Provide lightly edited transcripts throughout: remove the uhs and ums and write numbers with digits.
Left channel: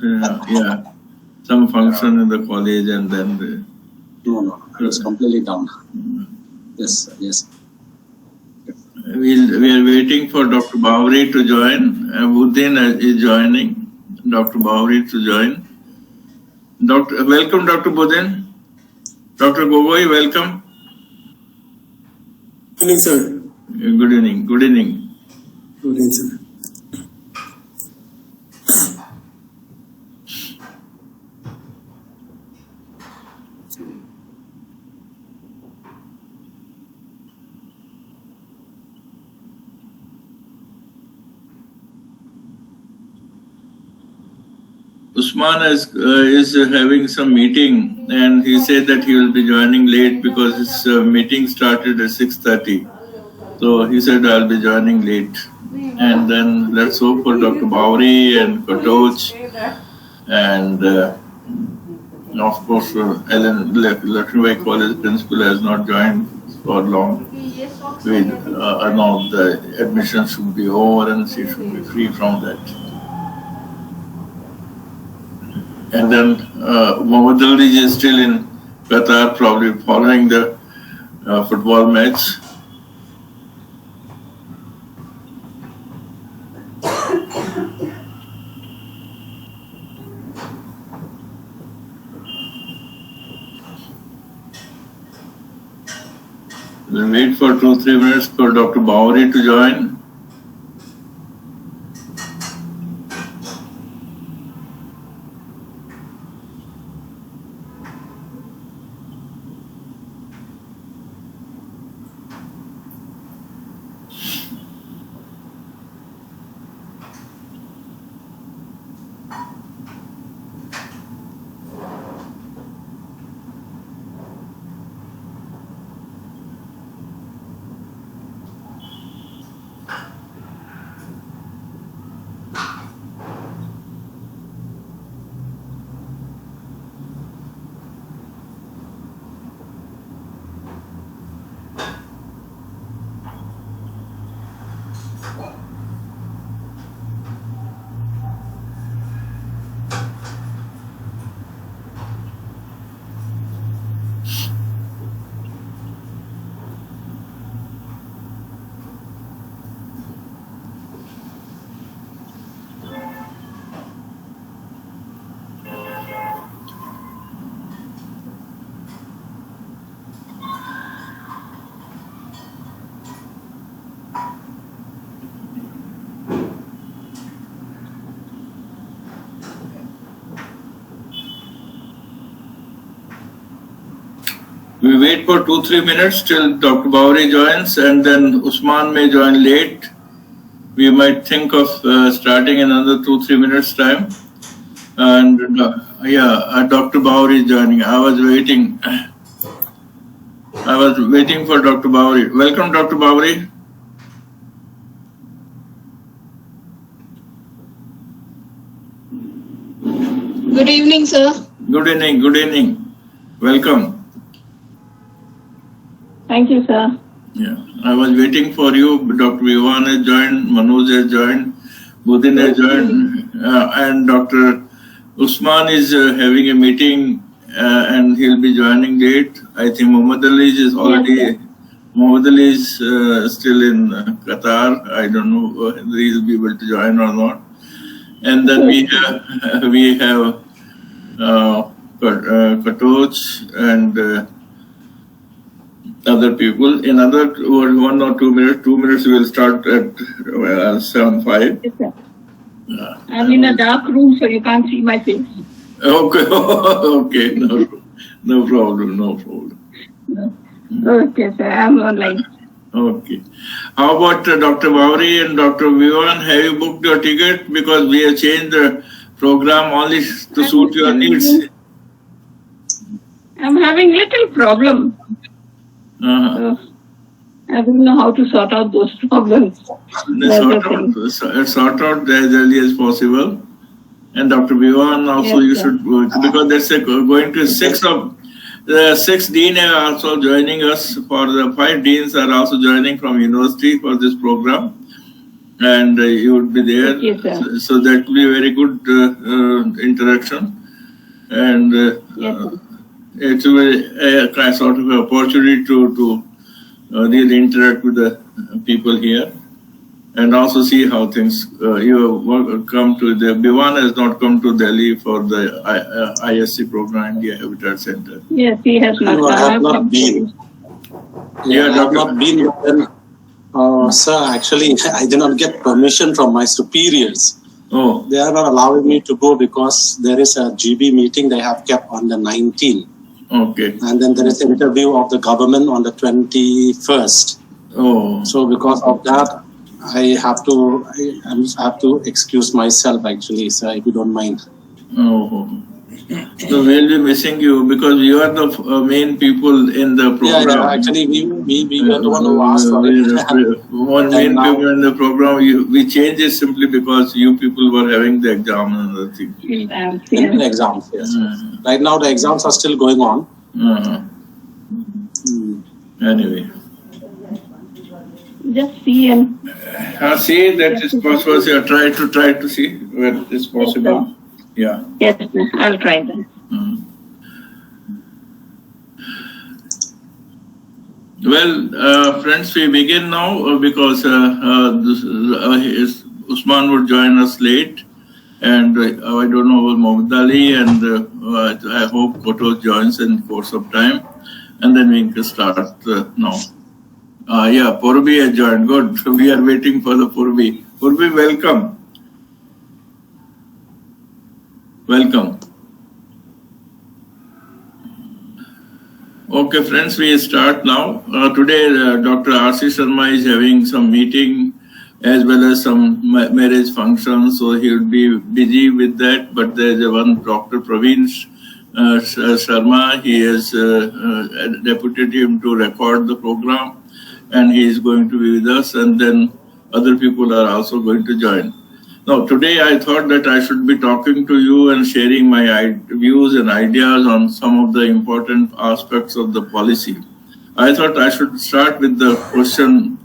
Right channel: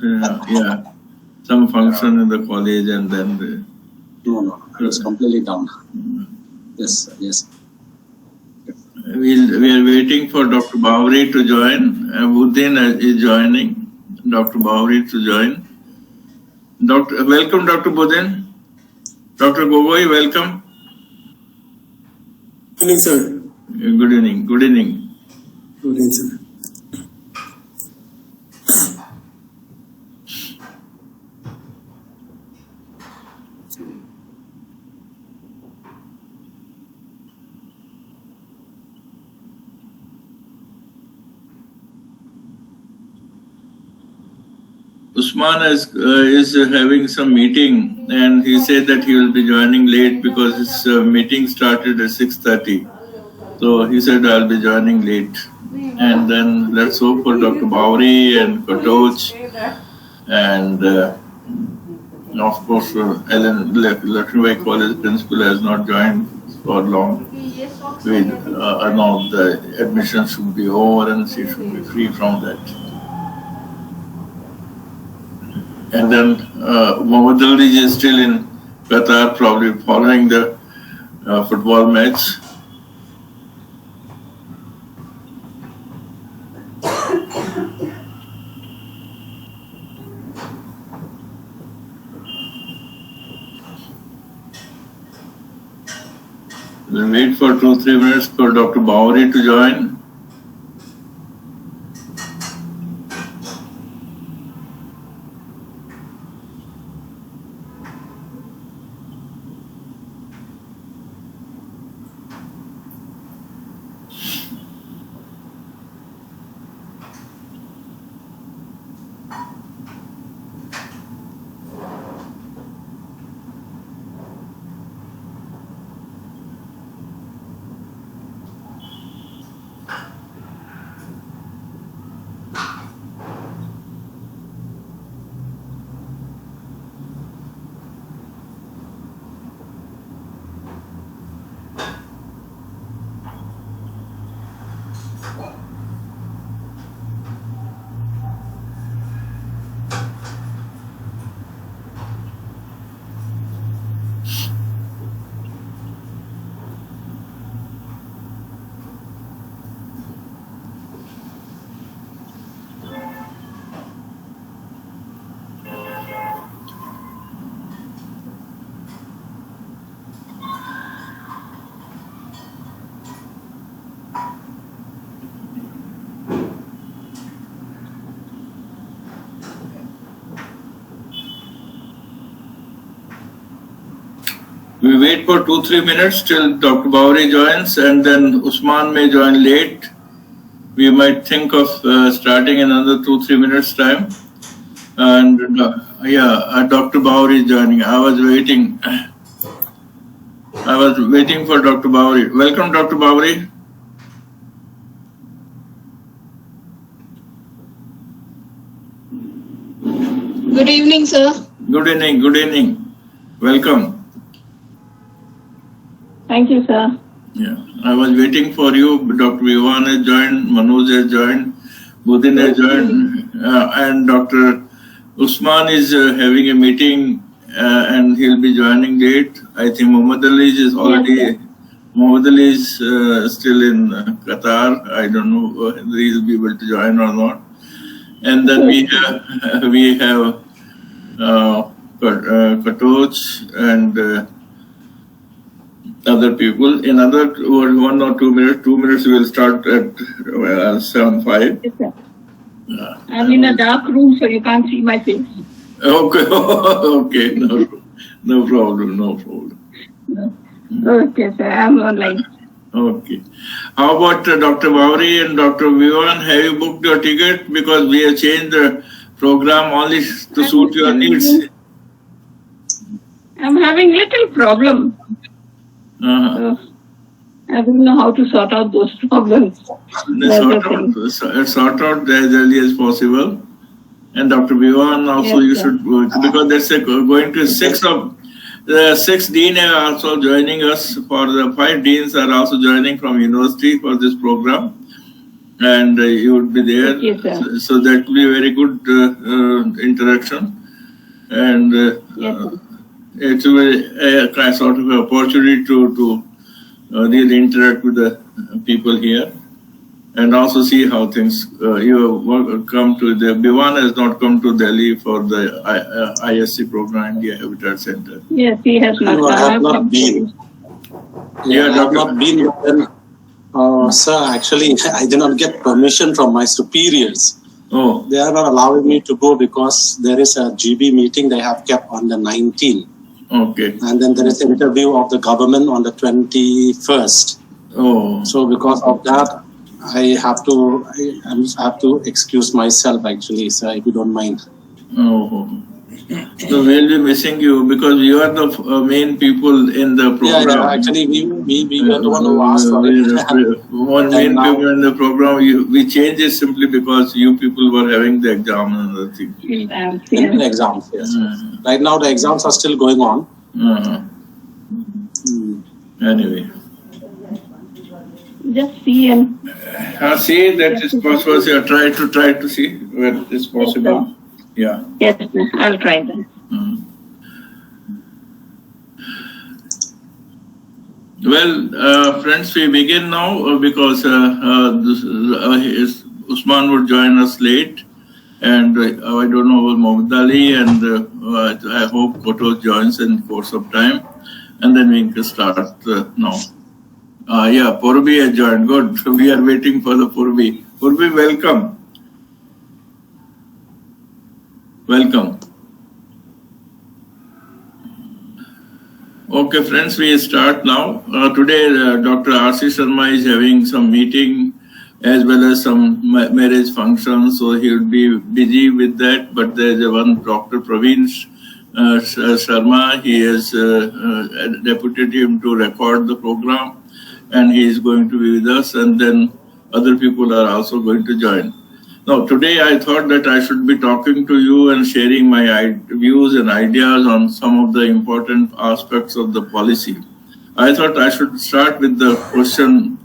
Yeah, some function in the college and then. No, it's completely down. Yes, yes. We are waiting for Dr. Bhavri to join. Buddin is joining. Dr. Bhavri to join. Welcome, Dr. Buddin. Dr. Gogoi, welcome. Good evening, sir. Good evening. Good evening. Good evening, sir. Usman is having some meeting, and he said that he will be joining late because his meeting started at 6:30. So he said I'll be joining late. And then let's hope for Dr. Bhavri and Katoch and of course Ellen Lakshmibai College principal has not joined for long. Now the admission should be over and she should be free from that. And then Mohammad Ali is still in Qatar, probably following the football match. We'll wait for 2-3 minutes for Dr. Bhavri to join. We wait for 2-3 minutes till Dr. Bhavri joins, and then Usman may join late. We might think of starting another 2-3 minutes time. And Dr. Bhavri is joining. I was waiting for Dr. Bhavri. Welcome, Dr. Bhavri. Good evening, sir. Good evening. Good evening. Welcome. Thank you, sir. Yeah, I was waiting for you. Dr. Vivan has joined, Manoj has joined, Budin has joined, and Dr. Usman is having a meeting and he'll be joining late. I think Mohammad Ali is already, yes, Mohammad Ali is still in Qatar. I don't know whether he'll be able to join or not. And then we have Katoch and other people. In another 1 or 2 minutes, 2 minutes we will start at 7:05. Yes, sir. I'm in a dark room, so you can't see my face. Okay, okay, no problem. No. Okay, sir, I'm online. Okay. How about Dr. Bhavri and Dr. Vivan? Have you booked your ticket? Because we have changed the program only to suit your needs. I'm having little problem. I don't know how to sort out those problems. Sort out as early as possible. And Dr. Vivan also, yes, you should, because there's going to 6 deans are also joining us. For the 5 deans are also joining from university for this program. and you would be there. Yes, sir. So that will be a very good interaction, and Yes, sir. it will be a kind sort of opportunity to really interact with the people here. And also see how things you come to the Bhivan has not come to Delhi for the ISC program, India Habitat Center. Yes, he has not. No, I have not been. Yeah, I have not been. But then, sir, actually, I did not get permission from my superiors. Oh, They are not allowing me to go because there is a GB meeting they have kept on the 19th. okay. And then there is an interview of the government on the 21st. Oh, So because of that, I have to excuse myself actually, sir, if you don't mind. oh. So we'll be missing you because you are the main people in the program. Yeah, actually, we were the one who asked for it. One main people in the program. We changed it simply because you people were having the exam and other things. In the exams, yes. Right now, the exams are still going on. Anyway. Just see and See that is possible. So try to see where it is possible. Yeah. yes, sir. I'll try that. Well, friends, we begin now because Usman would join us late, and I don't know about Mohammed Ali, and I hope Koto joins in course of time, and then we can start now. Yeah, Purvi has joined. Good. We are waiting for the Purvi. Purvi, welcome. Welcome. Okay, friends, we start now. Today, Dr. R.C. Sharma is having some meeting as well as some marriage function, so he will be busy with that. But there is one Dr. Praveen Sharma. He has deputed him to record the program, and he is going to be with us, and then other people are also going to join. Now, today I thought that I should be talking to you and sharing my views and ideas on some of the important aspects of the policy. I thought I should start with the question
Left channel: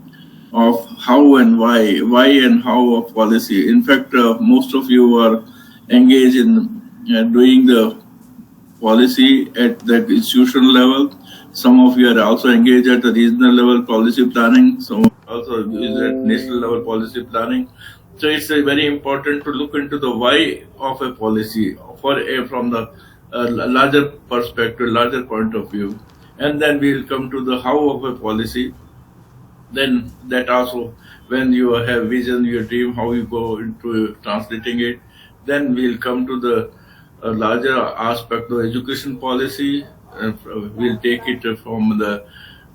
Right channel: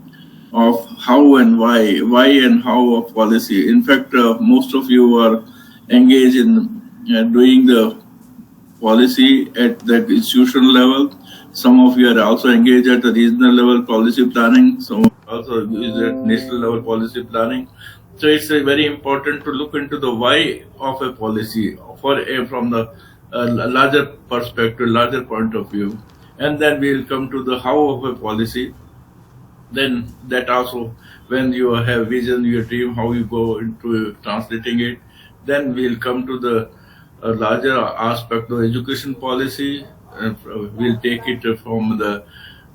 of how and why and how of policy. In fact, most of you are engaged in doing the policy at the institutional level. Some of you are also engaged at the regional level policy planning. Some also is at national level policy planning. So it's very important to look into the why of a policy from the larger perspective, larger point of view, and then we'll come to the how of a policy. Then that also, when you have vision, your dream, how you go into translating it. Then we'll come to the larger aspect of education policy. We'll take it from the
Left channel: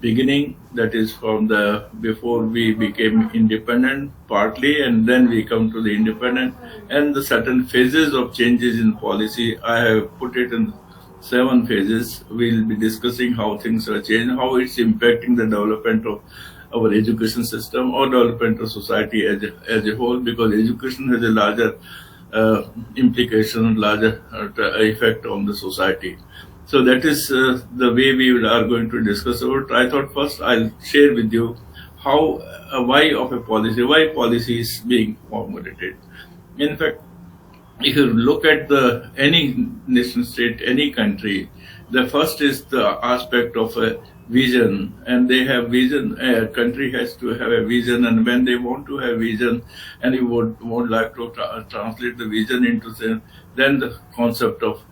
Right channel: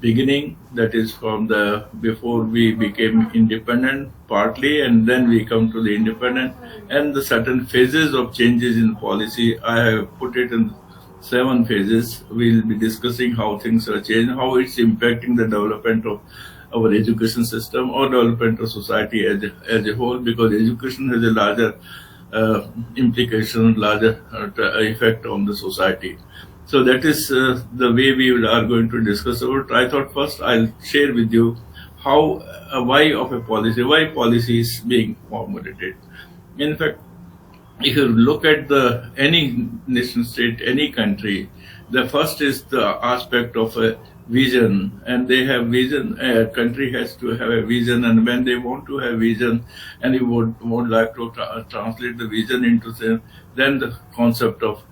beginning, that is from the before we became independent partly, and then we come to the independent and the certain phases of changes in policy. I have put it in 7 phases. We'll be discussing how things are changing, how it's impacting the development of our education system or development of society as a whole, because education has a larger implication, larger effect on the society. So that is the way we are going to discuss about. I thought first I'll share with you how, why of a policy, why policy is being formulated. In fact, if you look at any nation state, any country, the first is the aspect of a vision, and they have vision. A country has to have a vision, and when they want to have vision, and you would like to translate the vision into then the concept of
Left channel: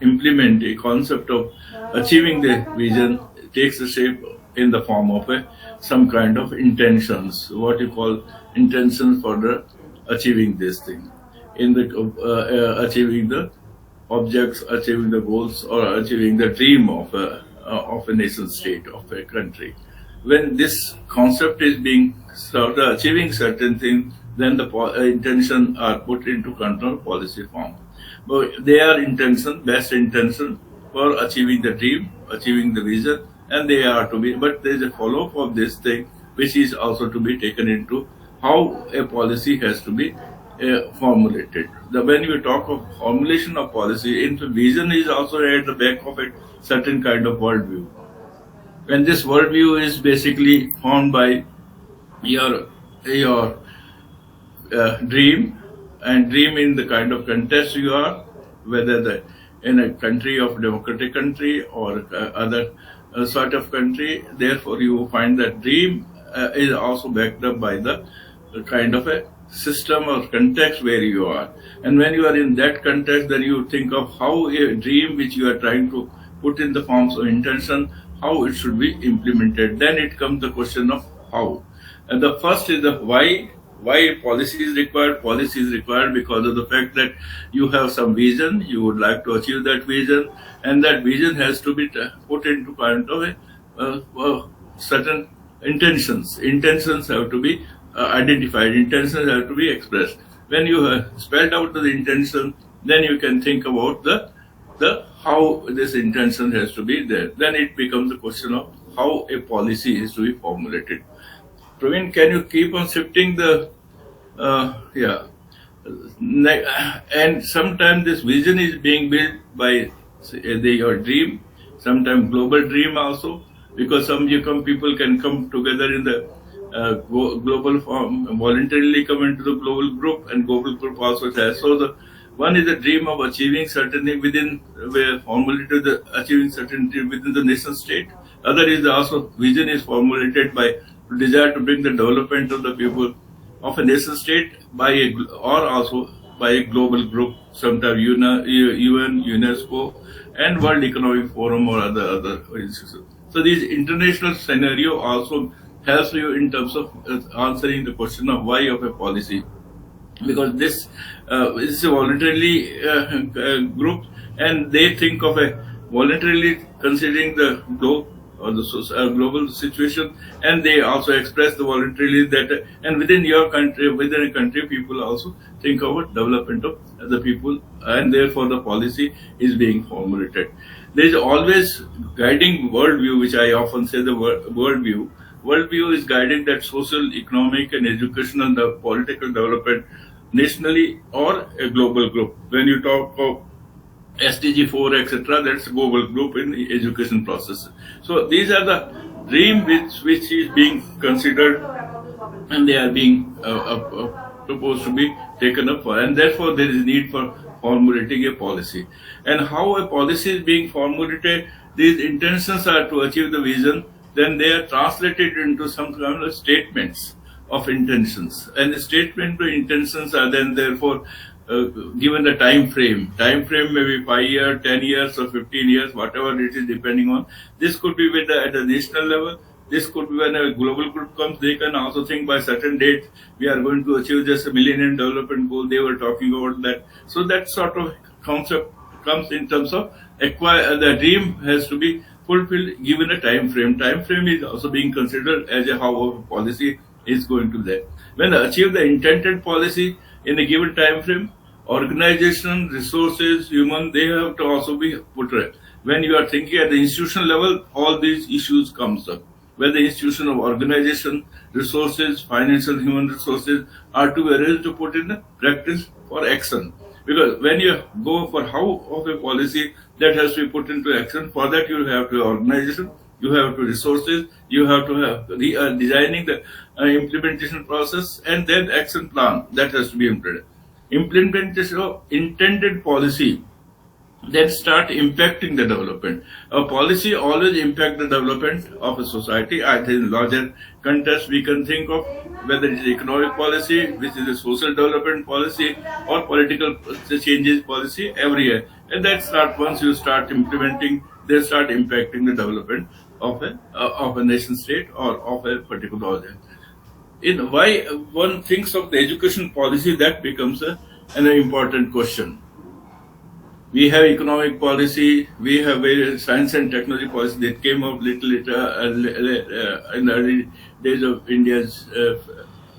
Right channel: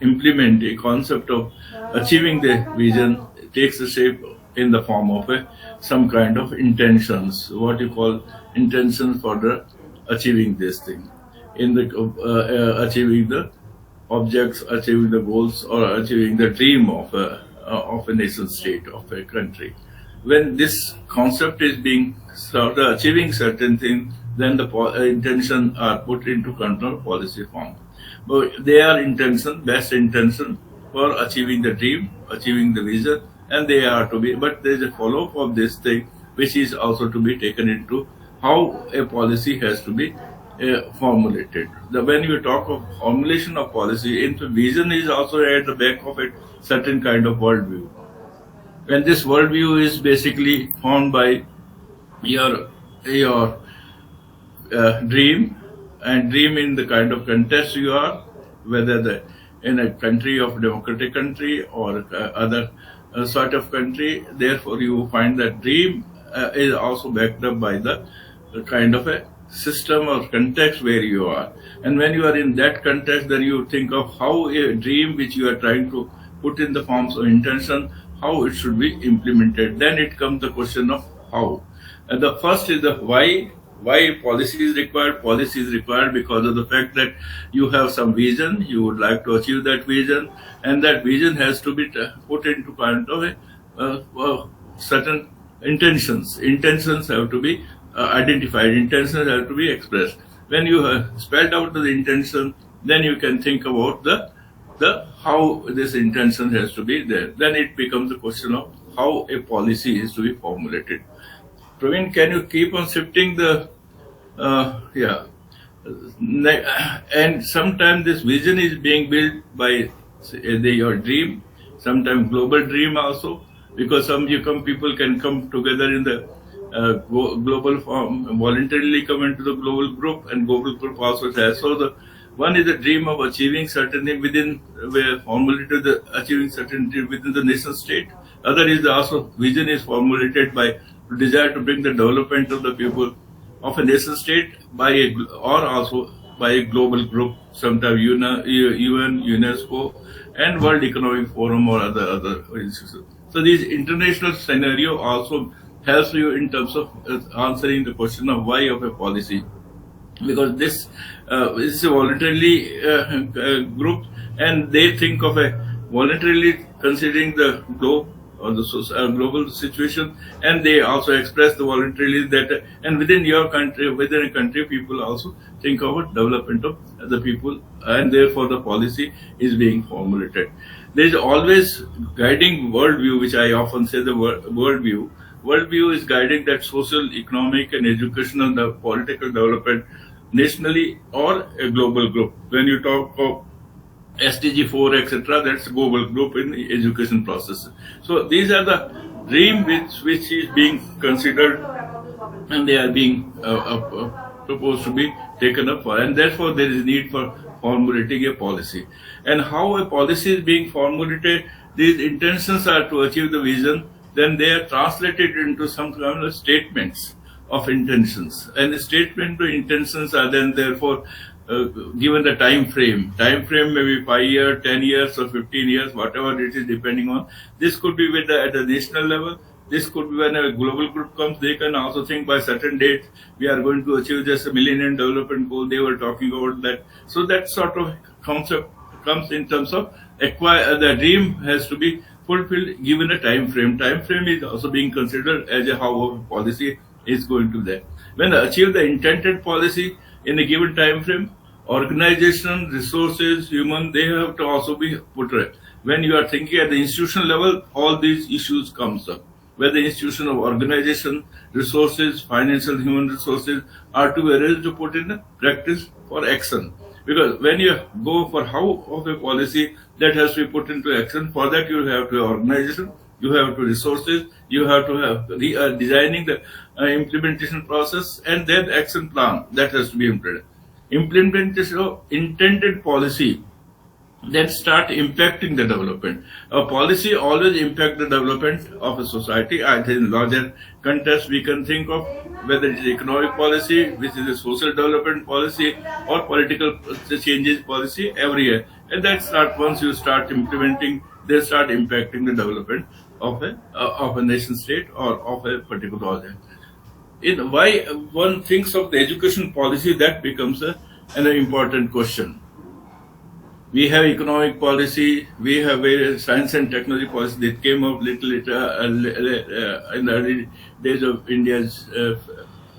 implement a concept of achieving the vision takes the shape in the form of some kind of intentions, what you call intentions for the achieving this thing, in the achieving the objects, achieving the goals, or achieving the dream of a nation state, of a country. When this concept is being served, achieving certain things, then the intention are put into control policy form. But they are best intention for achieving the dream, achieving the vision, and they are to be, but there is a follow-up of this thing, which is also to be taken into how a policy has to be formulated. When you talk of formulation of policy, vision is also at the back of it, certain kind of worldview. And this worldview is basically formed by your your dream, and dream in the kind of context you are, whether in a country of democratic country or other sort of country. Therefore, you find that dream is also backed up by the kind of a system or context where you are. And when you are in that context, then you think of how a dream which you are trying to put in the forms of intention, how it should be implemented. Then it comes the question of how. And the first is the why. Why policy is required? Policy is required because of the fact that you have some vision, you would like to achieve that vision, and that vision has to be put into kind of a certain intentions. Intentions have to be identified, intentions have to be expressed. When you have spelled out the intention, then you can think about the how this intention has to be there. Then it becomes a question of how a policy is to be formulated. Praveen, can you keep on shifting the yeah. And sometimes this vision is being built by your dream, sometimes global dream also, because some people can come together in the global form, voluntarily come into the global group, and global group also has. So the one is the dream of achieving certainty within, where formulated the achieving certainty within the nation state. Other is also vision is formulated by desire to bring the development of the people of a nation state by or also by a global group, sometimes UN, UNESCO, and World Economic Forum or other institutions. So this international scenario also helps you in terms of answering the question of why of a policy, because this is a voluntarily group, and they think of a voluntarily considering the globe or the global situation, and they also express the voluntarily that, and within your country, within a country, people also think about development of the people, and therefore the policy is being formulated. There is always guiding worldview, which I often say the worldview. Worldview is guiding that social, economic, and educational, the political development nationally or a global group. When you talk of SDG 4, etc., that's a global group in the education process. So these are the dream which is being considered, and they are being proposed to be taken up for, and therefore there is need for formulating a policy. And how a policy is being formulated, these intentions are to achieve the vision, then they are translated into some kind of statements of intentions, and the statement to intentions are then therefore given the time frame. Time frame may be 5 years, 10 years, or 15 years, whatever it is, depending on. This could be at the national level. This could be when a global group comes. They can also think by certain date we are going to achieve just a Millennium Development Goal. They were talking about that. So that sort of concept comes in terms of the dream has to be fulfilled given a time frame. Time frame is also being considered as a how a policy is going to that. When achieve the intended policy in a given time frame, organization, resources, human, they have to also be put right. When you are thinking at the institutional level, all these issues comes up. Where the institution of organization, resources, financial, human resources are to be arranged to put in practice for action. Because when you go for how of a policy, that has to be put into action. For that you have to organization, you have to resources, you have to have designing the implementation process, and then action plan that has to be implemented. Implementation of intended policy that start impacting the development. A policy always impact the development of a society. I think in larger context we can think of whether it is economic policy, which is a social development policy, or political changes policy every year. And that start once you start implementing, they start impacting the development of a nation state or of a particular object. In why one thinks of the education policy, that becomes an important question. We have economic policy, we have various science and technology policy that came up little later in the early days of India's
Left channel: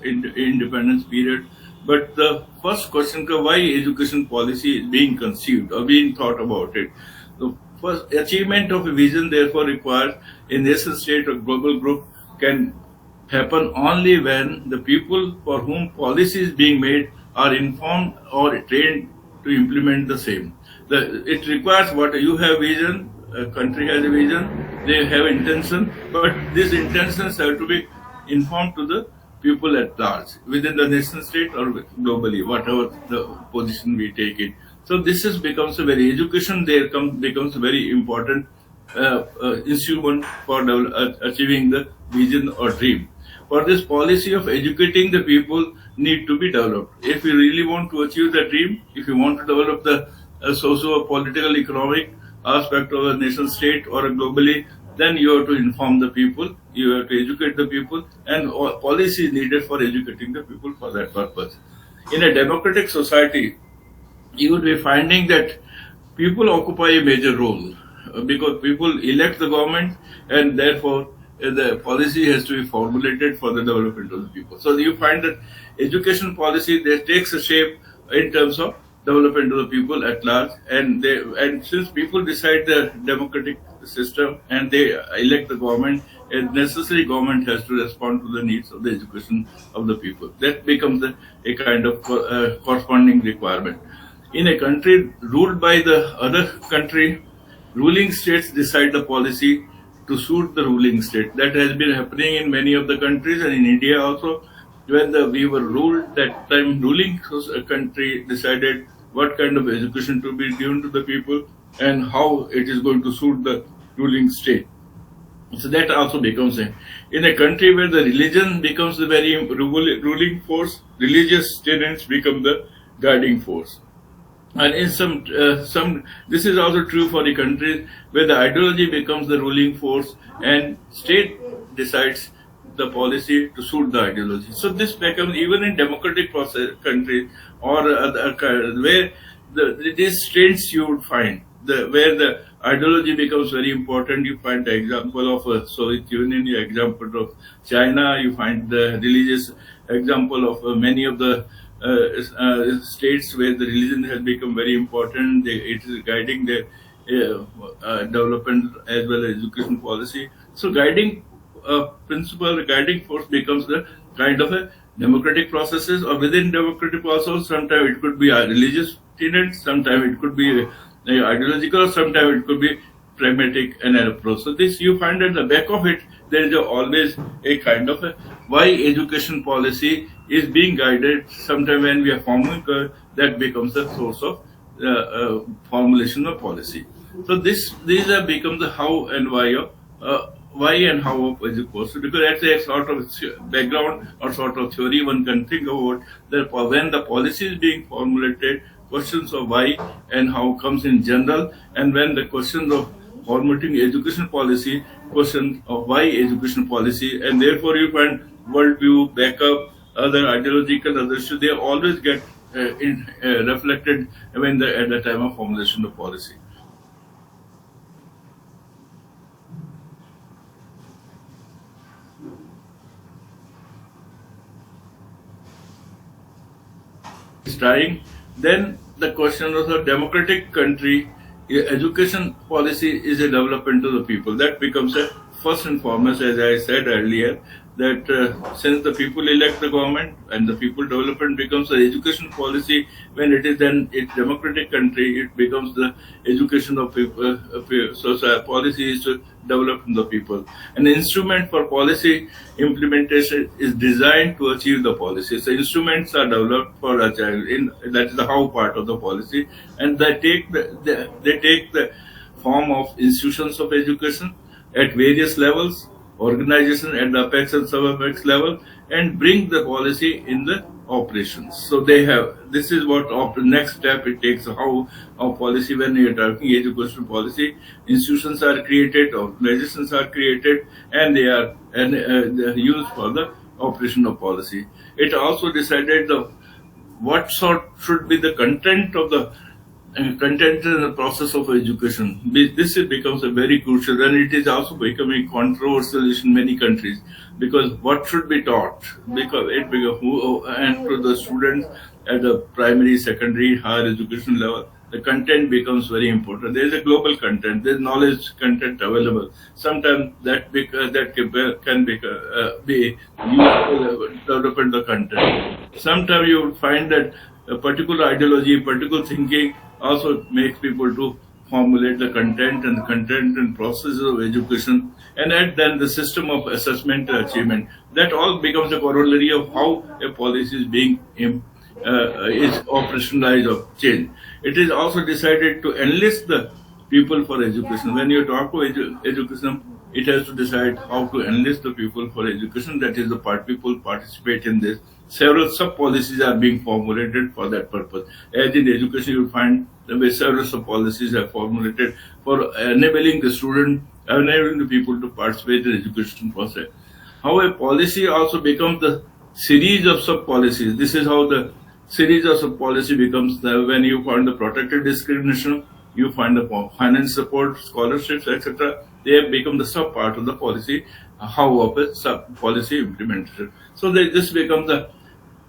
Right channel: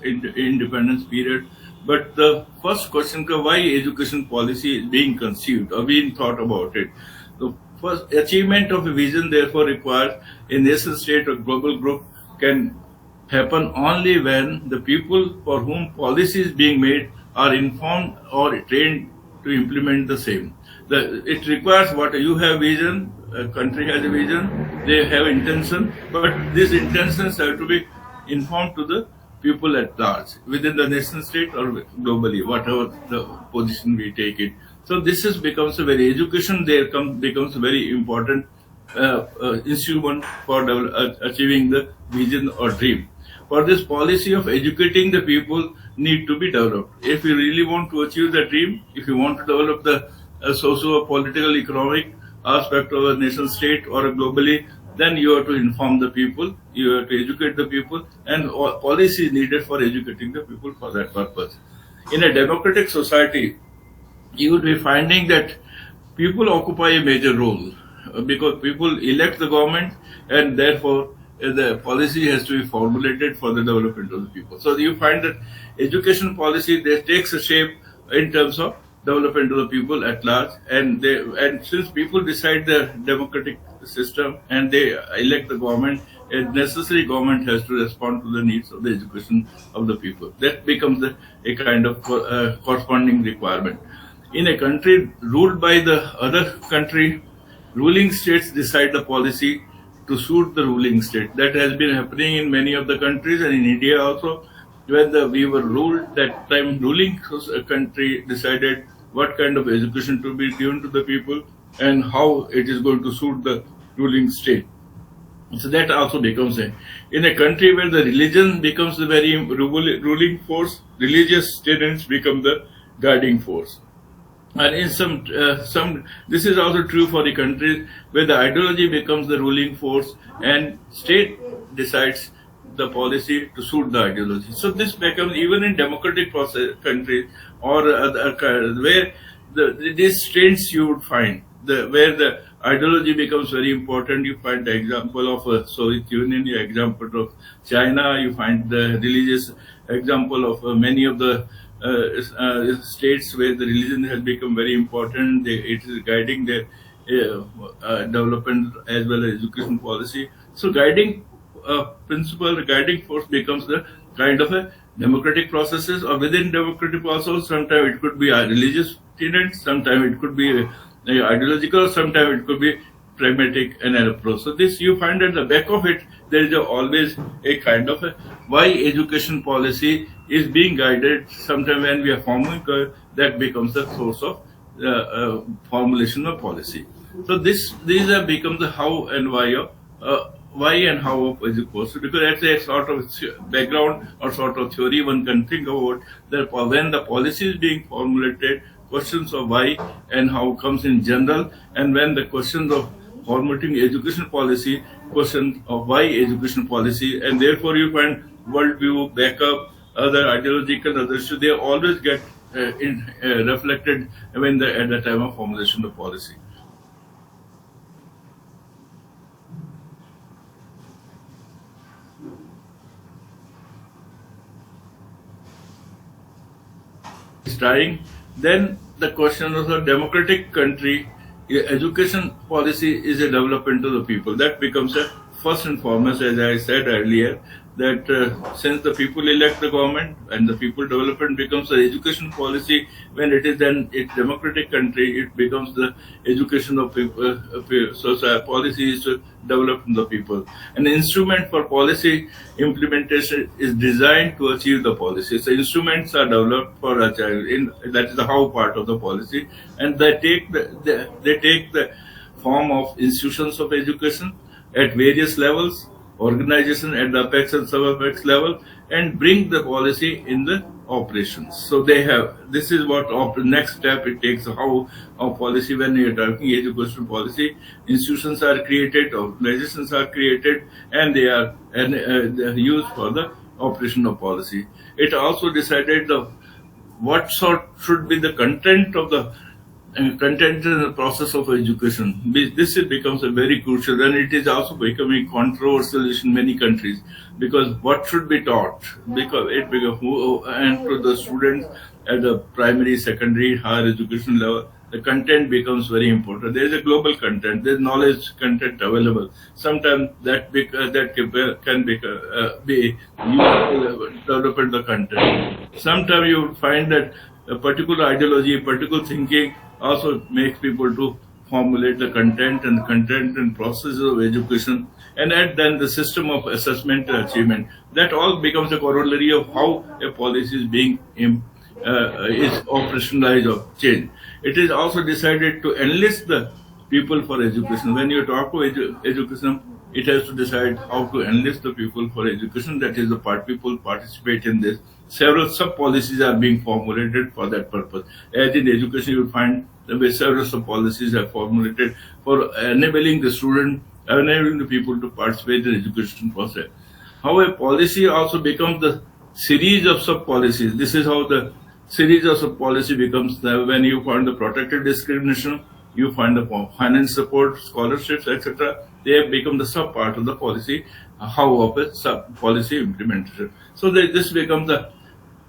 independence period. But the first question, why education policy is being conceived or being thought about it? The first achievement of a vision therefore requires a nation state or global group can happen only when the people for whom policy is being made are informed or trained to implement the same. It requires what you have vision, a country has a vision, they have intention, but these intentions have to be informed to the people at large, within the nation state or globally, whatever the position we take it. So this becomes a very education there becomes a very important instrument for achieving the vision or dream. For this policy of educating the people need to be developed. If you really want to achieve the dream, if you want to develop the socio-political economic aspect of a nation state or globally, then you have to inform the people, you have to educate the people, and policy is needed for educating the people for that purpose. In a democratic society, you will be finding that people occupy a major role because people elect the government, and therefore the policy has to be formulated for the development of the people. So you find that education policy that takes a shape in terms of development of the people at large, and since people decide the democratic system and they elect the government, a necessary government has to respond to the needs of the education of the people. That becomes a kind of corresponding requirement. In a country ruled by the other country, ruling states decide the policy to suit the ruling state. That has been happening in many of the countries, and in India also. When we were ruled, that time ruling country decided what kind of education to be given to the people and how it is going to suit the ruling state. So that also becomes in a country where the religion becomes the very ruling force, religious tenets become the guiding force. And in some this is also true for the countries where the ideology becomes the ruling force and state decides the policy to suit the ideology. So this becomes even in democratic countries or where these trends you would find where the ideology becomes very important. You find the example of Soviet Union, the example of China, you find the religious example of many of the states where the religion has become very important. It is guiding their development as well as education policy. So guiding principle, guiding force becomes the kind of a democratic processes, or within democratic process, sometimes it could be a religious tenet, sometimes it could be ideological, sometimes it could be pragmatic and an approach. So this you find at the back of it, there is always a kind of why education policy is being guided. Sometimes when we are forming that becomes the source of formulation of policy. So these have become the how and why and how of education, because that's a sort of background or sort of theory one can think about that when the policy is being formulated, questions of why and how comes in general, and when the questions of formulating education policy, question of why education policy, and therefore you find worldview, backup, other ideological, other issues, they always get reflected when at the time of formulation of policy. Trying, then the question of a democratic country, education policy is a development to the people. That becomes a first and foremost, as I said earlier, that since the people elect the government and the people development becomes the education policy, when it is then a democratic country, it becomes the education of people. So policy is to develop the people. An instrument for policy implementation is designed to achieve the policy. So instruments are developed for achieving. That is the how part of the policy, and they take the form of institutions of education at various levels, organization at the apex and sub-apex level, and bring the policy in the operations. So they have, this is what the next step it takes, how policy, when you are talking education policy, institutions are created, organizations are created, and they are used for the operation of policy. It also decided what sort should be the content of the content in the process of education. This becomes a very crucial, and it is also becoming controversial in many countries, because what should be taught, because it becomes and to the students at the primary, secondary, higher education level, the content becomes very important. There is a global content, there is knowledge content available. Sometimes that can be useful development of the content. Sometimes you find that a particular ideology, particular thinking also makes people to formulate the content and processes of education, and then the system of assessment and achievement. That all becomes a corollary of how a policy is being is operationalized or changed. It is also decided to enlist the people for education. When you talk about education, it has to decide how to enlist the people for education. That is, the people participate in this. Several sub-policies are being formulated for that purpose. As in education, you will find the way several sub-policies are formulated for enabling the student, enabling the people to participate in the education process. How a policy also becomes the series of sub-policies. This is how the series of sub-policy becomes when you find the protected discrimination, you find the finance support, scholarships, etc. They have become the sub-part of the policy, how of a sub-policy implementation. So this becomes the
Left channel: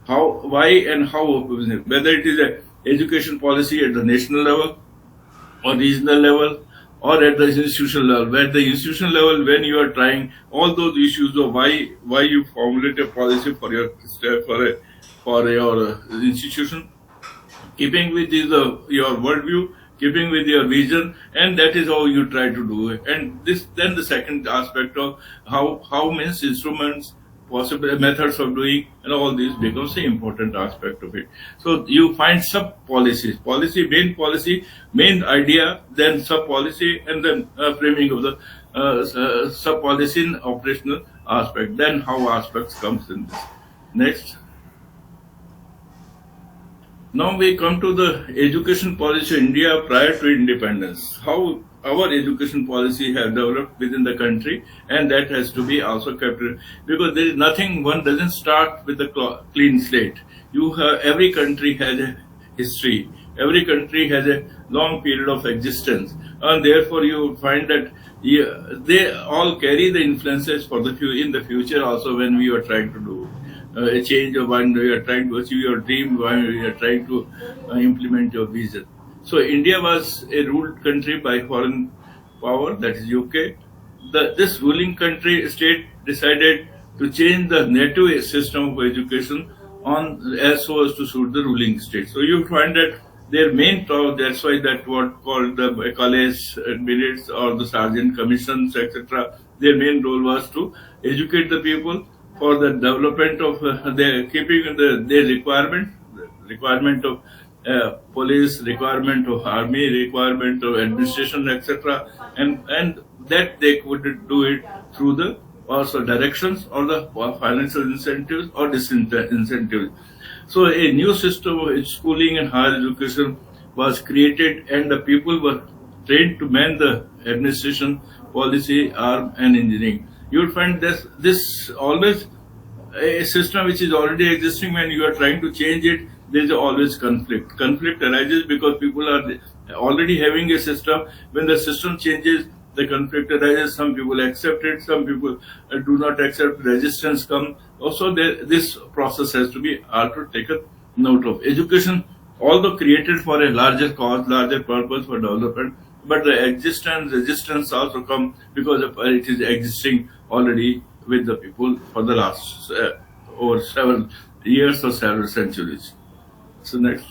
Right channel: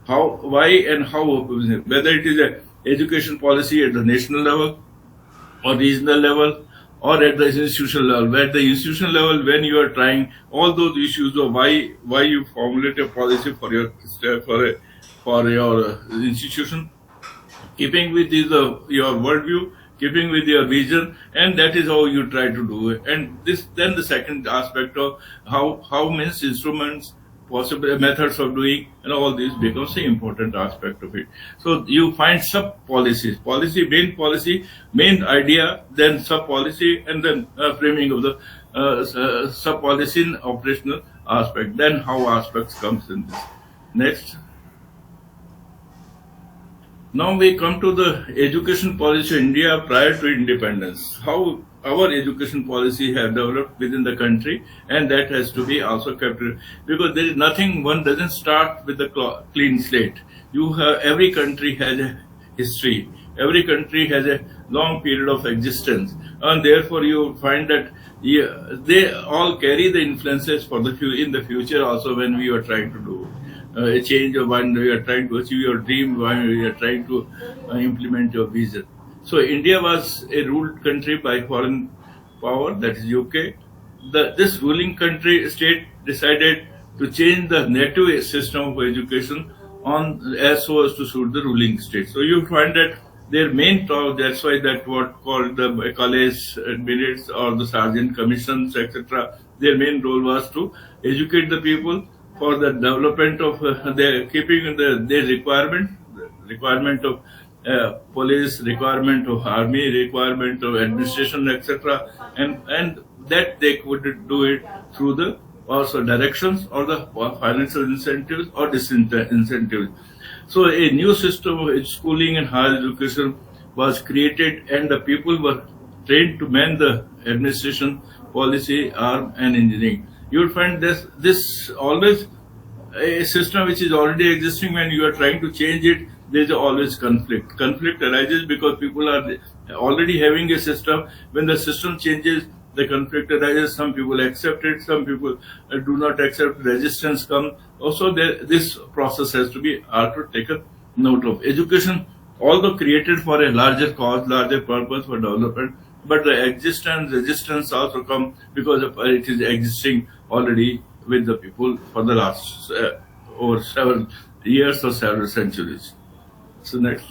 how, why and how of whether it is a education policy at the national level or regional level or at the institutional level. At the institutional level, when you are trying all those issues of why you formulate a policy for your institution, keeping with your worldview, keeping with your vision, and that is how you try to do it. And then the second aspect of how means instruments, possible methods of doing, and all this becomes the important aspect of it. So you find sub policies, main idea, then sub policy, and then framing of the sub policy in operational aspect. Then how aspects comes in this. Next. Now we come to the education policy of India prior to independence. How our education policy has developed within the country, and that has to be also kept, because there is nothing, one doesn't start with a clean slate. Every country has a history, every country has a long period of existence, and therefore you find that they all carry the influences for in the future also, when we are trying to do a change of mind, we are trying to achieve your dream, we are trying to implement your vision. So India was a ruled country by foreign power, that is UK. This ruling state decided to change the native system of education as so as to suit the ruling state. So you find that their main talk, that's why that what called the college admirates or the sergeant commissions, etc. Their main role was to educate the people for the development of their keeping their requirement of police, requirement of army, requirement of administration, etc. And that they could do it through the also directions or the financial incentives or disincentives. So a new system of schooling and higher education was created, and the people were trained to man the administration, policy, arm, and engineering. You will find this always a system which is already existing. When you are trying to change it, there is always conflict. Conflict arises because people are already having a system. When the system changes, the conflict arises. Some people accept it, some people do not accept. Resistance comes. Also, this process has to be also taken note of. Education, although created for a larger cause, larger purpose for development, but the resistance also come because it is existing already with the people for the last over several years or several centuries. So next.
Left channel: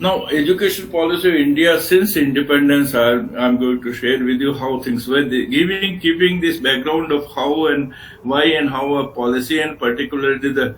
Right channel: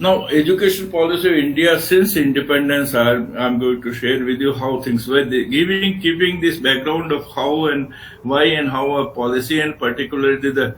Now, education policy of India since independence, I'm going to share with you how things were. Keeping this background of how and why and how a policy, and particularly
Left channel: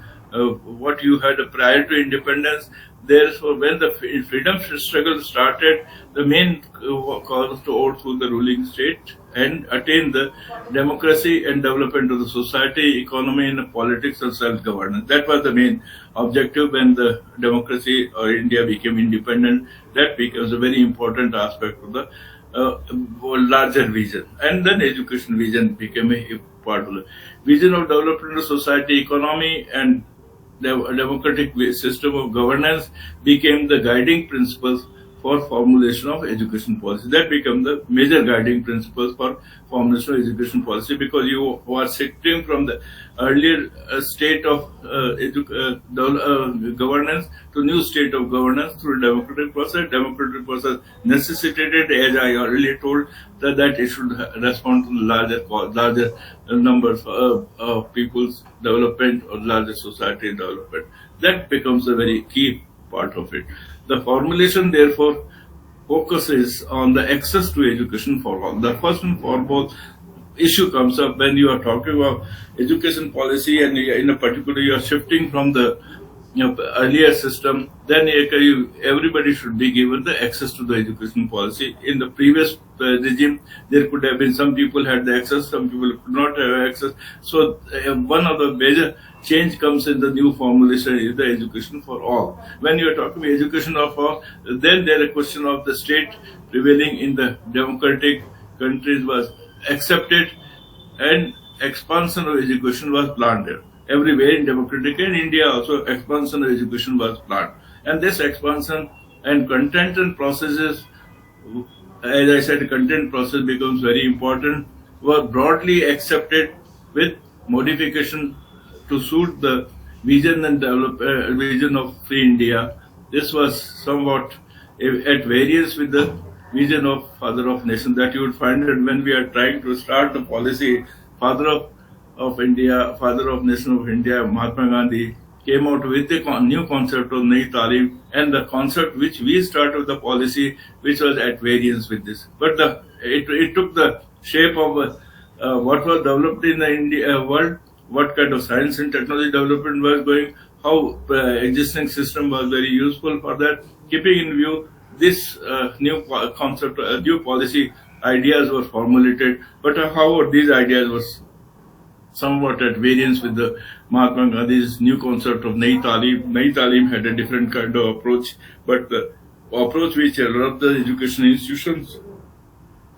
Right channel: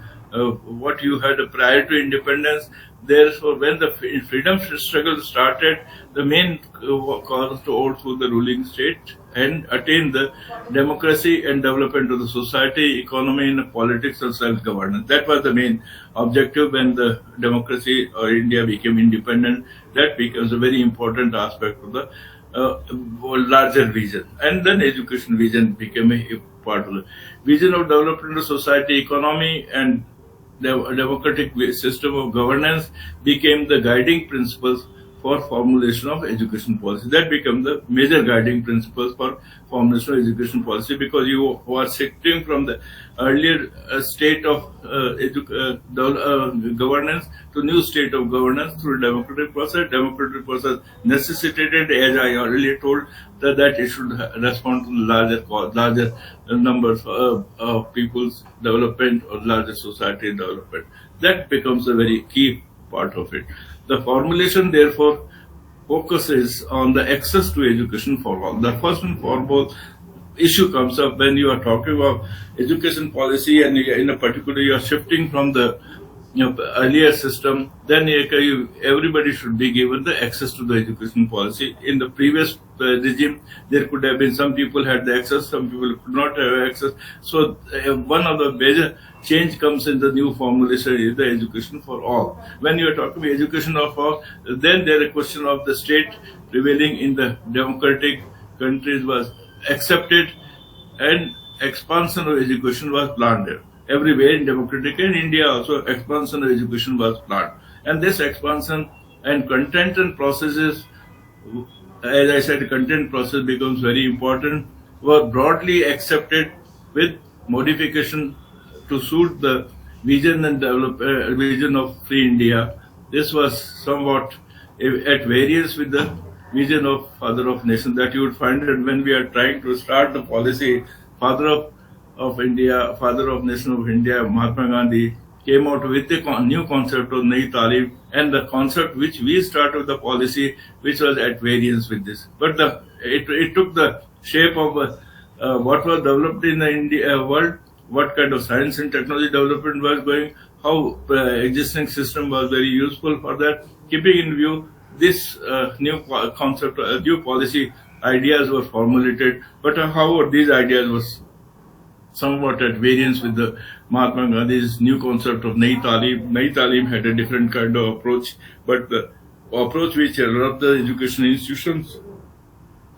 what you had prior to independence. Therefore, when the freedom struggle started, the main cause was to overthrow the ruling state and attain the democracy and development of the society, economy, and politics and self-governance. That was the main objective when the democracy or India became independent. That becomes a very important aspect of the larger vision. And then education vision became a part of the vision of development of society, economy, and the democratic system of governance became the guiding principles for formulation of education policy. That became the major guiding principles for formulation of education policy, because you are shifting from the earlier state of governance to new state of governance through democratic process. Democratic process necessitated, as I already told, that it should respond to larger numbers of people's development or larger society development. That becomes a very key part of it. The formulation, therefore, focuses on the access to education for all. The first and foremost issue comes up when you are talking about education policy, and in a particular you are shifting from the earlier system. Then everybody should be given the access to the education policy. In the previous regime, there could have been some people had the access, some people could not have access. So one of the major change comes in the new formulation is the education for all. When you are talking about education of all, then there is a question of the state prevailing in the democratic countries was accepted, and expansion of education was planned there. Everywhere in democratic and India also expansion of education was planned. And this expansion and content and processes, as I said, content process becomes very important, were broadly accepted with modification to suit the vision and vision of free India. This was somewhat at variance with the vision of Father of Nation, that you would find that when we are trying to start the policy, Father of India, Father of Nation of India, Mahatma Gandhi, came out with the new concept of Nayi Talim, and the concept which we started the policy, which was at variance with this. But it took the shape of what was developed in the India world, what kind of science and technology development was going, how existing system was very useful for that. Keeping in view this new concept, new policy ideas were formulated, but however these ideas were somewhat at variance with the Mahatma Gandhi's new concept of Nayi Talim. Nayi Talim had a different kind of approach, but the approach which developed the education institutions,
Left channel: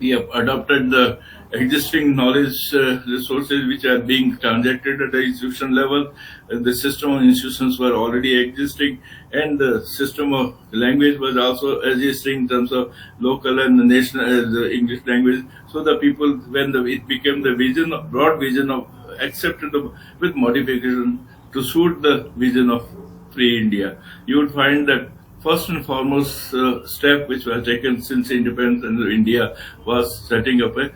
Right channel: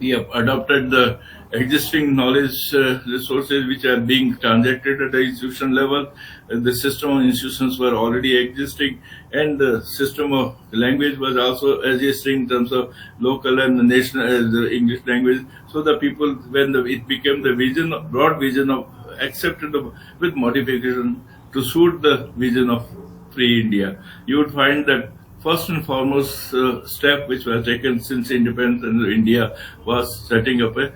we have adopted the existing knowledge resources which are being transacted at the institution level. The system of institutions were already existing, and the system of language was also existing in terms of local and national the English language. So the people, when it became the vision, broad vision of accepted with modification to suit the vision of free India, you would find that first and foremost step which was taken since independence in India was setting up a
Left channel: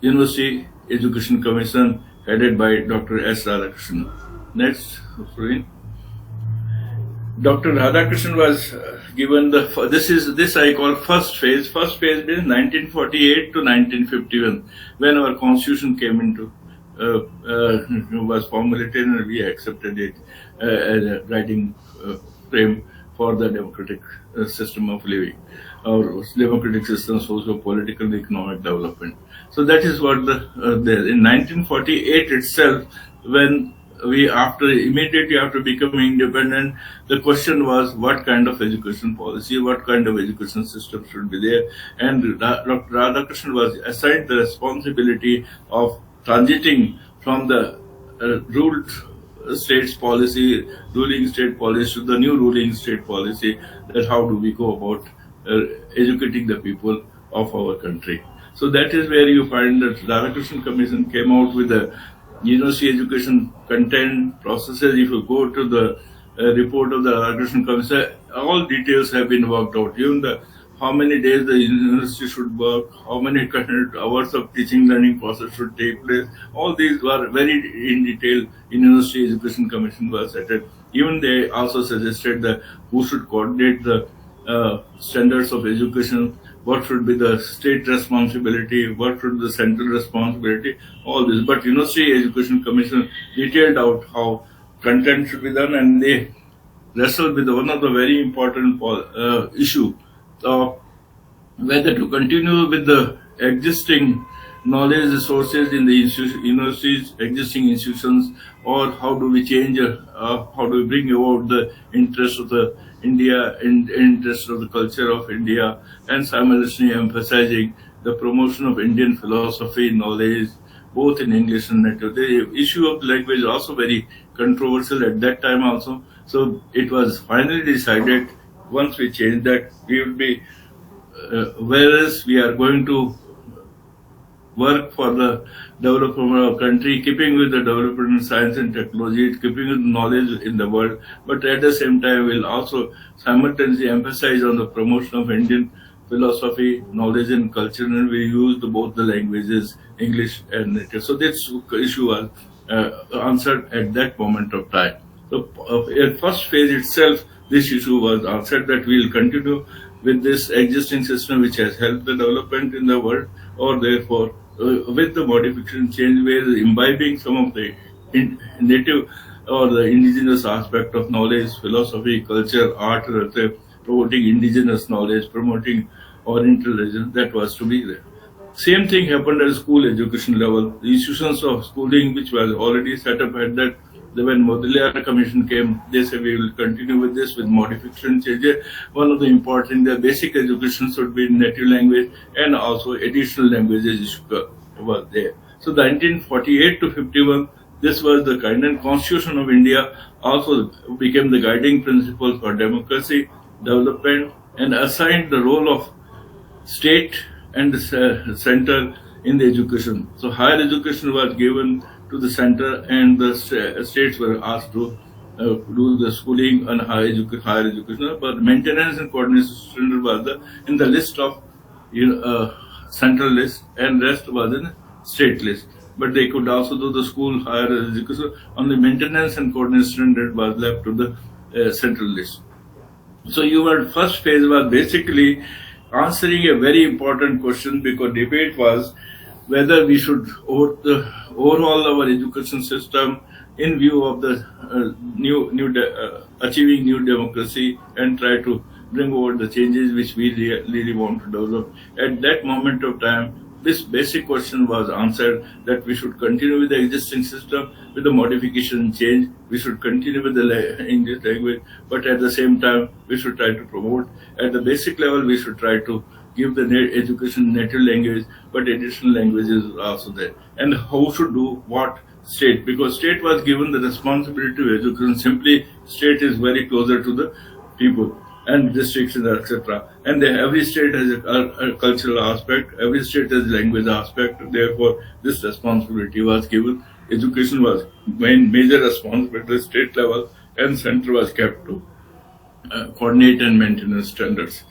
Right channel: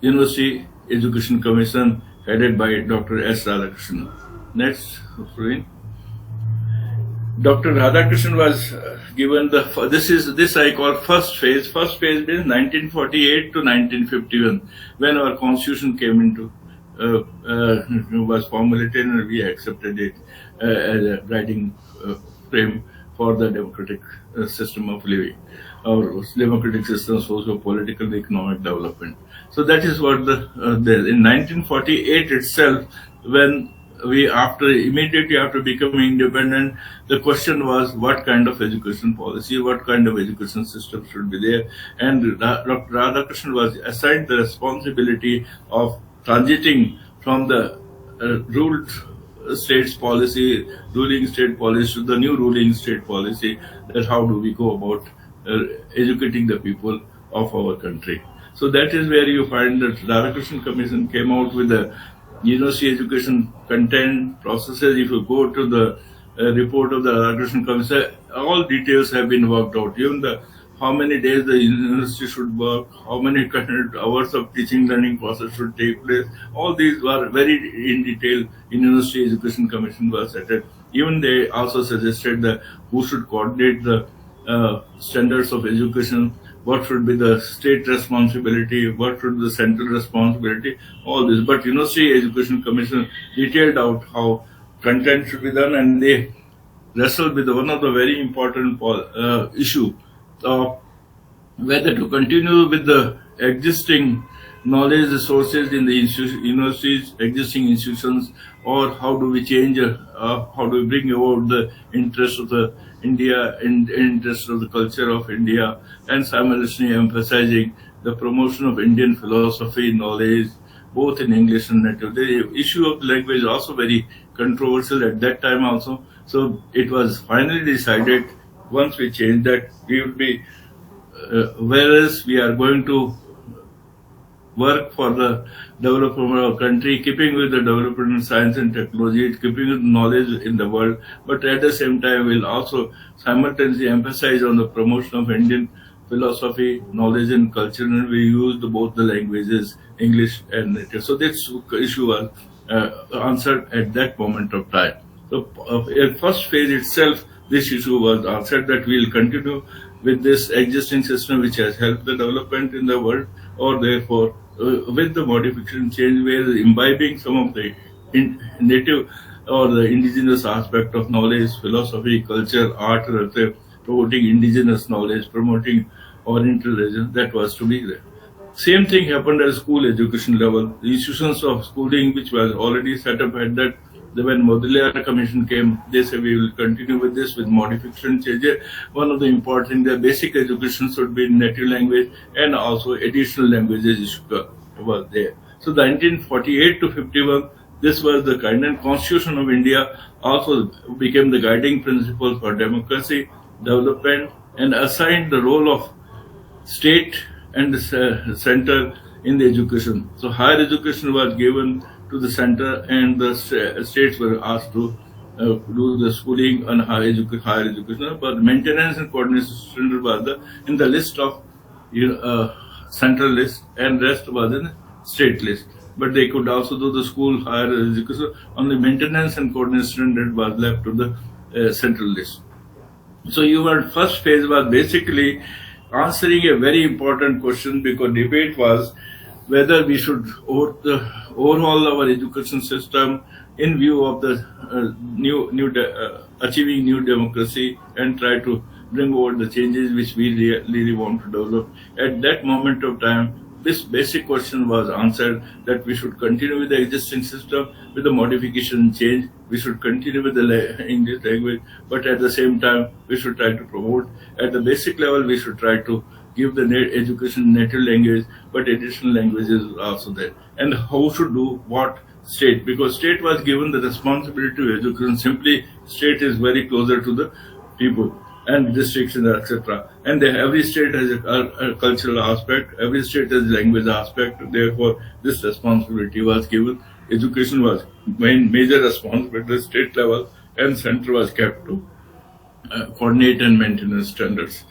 University Education Commission headed by Dr. S. Radhakrishnan. Next, Dr. Radhakrishnan was given this I call first phase. First phase is 1948 to 1951, when our constitution came into was formulated and we accepted it as a guiding frame for the democratic system of living, or democratic system, socio-political and economic development. So that is what in 1948 itself, when we immediately after becoming independent, the question was what kind of education policy, what kind of education system should be there, and Dr. Radhakrishnan was assigned the responsibility of transiting from the ruled states policy, ruling state policy, to the new ruling state policy, that how do we go about educating the people of our country. So that is where you find that Radhakrishnan Commission came out with the university education content processes. If you go to the report of the Radhakrishnan Commission, all details have been worked out. Even how many days the university should work, how many hours of teaching learning process should take place. All these were very in detail in University Education Commission was set up. Even they also suggested that who should coordinate the standards of education, what should be the state responsibility, what should be the central responsibility, all this. But University Education Commission detailed out how content should be done, and they wrestled with one of the very important issue of whether to continue with the existing knowledge resources in the universities, existing institutions, or how do we change, how do we bring about the interest of the India and interest of the culture of India, and simultaneously emphasizing the promotion of Indian philosophy, knowledge, both in English and native. The issue of language is also very controversial at that time also. So it was finally decided, once we changed that, we would be, whereas we are going to work for the development of our country, keeping with the development in science and technology, keeping with knowledge in the world, but at the same time we'll also simultaneously emphasize on the promotion of Indian philosophy, knowledge and culture, and we used both the languages, English and native. So this issue was answered at that moment of time. So in first phase itself, this issue was answered, that we will continue with this existing system which has helped the development in the world, or therefore with the modification change, we are imbibing some of the native or the indigenous aspect of knowledge, philosophy, culture, art, promoting indigenous knowledge, promoting oriental religion that was to be there. Same thing happened at school education level. The institutions of schooling which was already set up at that, when Modelier Commission came, they said we will continue with this with modification changes. One of the important, the basic education should be in native language, and also additional languages was there. So the 1948 to 51, this was the kind of Constitution of India, also became the guiding principle for democracy, development, and assigned the role of state and the center in the education. So higher education was given to the center, and the states were asked to do the schooling and higher education. But maintenance and coordination was in the list of central list, and rest was in state list. But they could also do the school higher education. Only maintenance and coordination that was left to the central list. So your first phase was basically answering a very important question, because debate was whether we should overhaul our education system in view of the achieving new democracy and try to bring over the changes which we really want to develop. At that moment of time, this basic question was answered, that we should continue with the existing system with the modification change. We should continue with the English language, but at the same time, we should try to promote. At the basic level, we should try to give the education native language, but additional languages are also there. And how should do what state? Because state was given the responsibility of education. Simply, state is very closer to the people and districts and etc. And every state has a cultural aspect, every state has a language aspect. Therefore, this responsibility was given. Education was major responsibility at state level, and center was kept to coordinate and maintain standards.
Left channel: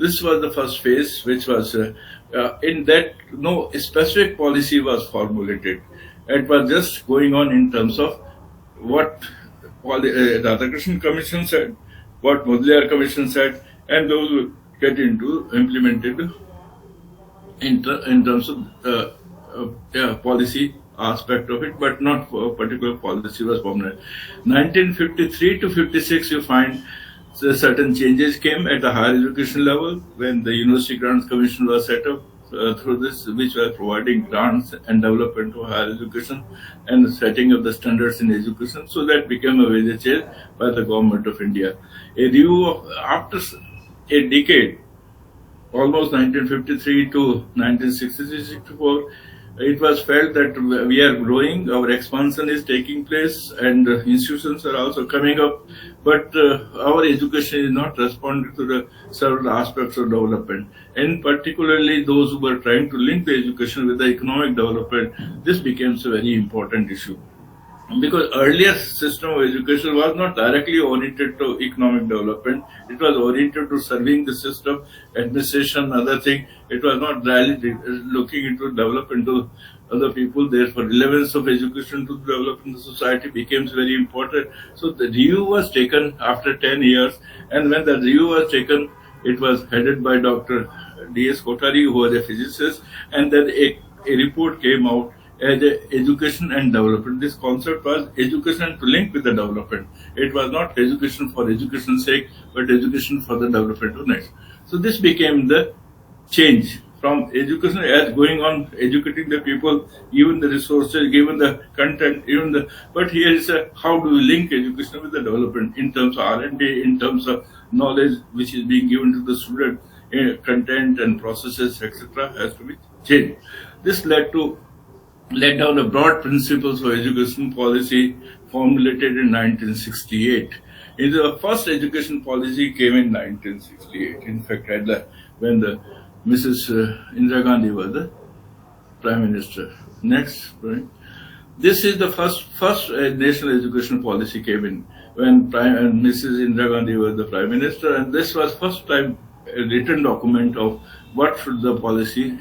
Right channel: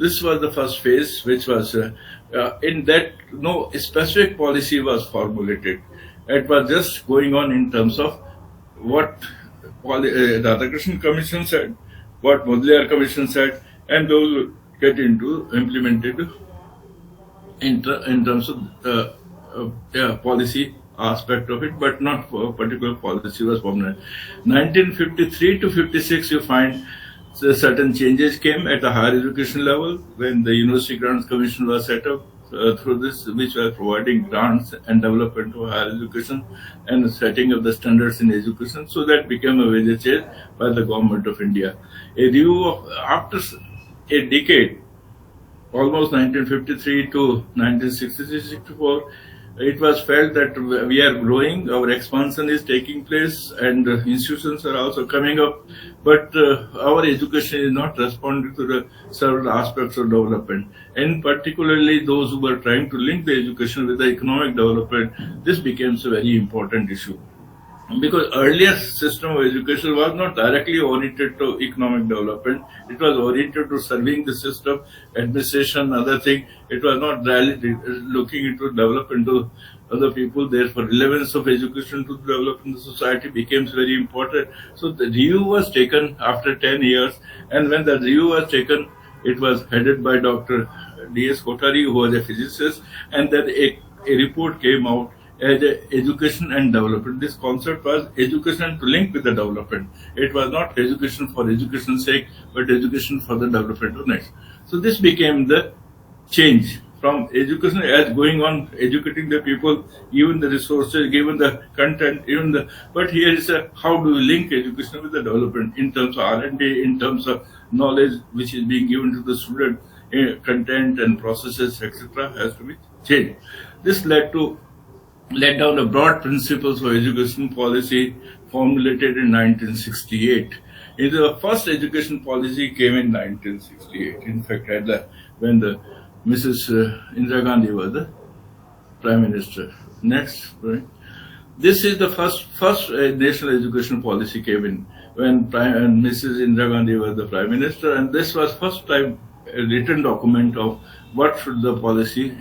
This was the first phase, which was in that no specific policy was formulated. It was just going on in terms of what the Radhakrishnan Commission said, what Modelier Commission said, and those will get into implemented in terms of policy aspect of it, but not for a particular policy was formulated. 1953 to 56, you find certain changes came at the higher education level when the University Grants Commission was set up through this, which were providing grants and development to higher education and setting up the standards in education. So that became a major change by the government of India. A review of after a decade, almost 1953 to 1963-64, it was felt that we are growing, our expansion is taking place, and institutions are also coming up, but our education is not responding to the several aspects of development, and particularly those who were trying to link the education with the economic development. This becomes a very important issue, because earlier system of education was not directly oriented to economic development. It was oriented to serving the system, administration, other thing. It was not really looking into development to other people. Therefore, relevance of education to develop in the society becomes very important. So the review was taken after 10 years, and when the review was taken, it was headed by Dr. D.S. Kothari, who was a physicist, and then a report came out as education and development. This concept was education to link with the development. It was not education for education's sake, but education for the development of next. So this became the change from education as going on, educating the people, given the resources, given the content, but here is how do we link education with the development in terms of R&D, in terms of knowledge which is being given to the student, content and processes, etc. has to be changed. This led down the broad principles of education policy formulated in 1968. The first education policy came in 1968. In fact, when the Mrs. Indira Gandhi was the Prime Minister. Next, right? This is the first national education policy came in when Mrs. Indira Gandhi was the Prime Minister, and this was first time a written document of what should the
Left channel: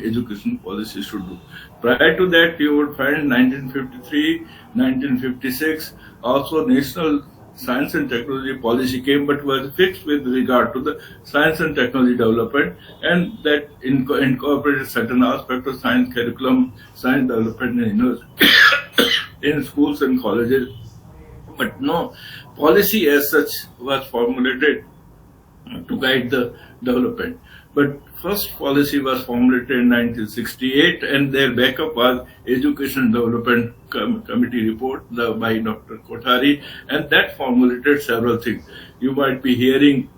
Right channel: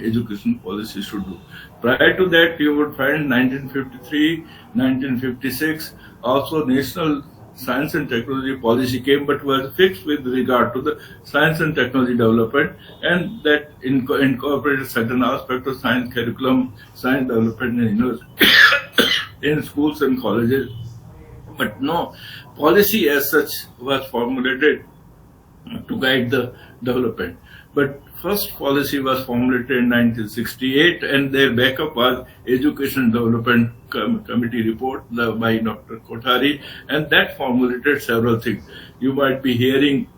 education policy should do. Prior to that, you would find 1953, 1956, also national science and technology policy came, but was fixed with regard to the science and technology development, and that incorporated certain aspects of science curriculum, science development in schools and colleges. But no policy as such was formulated to guide the development. But first policy was formulated in 1968, and their backup was Education Development Committee report by Dr. Kothari, and that formulated several things. You might be hearing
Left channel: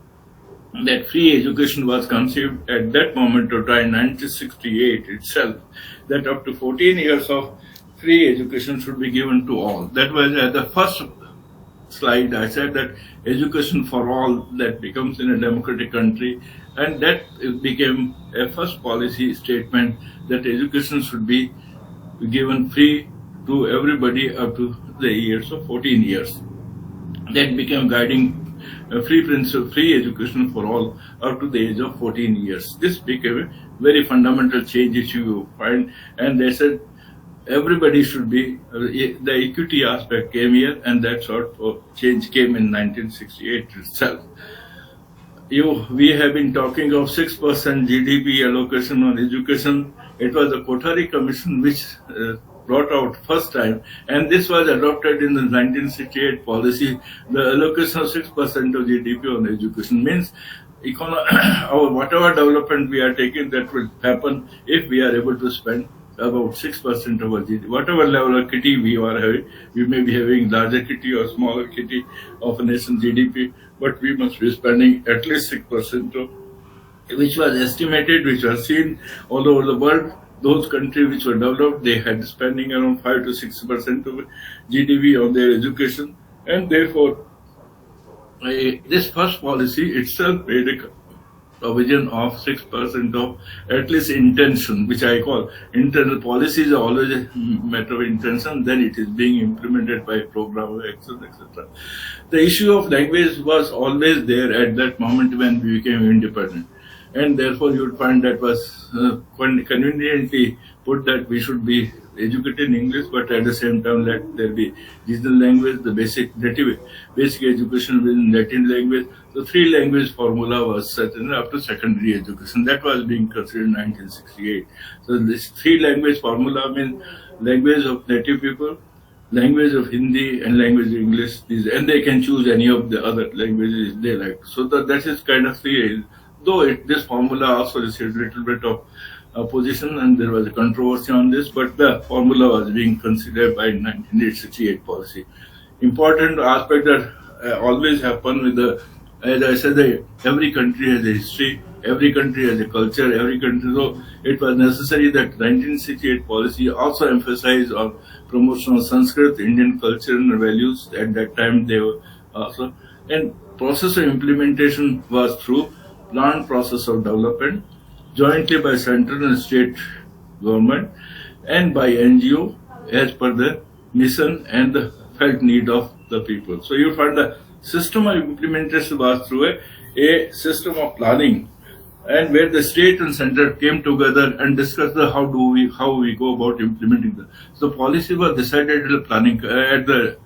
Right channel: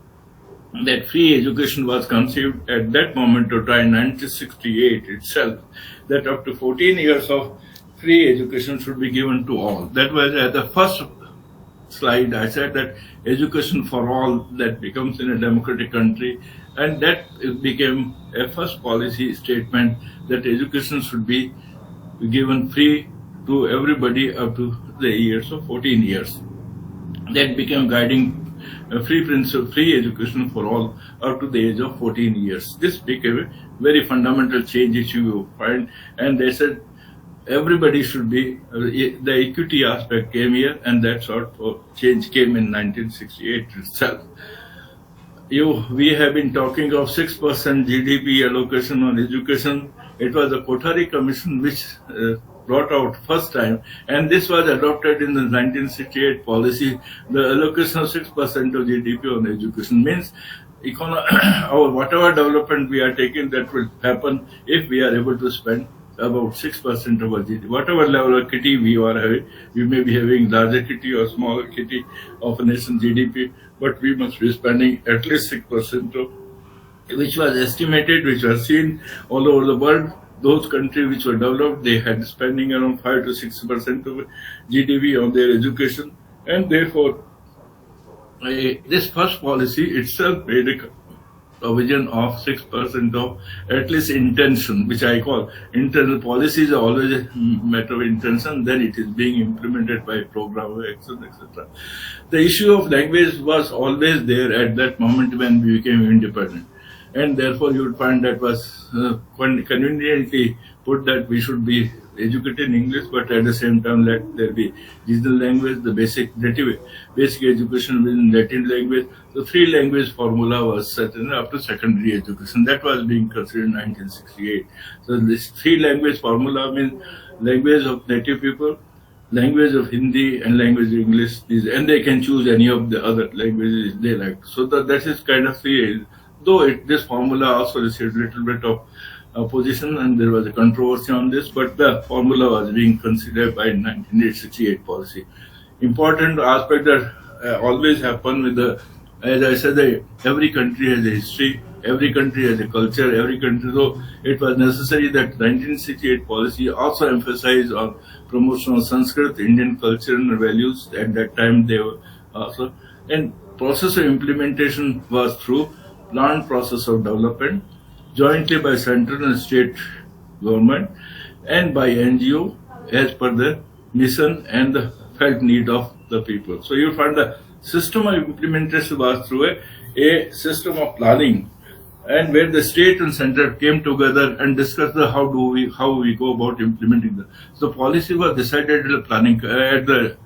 that free education was conceived at that moment of time, 1968 itself, that up to 14 years of free education should be given to all. That was at the first slide I said that education for all, that becomes in a democratic country, and that became a first policy statement that education should be given free to everybody up to the years of 14 years. That became guiding free principle, free education for all up to the age of 14 years. This became a very fundamental change which you find, and they said everybody should be, the equity aspect came here, and that sort of change came in 1968 itself. We have been talking of 6% GDP allocation on education. It was the Kothari Commission which brought out first time, and this was adopted in the 1968 policy. The allocation of 6% of GDP on education means our whatever development we are taking, that will happen if we are able to spend about 6% of our GDP. Whatever level of kitty we are having, we may be having larger kitty or smaller kitty of a nation's GDP, but we must be spending at least 6% of, which was estimated, which was seen all over the world. Those countries which were developed, they had spending around 5 to 6% of GDP on their education, and therefore this first policy itself made a provision of 6% of at least intention, which I call internal policies are always a matter of intention, then it is being implemented by program, etc. The issue of language was always there at that moment when we became independent, and therefore you would find that was conveniently put that we should be educated in English, but at the same time let there be regional language, the basic education within Latin language. The 3 language formula was set in up to secondary education. That was being considered in 1968. So this 3 language formula means language of native people, language of Hindi, and language of English. And they can choose any of the other languages they like. So that is kind of 3. Though this formula also received a little bit of opposition, and there was a controversy on this, but the formula was being considered by 1968 policy. Important aspect that always happen with the, as I said, every country has a history, every country has a culture, every country. So it was necessary that 1968 policy also emphasized on promotion of Sanskrit, Indian culture and values. At that time they were also, and process of implementation was through planned process of development, jointly by central and state government and by NGO as per the mission and the felt need of the people. So you find the system of implementation was through a system of planning, and where the state and center came together and discussed how we go about implementing them. So policy was decided at the planning at the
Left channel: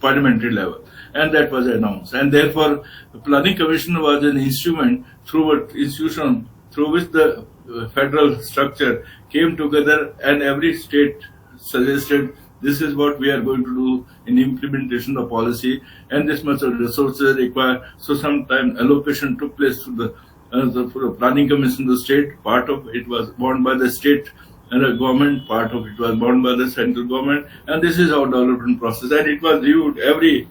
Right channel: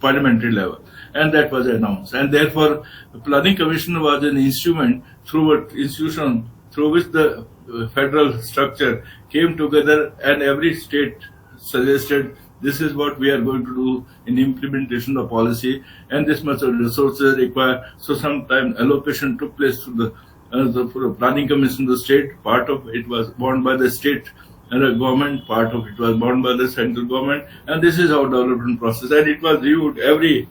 parliamentary level, and that was announced. And therefore, the Planning Commission was an instrument through which the federal structure came together, and every state suggested this is what we are going to do in implementation of policy, and this much of resources required. So sometimes allocation took place to the Planning Commission. The state part of it was borne by the state and the government, part of it was borne by the central government, and this is our development process. And it was reviewed every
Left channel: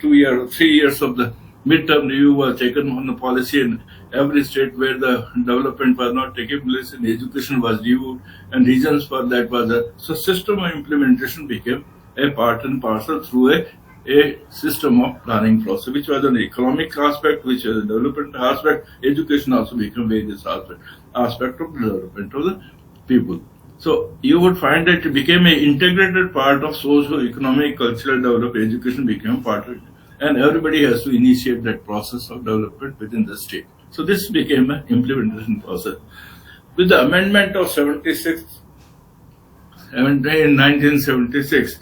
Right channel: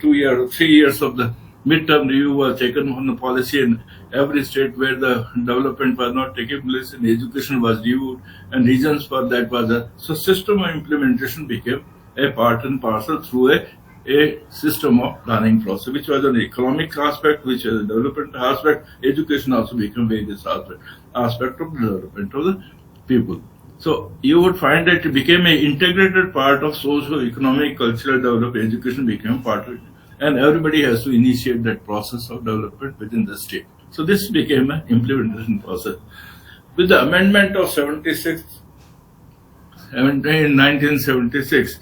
2 years, 3 years of the midterm review was taken on the policy, in every state where the development was not taking place and education was reviewed, and reasons for that was so system of implementation became a part and parcel through a system of planning process, which was an economic aspect, which was a development aspect. Education also became various aspect of development of the people. So you would find that it became an integrated part of socio-economic, cultural development. Education became part of it, and everybody has to initiate that process of development within the state. So this became an implementation process. With the amendment of 76, in 1976,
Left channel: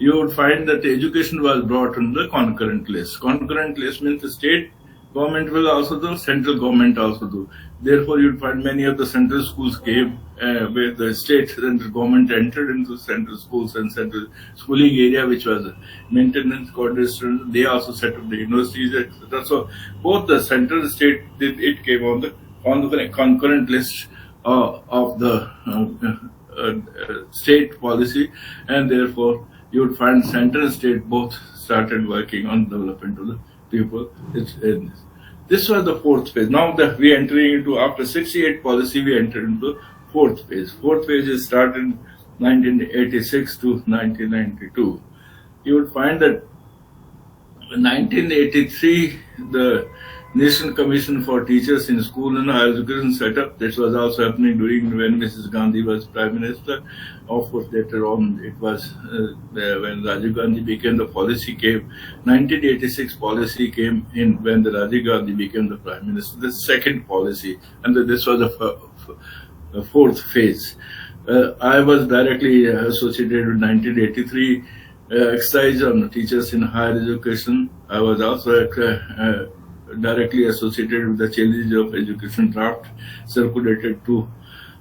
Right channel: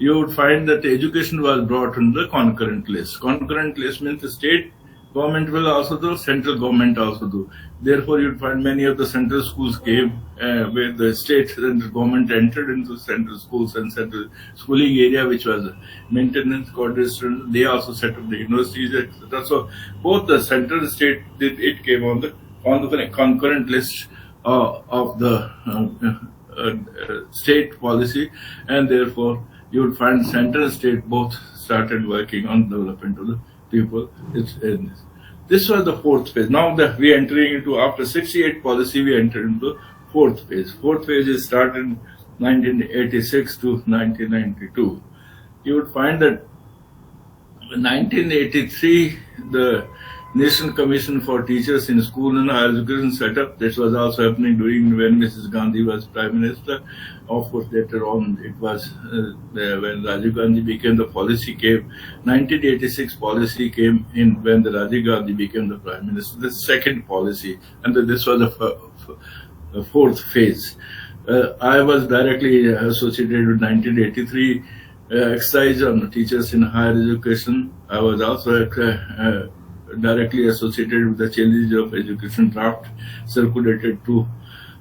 you would find that education was brought on the concurrent list. Concurrent list means the state government will also do, central government also do. Therefore, you'd find many of the central schools came where the state and the government entered into central schools and central schooling area, which was maintenance coordinator. They also set up the universities, etc. So both the central and state it came on the concurrent list of the state policy, and therefore you would find center and state both started working on development of the people. This was the fourth phase. Now that we are entering into, after 68 policy, we entered into fourth phase. Fourth phase is started 1986 to 1992. You would find that in 1983, the National Commission for Teachers in School and Higher Education set up. This was also happening during when Mrs. Gandhi was Prime Minister. Of course, later on, it was when Rajiv Gandhi became the policy came. 1986 policy came in when the Rajiv Gandhi became the Prime Minister. The second policy, and this was the fourth phase. I was directly associated with 1983 exercise on teachers in higher education. I was also directly associated with the changes of education draft circulated to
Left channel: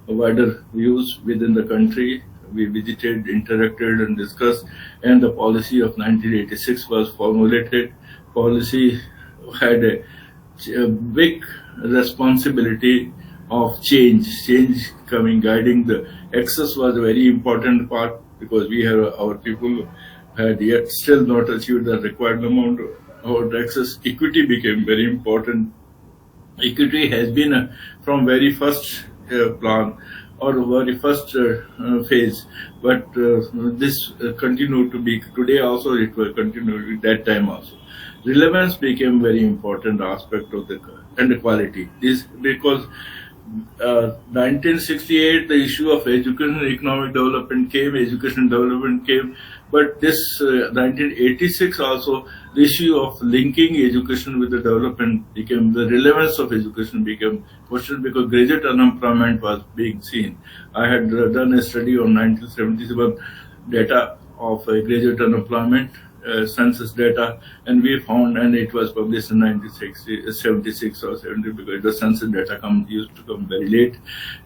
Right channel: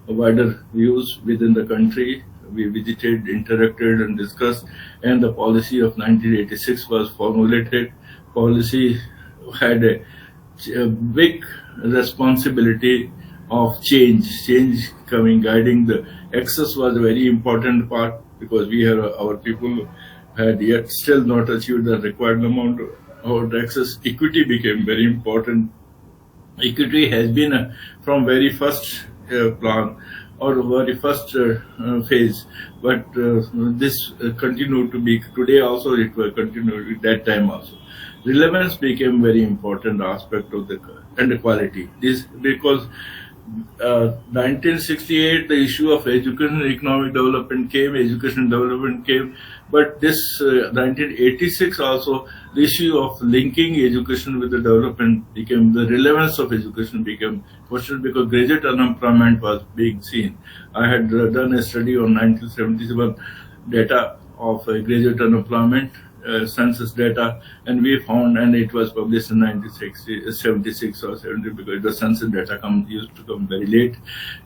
wider views within the country. We visited, interacted and discussed, and the policy of 1986 was formulated. Policy had a big responsibility of change coming, guiding. The access was a very important part because we have our people had yet still not achieved the required amount of access. Equity became very important. Equity has been from very first plan or very first phase, but this continued to be today also. It will continue at that time also. Relevance became very important aspect of and equality. This because 1968 the issue of education and economic development came, education development came, but this 1986 also the issue of linking education with the development became, the relevance of education became questioned because graduate unemployment was being seen. I had done a study on 1977 data of graduate unemployment, census data, and we found, and it was published in 1976 or 70 because the census data used to come very late,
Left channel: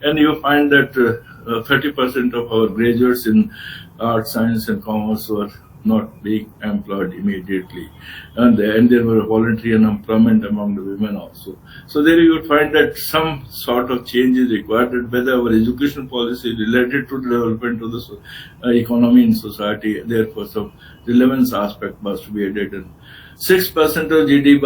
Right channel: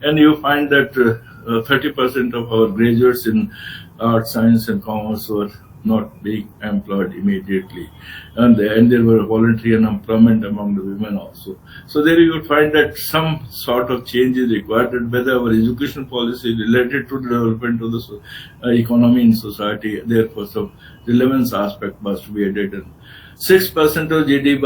and you find that 30% of our graduates in art, science and commerce were not being employed immediately, and there were voluntary unemployment among the women also. So there you will find that some sort of change is required, whether our education policy related to the development of the economy in society. Therefore, some relevance aspect must be added. And 6% of GDP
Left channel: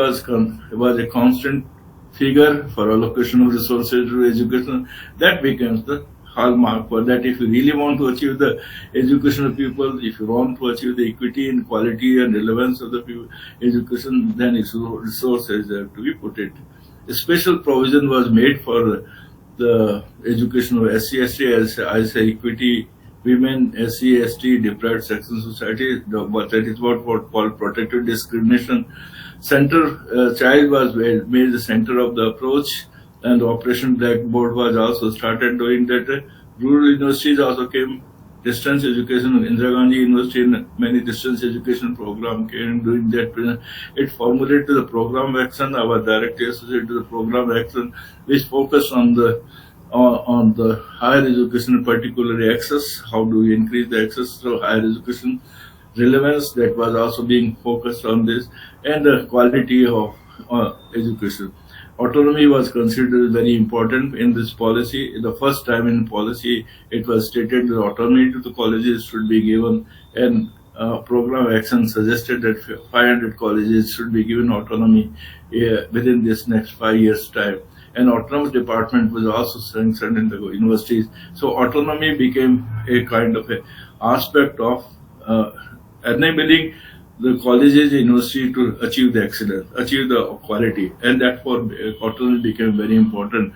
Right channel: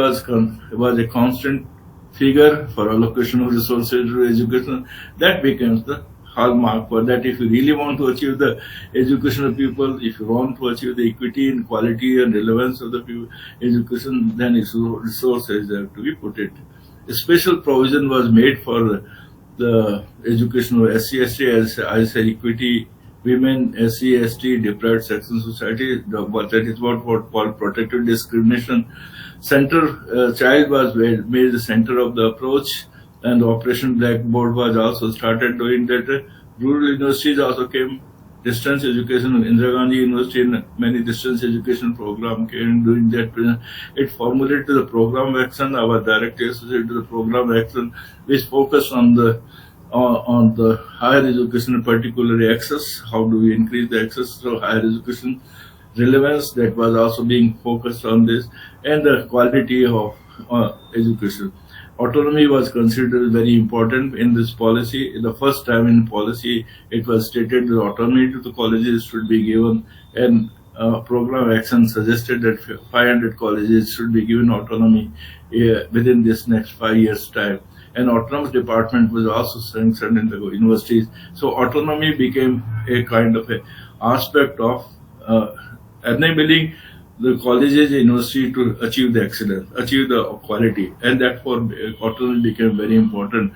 was a constant figure for allocation of resources to education. That becomes the hallmark for that. If you really want to achieve the education of people, if you want to achieve the equity and quality and relevance of the people, education, then resources have to be put it. A special provision was made for the education of SC/ST as equity, women, SC/ST, deprived section society. That is what called protected discrimination. Child was made the center of the approach, and Operation Blackboard was also started doing that. Rural universities also came, distance education, Indira Gandhi University and many distance education program came doing that. It formulated the program action. I was directly associated to the program action, which focused on the higher education, particularly access. How do we increase the access to higher education? Relevance, that was also being focused on this, and the quality of education. Autonomy was considered very important in this policy. The first time in policy, it was stated that autonomy to the colleges should be given, and program action suggested that 500 colleges should be given autonomy within this next 5 years' time. And autonomous department was also sanctioned in the universities. So autonomy became a kind of a aspect of enabling the colleges, university to achieve the excellence, achieve the quality, and therefore autonomy became very important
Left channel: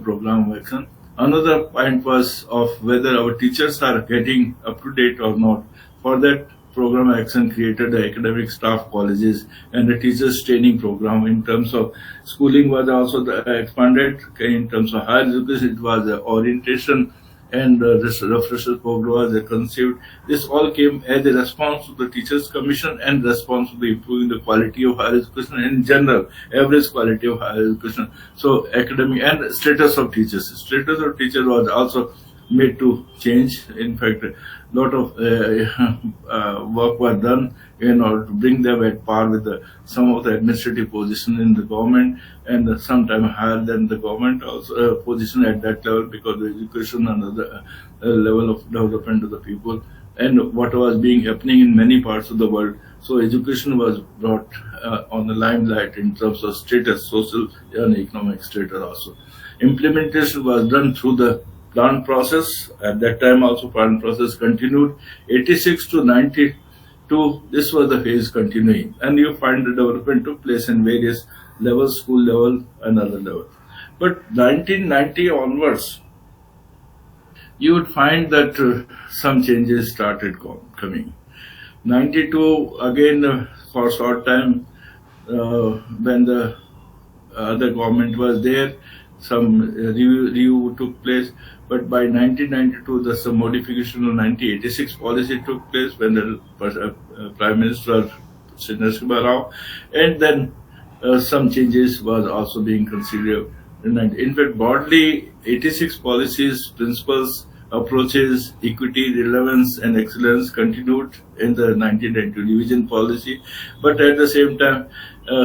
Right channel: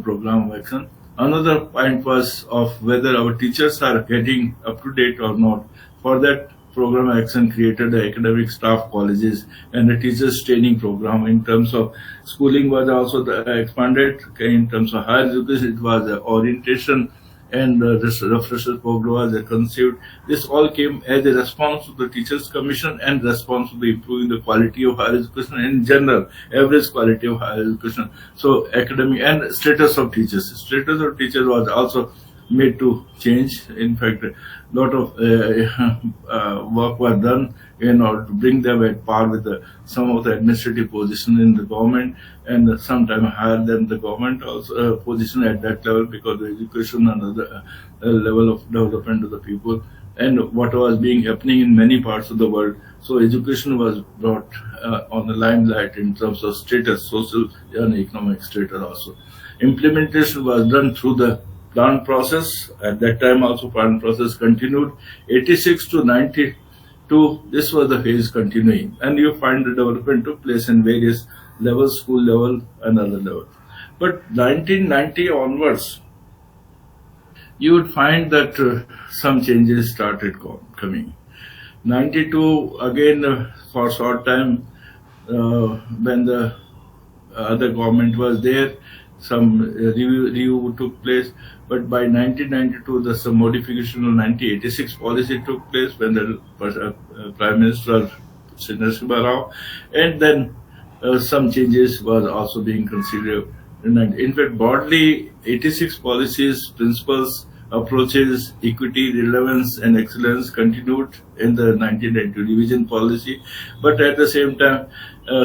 program of action. Another point was of whether our teachers are getting up to date or not. For that, program action created the academic staff colleges and the teachers training program. In terms of schooling was also expanded. In terms of higher education, it was the orientation and this refresher program was conceived. This all came as a response to the Teachers Commission and response to the improving the quality of higher education in general, average quality of higher education. So academic and status of teachers. Status of teachers was also made to change. In fact, a lot of work was done in order to bring them at par with some of the administrative position in the government, and sometimes higher than the government also position at that level, because the education and the level of development of the people and what was being happening in many parts of the world. So education was brought on the limelight in terms of status, social and economic status also. Implementation was done through the plan process. At that time also plan process continued. 86 to 92, this was the phase continuing, and you find the development took place in various levels, school level and other levels. But 1990 onwards, you would find that some changes started coming. 92 again, for a short time, when the other government was there, some review took place. But by 1992, some modification of 1986 policy took place when the Prime Minister Narasimha Rao, and then some changes was also being considered. In fact, broadly, 86 policies, principles, approaches, equity, relevance, and excellence continued in the 1992 revision policy. But at the same time,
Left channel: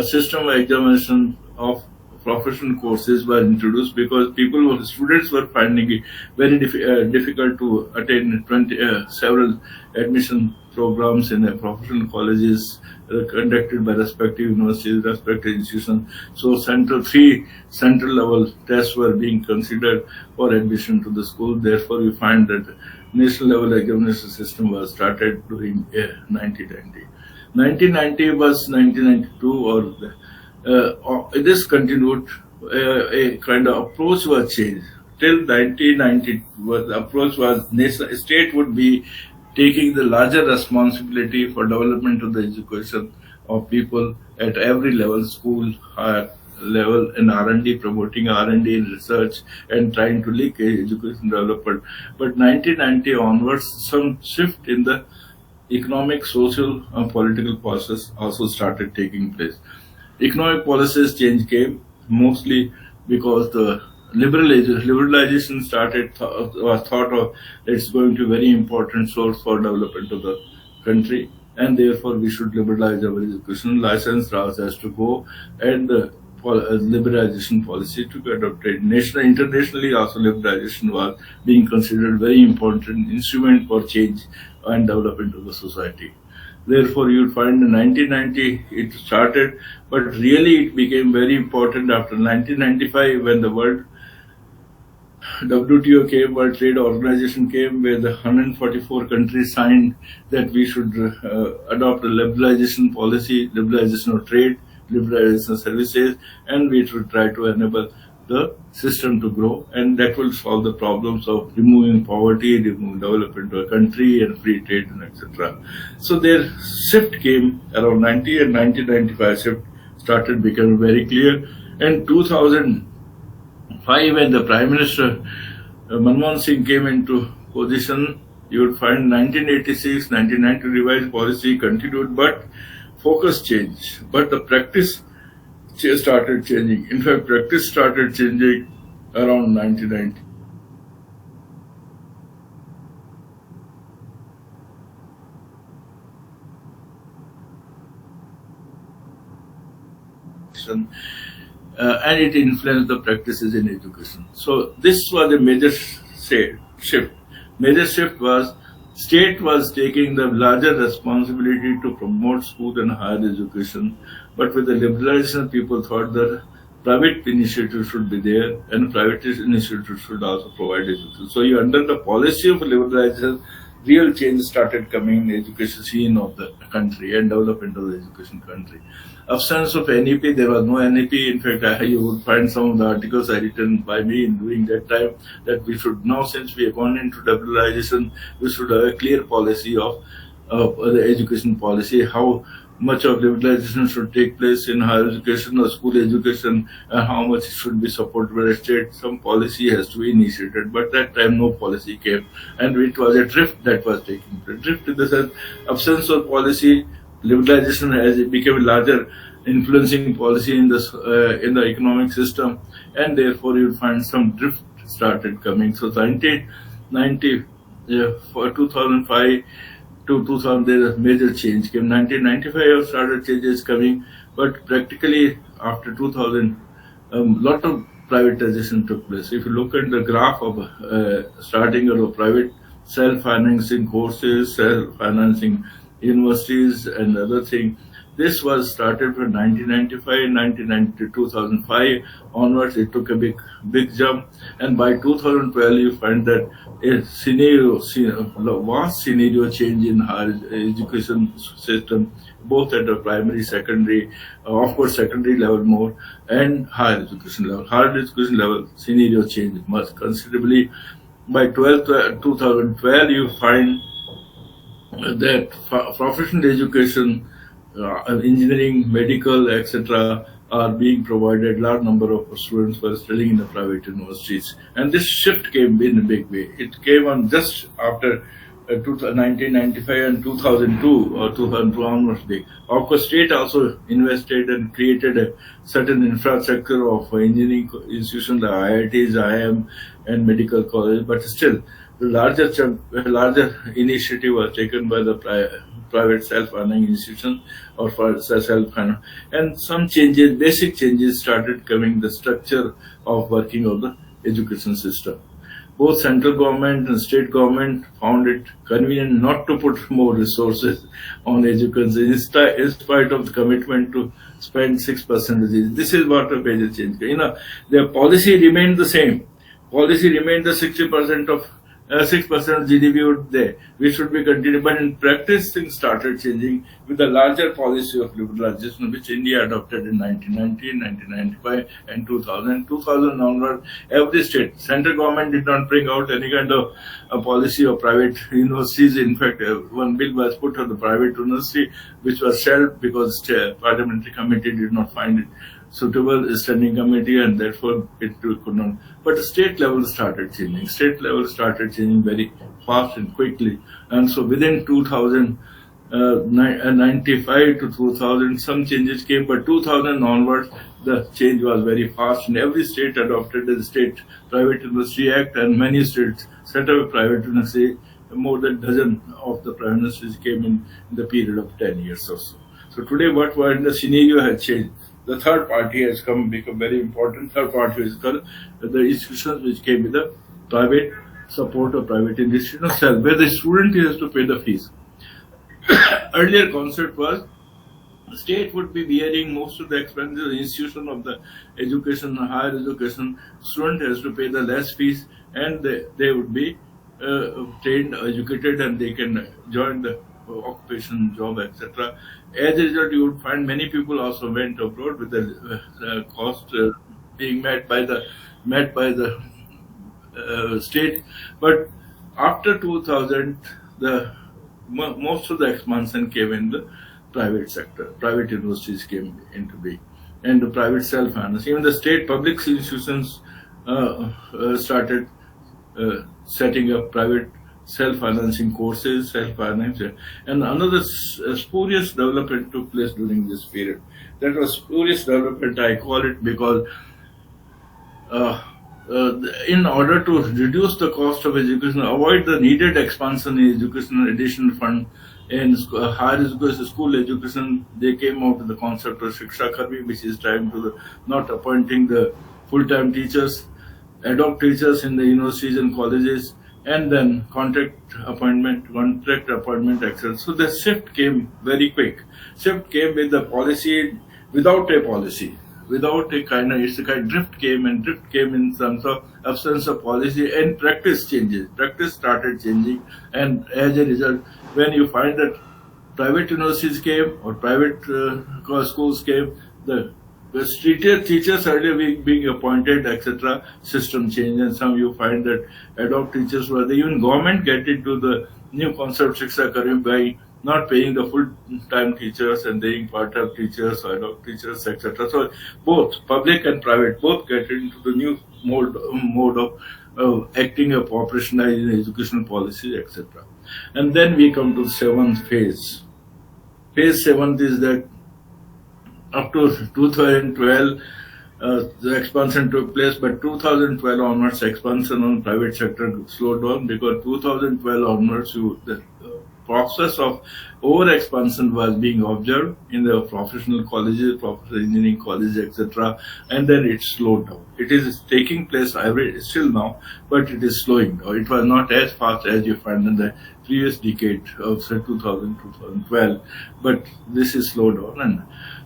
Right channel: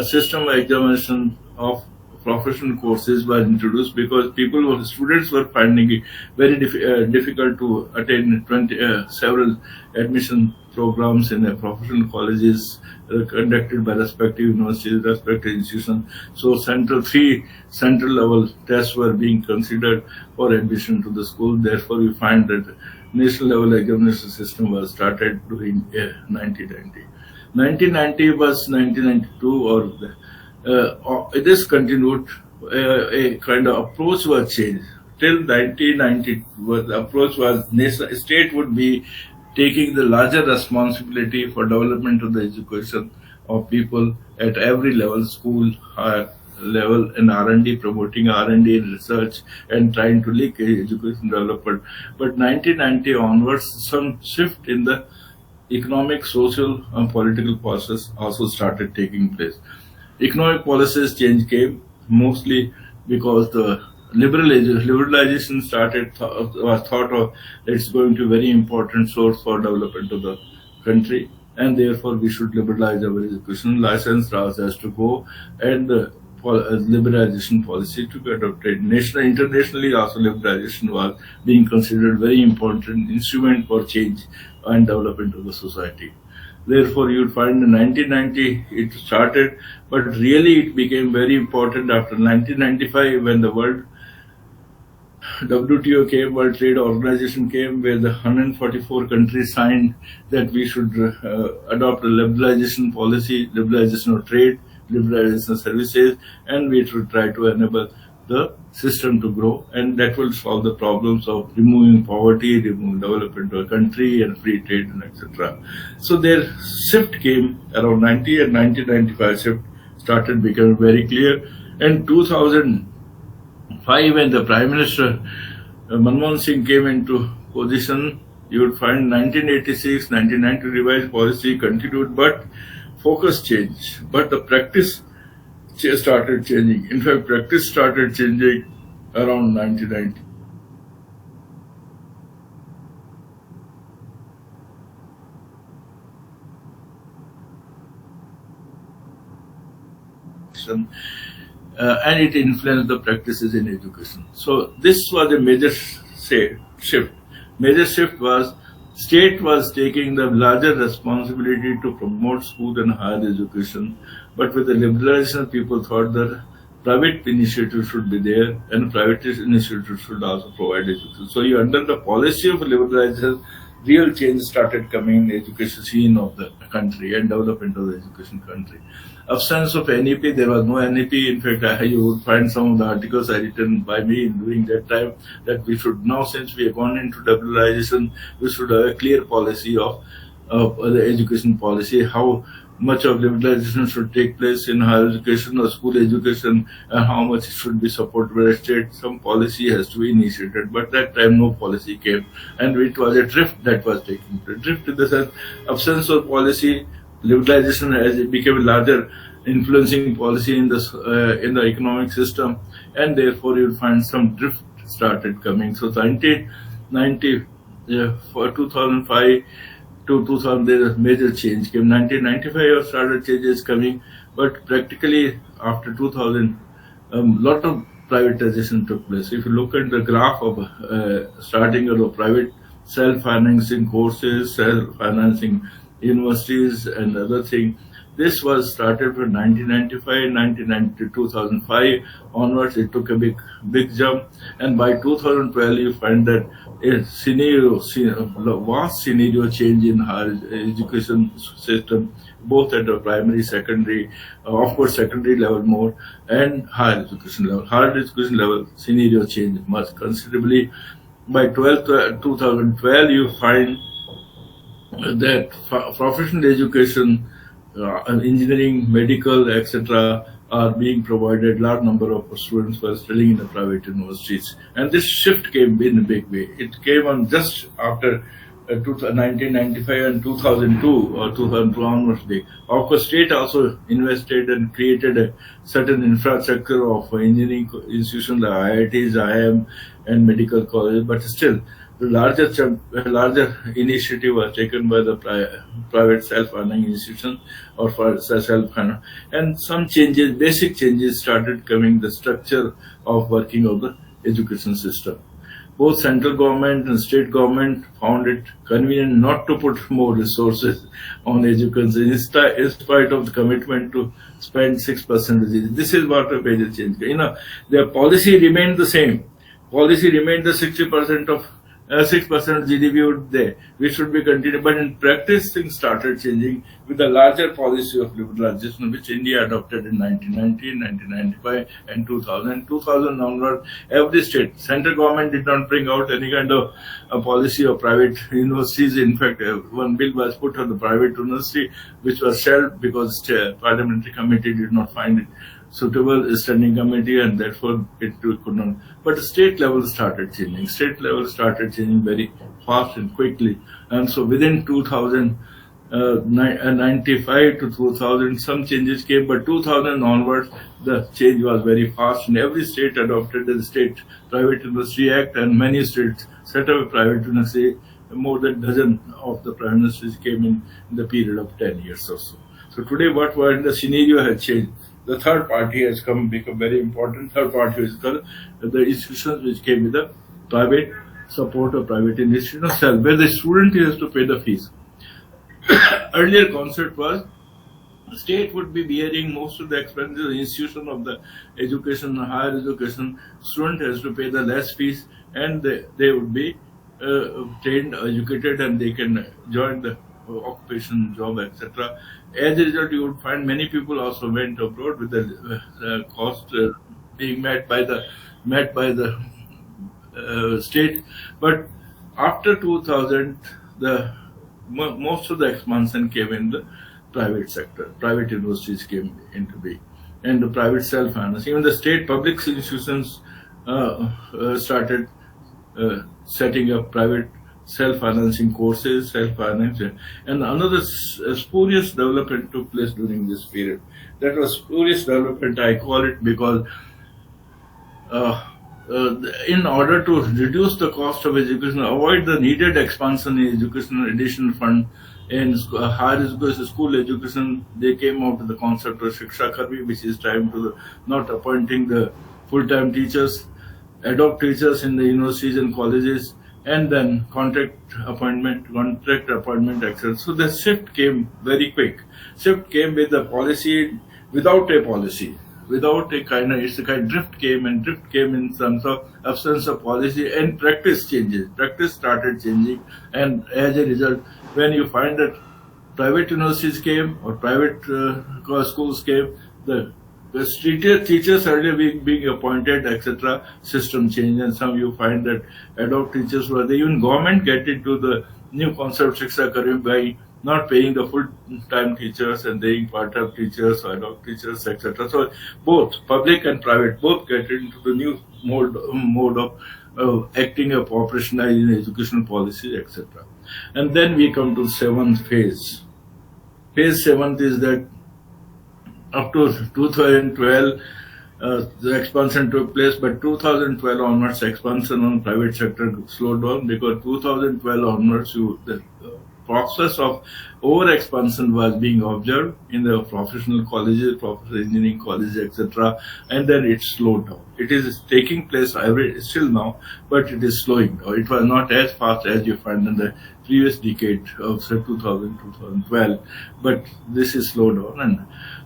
system of examination of professional courses were introduced, because students were finding it very difficult to attain several admission programs in professional colleges conducted by respective universities, respective institutions. So three central level tests were being considered for admission to the school. Therefore, we find that national level examination system was started during 1990. 1990 was 1992, this continued. A kind of approach was changed. Till 1990, the approach was state would be taking the larger responsibility for development of the education of people at every level, school, higher level, and R&D, promoting R&D and research, and trying to link education development. But 1990 onwards, some shift in the economic, social, and political process also started taking place. Economic policies change came mostly because the liberalization was thought of it's going to be a very important source for development of the country, and therefore we should liberalize our education. License laws has to go, and liberalization policy to be adopted. Internationally also liberalization was being considered very important instrument for change and development of the society. Therefore, you will find in 1990 it started, but really it became very important after 1995 when the World WTO came, World Trade Organization came, where the 144 countries signed that we should adopt a liberalization policy, liberalization of trade, liberalization of services, and we should try to enable the system to grow, and that will solve the problems of removing poverty, removing development of a country, and free trade, and etc. So their shift came around 90, and 1995 shift started becoming very clear. And 2005, when the Prime Minister Manmohan Singh came into position, you would find 1986, 1990 revised policy continued, but focus changed. But the practice started changing. In fact, practice started changing around 1990. And it influenced the practices in education. So this was a major shift. Major shift was state was taking the larger responsibility to promote school and higher education, but with the liberalization, people thought that private initiatives should be there, and private initiatives should also provide education. So you under the policy of liberalization, real change started coming in the education scene of the country and development of the education country. Absence of NEP, there was no NEP. In fact, you would find some of the articles written by me during that time that we should now, since we have gone into liberalization, we should have a clear policy of the education policy, how much of liberalization should take place in higher education or school education, and how much it should be supported by the state. Some policy has to be initiated, but that time no policy came, and it was a drift that was taking place. Drift in the sense, absence of policy, liberalization as it became a larger influencing policy in the economic system, and therefore you'll find some drift started coming. So 1990, for 2005 to 2000, there's a major change came. 1995 started changes coming, but practically after 2000, lot of privatization took place. If you look at the graph of starting of private self-financing courses, self-financing universities, and other thing, this was started from 1995, 1990 to 2005 onwards. It took a big jump, and by 2012 you find that a vast scenario change in higher education system, both at the primary, secondary, of course secondary level more, and higher education level. Higher education level scenario change much considerably. By 2012 you find that professional education, engineering, medical, etc., are being provided. Large number of students were studying in the private universities, and this shift came in a big way. It came on just after 1995 and 2002 or 2002 onwards. Of course, state also invested and created a certain infrastructure of engineering institutions, the IITs, IIM, and medical college. But still, the larger initiative was taken by the private self-funding institutions or for self-funding, and some changes, basic changes started coming. The structure of working of the education system. Both central government and state government found it convenient not to put more resources on education in spite of the commitment to spend 6%. This is what a major change. Their policy remained the same. Policy remained the 60% of 6% GDP would there. We should be continuing, but in practice things started changing with the larger policy of liberalization, which India adopted in 1990, 1995, and 2000. 2000 onward, every state, central government did not bring out any kind of a policy of private universities. In fact, one bill was put on the private university, which was shelved because the parliamentary committee did not find it suitable standing committee, and therefore it could not. But the state level started changing. State level started changing very fast and quickly. And so within 1995 to 2000, some changes came, but 2000 onwards, the change was very fast, and every state adopted the State Private University Act, and many states set up a private university. More than a dozen of the private universities came in the period of 10 years or so. So today, the scenario has changed. The third party has become very important. Third party is called the institutions which came with the private support of private institutions, where the student has to pay the fees. Earlier concept was the state would be bearing most of the expenses. The institution of the education, higher education, student has to pay the less fees, and they would be trained, educated, and they can join the occupation, job, etc. As a result, you would find many people also went abroad with the cost being met by the state. But after 2000, most of the expansion came in the private sector. Private universities came into being, and the private self-finance. Even the state public institutions started setting up private self-financing courses, self-financing. And another spurious development took place during this period. That was spurious development, I call it, because in order to reduce the cost of education, avoid the needed expansion in education, additional fund in higher education, school education, they came out with the concept of Shiksha Karmi, which is time to not appointing the full-time teachers, ad hoc teachers in the universities and colleges, and then contract appointment, etc. So the shift came very quick. Shift came with the policy, without a policy, without a kind of, it's a kind of drift came in terms of absence of policy, and practice changes. Practice started changing, and as a result, when you find that private universities came or private schools came, the teachers earlier being appointed, etc. System change, and some you find that ad hoc teachers were there. Even government get into the new concept Shiksha Karmi by not paying the full-time teachers and paying part-time teachers, ad hoc teachers, etc. So both public and private both get into the new mode of acting a operationalized in educational policy, etc. And then we come to the seventh phase. Phase seventh is that up to 2012, the expansion took place, but 2012 onwards, expansion on private sector slowed down because 2012 onwards, the process of over-expansion was being observed in the professional colleges, professional engineering colleges, etc., and then it slowed down. It is taking place still now, but it is slowing down. It was not as fast as you find in the previous decade of say 2000, 2012, but this is slowed down. And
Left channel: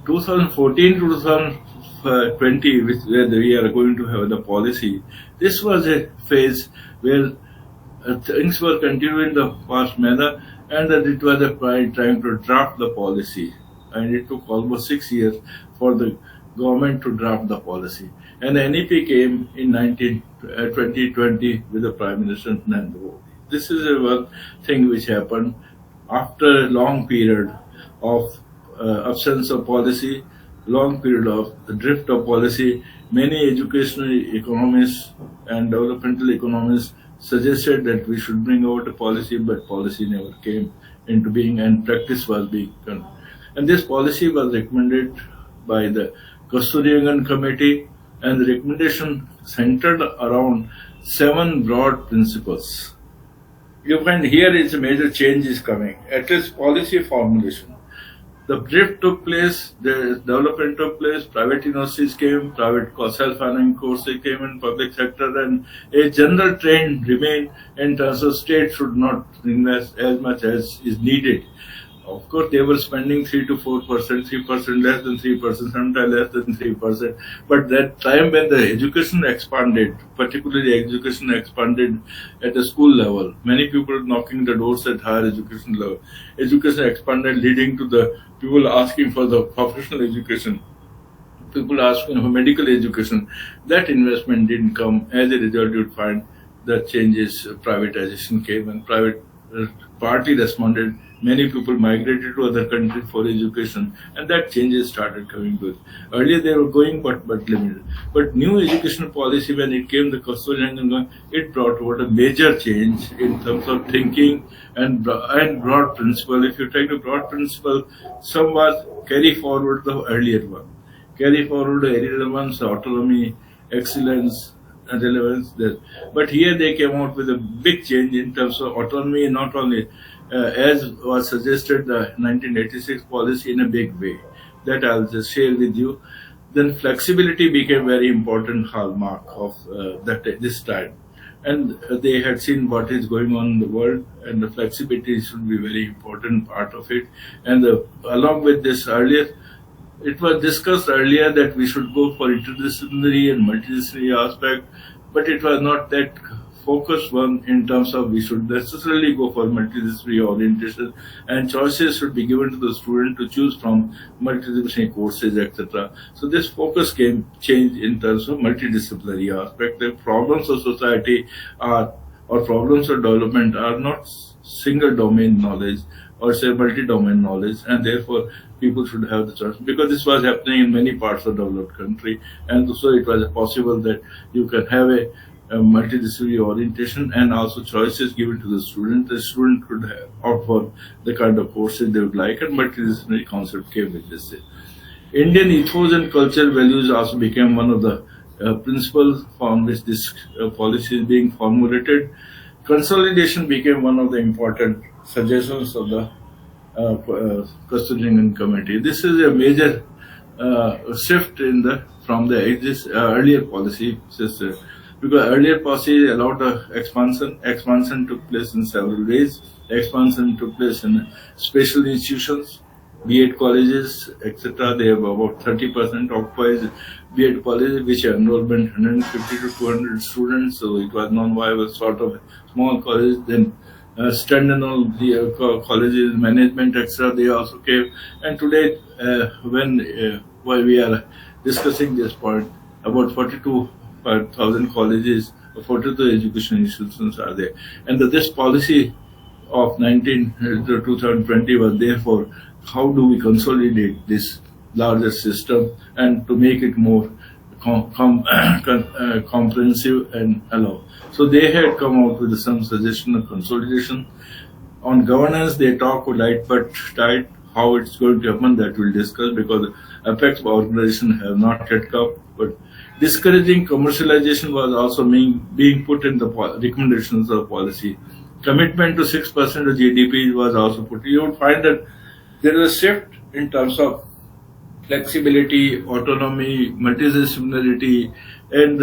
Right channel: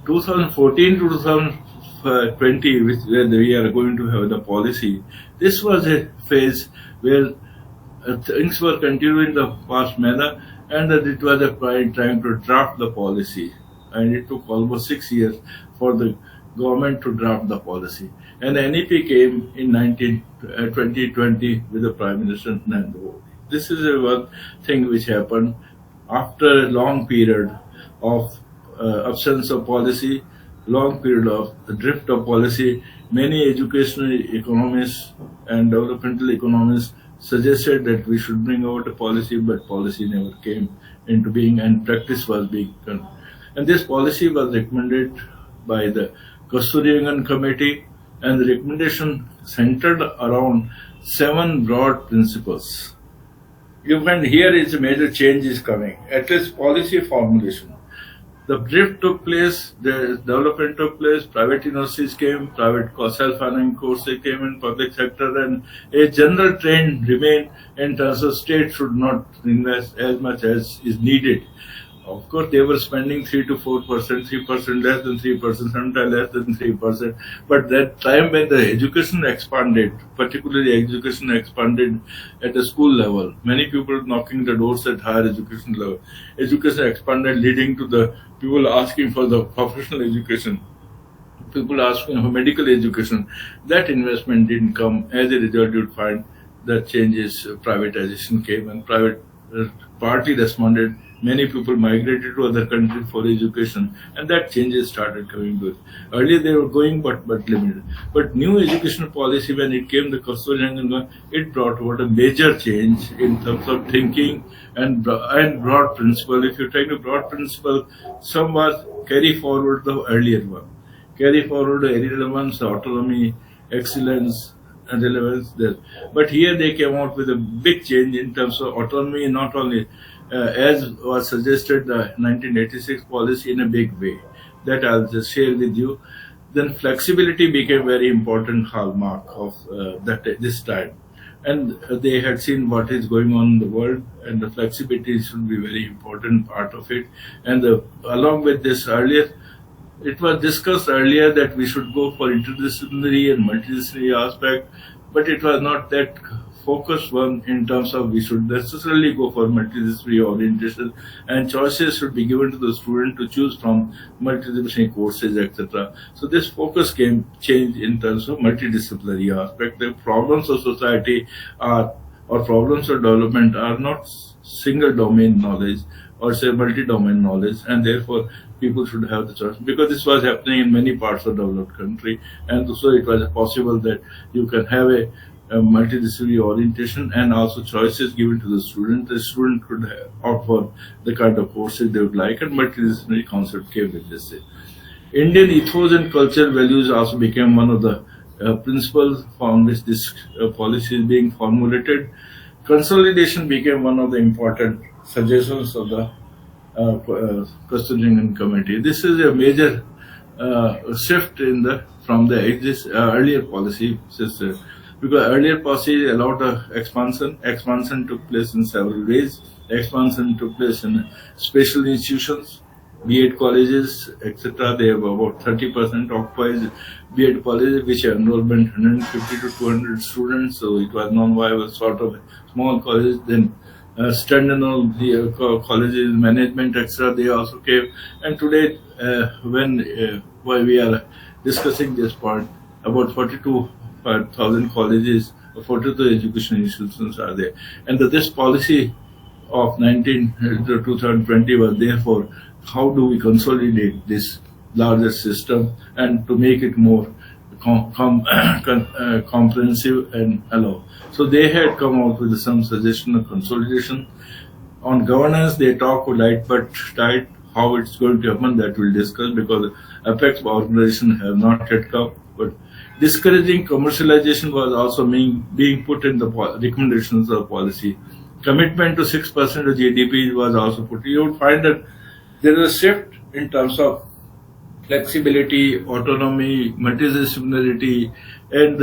2014 to 2020, where we are going to have the policy, this was a phase where things were continuing in the past manner, and that it was a trying to draft the policy. And it took almost 6 years for the government to draft the policy. And the NEP came in 2020 with the Prime Minister Narendra Modi. This is one thing which happened after a long period of absence of policy, long period of drift of policy. Many educational economists and developmental economists suggested that we should bring out a policy, but policy never came into being and practice was being done. And this policy was recommended by the Kasturirangan Committee, and the recommendation centered around 7 broad principles. You find here is a major change is coming, at least policy formulation. The drift took place, the development took place, private universities came, private self-financing courses came in public sector, and a general trend remained in terms of state should not invest as much as is needed. Of course, they were spending 3 to 4%, 3% less than 3%, sometimes less than 3%. But that time when the education expanded, particularly education expanded at the school level, many people knocking the doors at higher education level. Education expanded, leading to the people asking for the professional education, people asking for medical education. That investment didn't come. As a result, you'd find the changes, privatization came, and private partly responded. Many people migrated to other countries for education, and that changes started coming good. Earlier they were going, but limited. But new educational policy, when it came, the Kasturirangan, it brought about a major change in terms of thinking and broad principle. If you take the broad principle, some was carry forward the earlier one, carry forward the earlier ones, autonomy, excellence, and relevance there. But here they came out with a big change in terms of autonomy, not only as was suggested the 1986 policy in a big way. That I'll just share with you. Then flexibility became very important hallmark of this time. And they had seen what is going on in the world, and the flexibility should be very important part of it. And along with this earlier, it was discussed earlier that we should go for interdisciplinary and multidisciplinary aspect, but it was not that focused one in terms of we should necessarily go for multidisciplinary orientation, and choices should be given to the student to choose from multidisciplinary courses, etc. So this focus came change in terms of multidisciplinary aspect. The problems of society or problems of development are not single domain knowledge or say multi-domain knowledge, and therefore people should have the choice, because this was happening in many parts of developed country, and so it was possible that you can have a multidisciplinary orientation and also choices given to the student. The student could opt for the kind of courses they would like, and multidisciplinary concept came with this. Indian ethos and cultural values also became one of the principles from which this policy is being formulated. Consolidation became one of the important suggestions of the Kasturirangan Committee. This is a major shift from the earlier policy system. Because earlier policy allowed expansion. Expansion took place in several ways. Expansion took place in special institutions, B.Ed colleges, etc. They have about 30% occupies B.Ed colleges, which are enrollment 150 to 200 students. So it was non-viable sort of small college. Then standalone colleges, management, etc. They also came. And today, while we are discussing this point, about 42,000 colleges, 42 education institutions are there. And this policy of 2020 was therefore how do we consolidate this larger system and to make it more comprehensive and allow. So they had come out with some suggestion of consolidation. On governance, they talk light but tight. How it's going to happen, that we'll discuss, because apex organization have not yet come. But discouraging commercialization was also being put in the recommendations of policy. Commitment to 6% of GDP was also put. You will find that there is a shift in terms of flexibility, autonomy, multidisciplinarity, and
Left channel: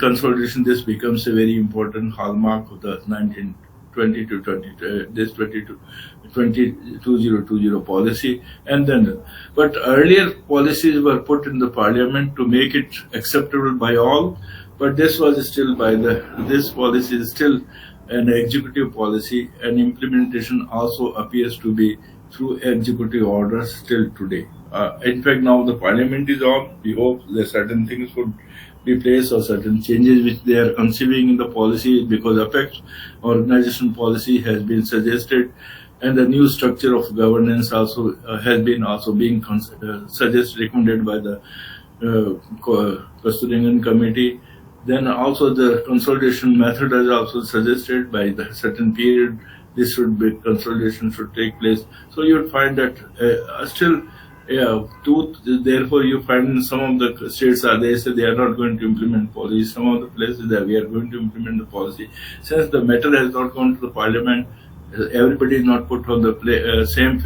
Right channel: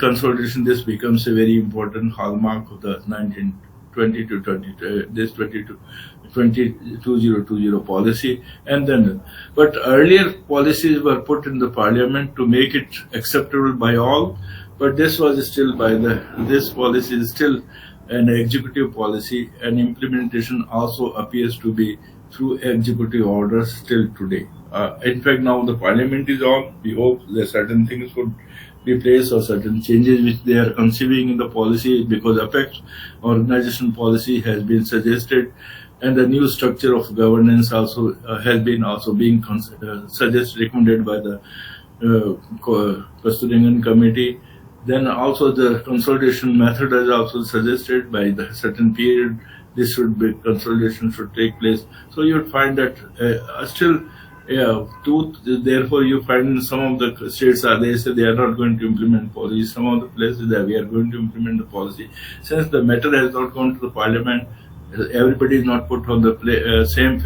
consolidation. This becomes a very important hallmark of the 1920 to 2020 policy. And then, but earlier policies were put in the parliament to make it acceptable by all. But this was still this policy is still an executive policy, and implementation also appears to be through executive orders still today. In fact, now the parliament is on. We hope that certain things would be placed or certain changes which they are conceiving in the policy, because apex organization policy has been suggested, and the new structure of governance also has been being suggested, recommended by the custodian committee. Then also the consolidation method is also suggested by the certain period. This should be consolidation should take place. So you would find that therefore you find some of the states they say they are not going to implement policy. Some of the places that we are going to implement the policy. Since the matter has not gone to the parliament, everybody is not put on the same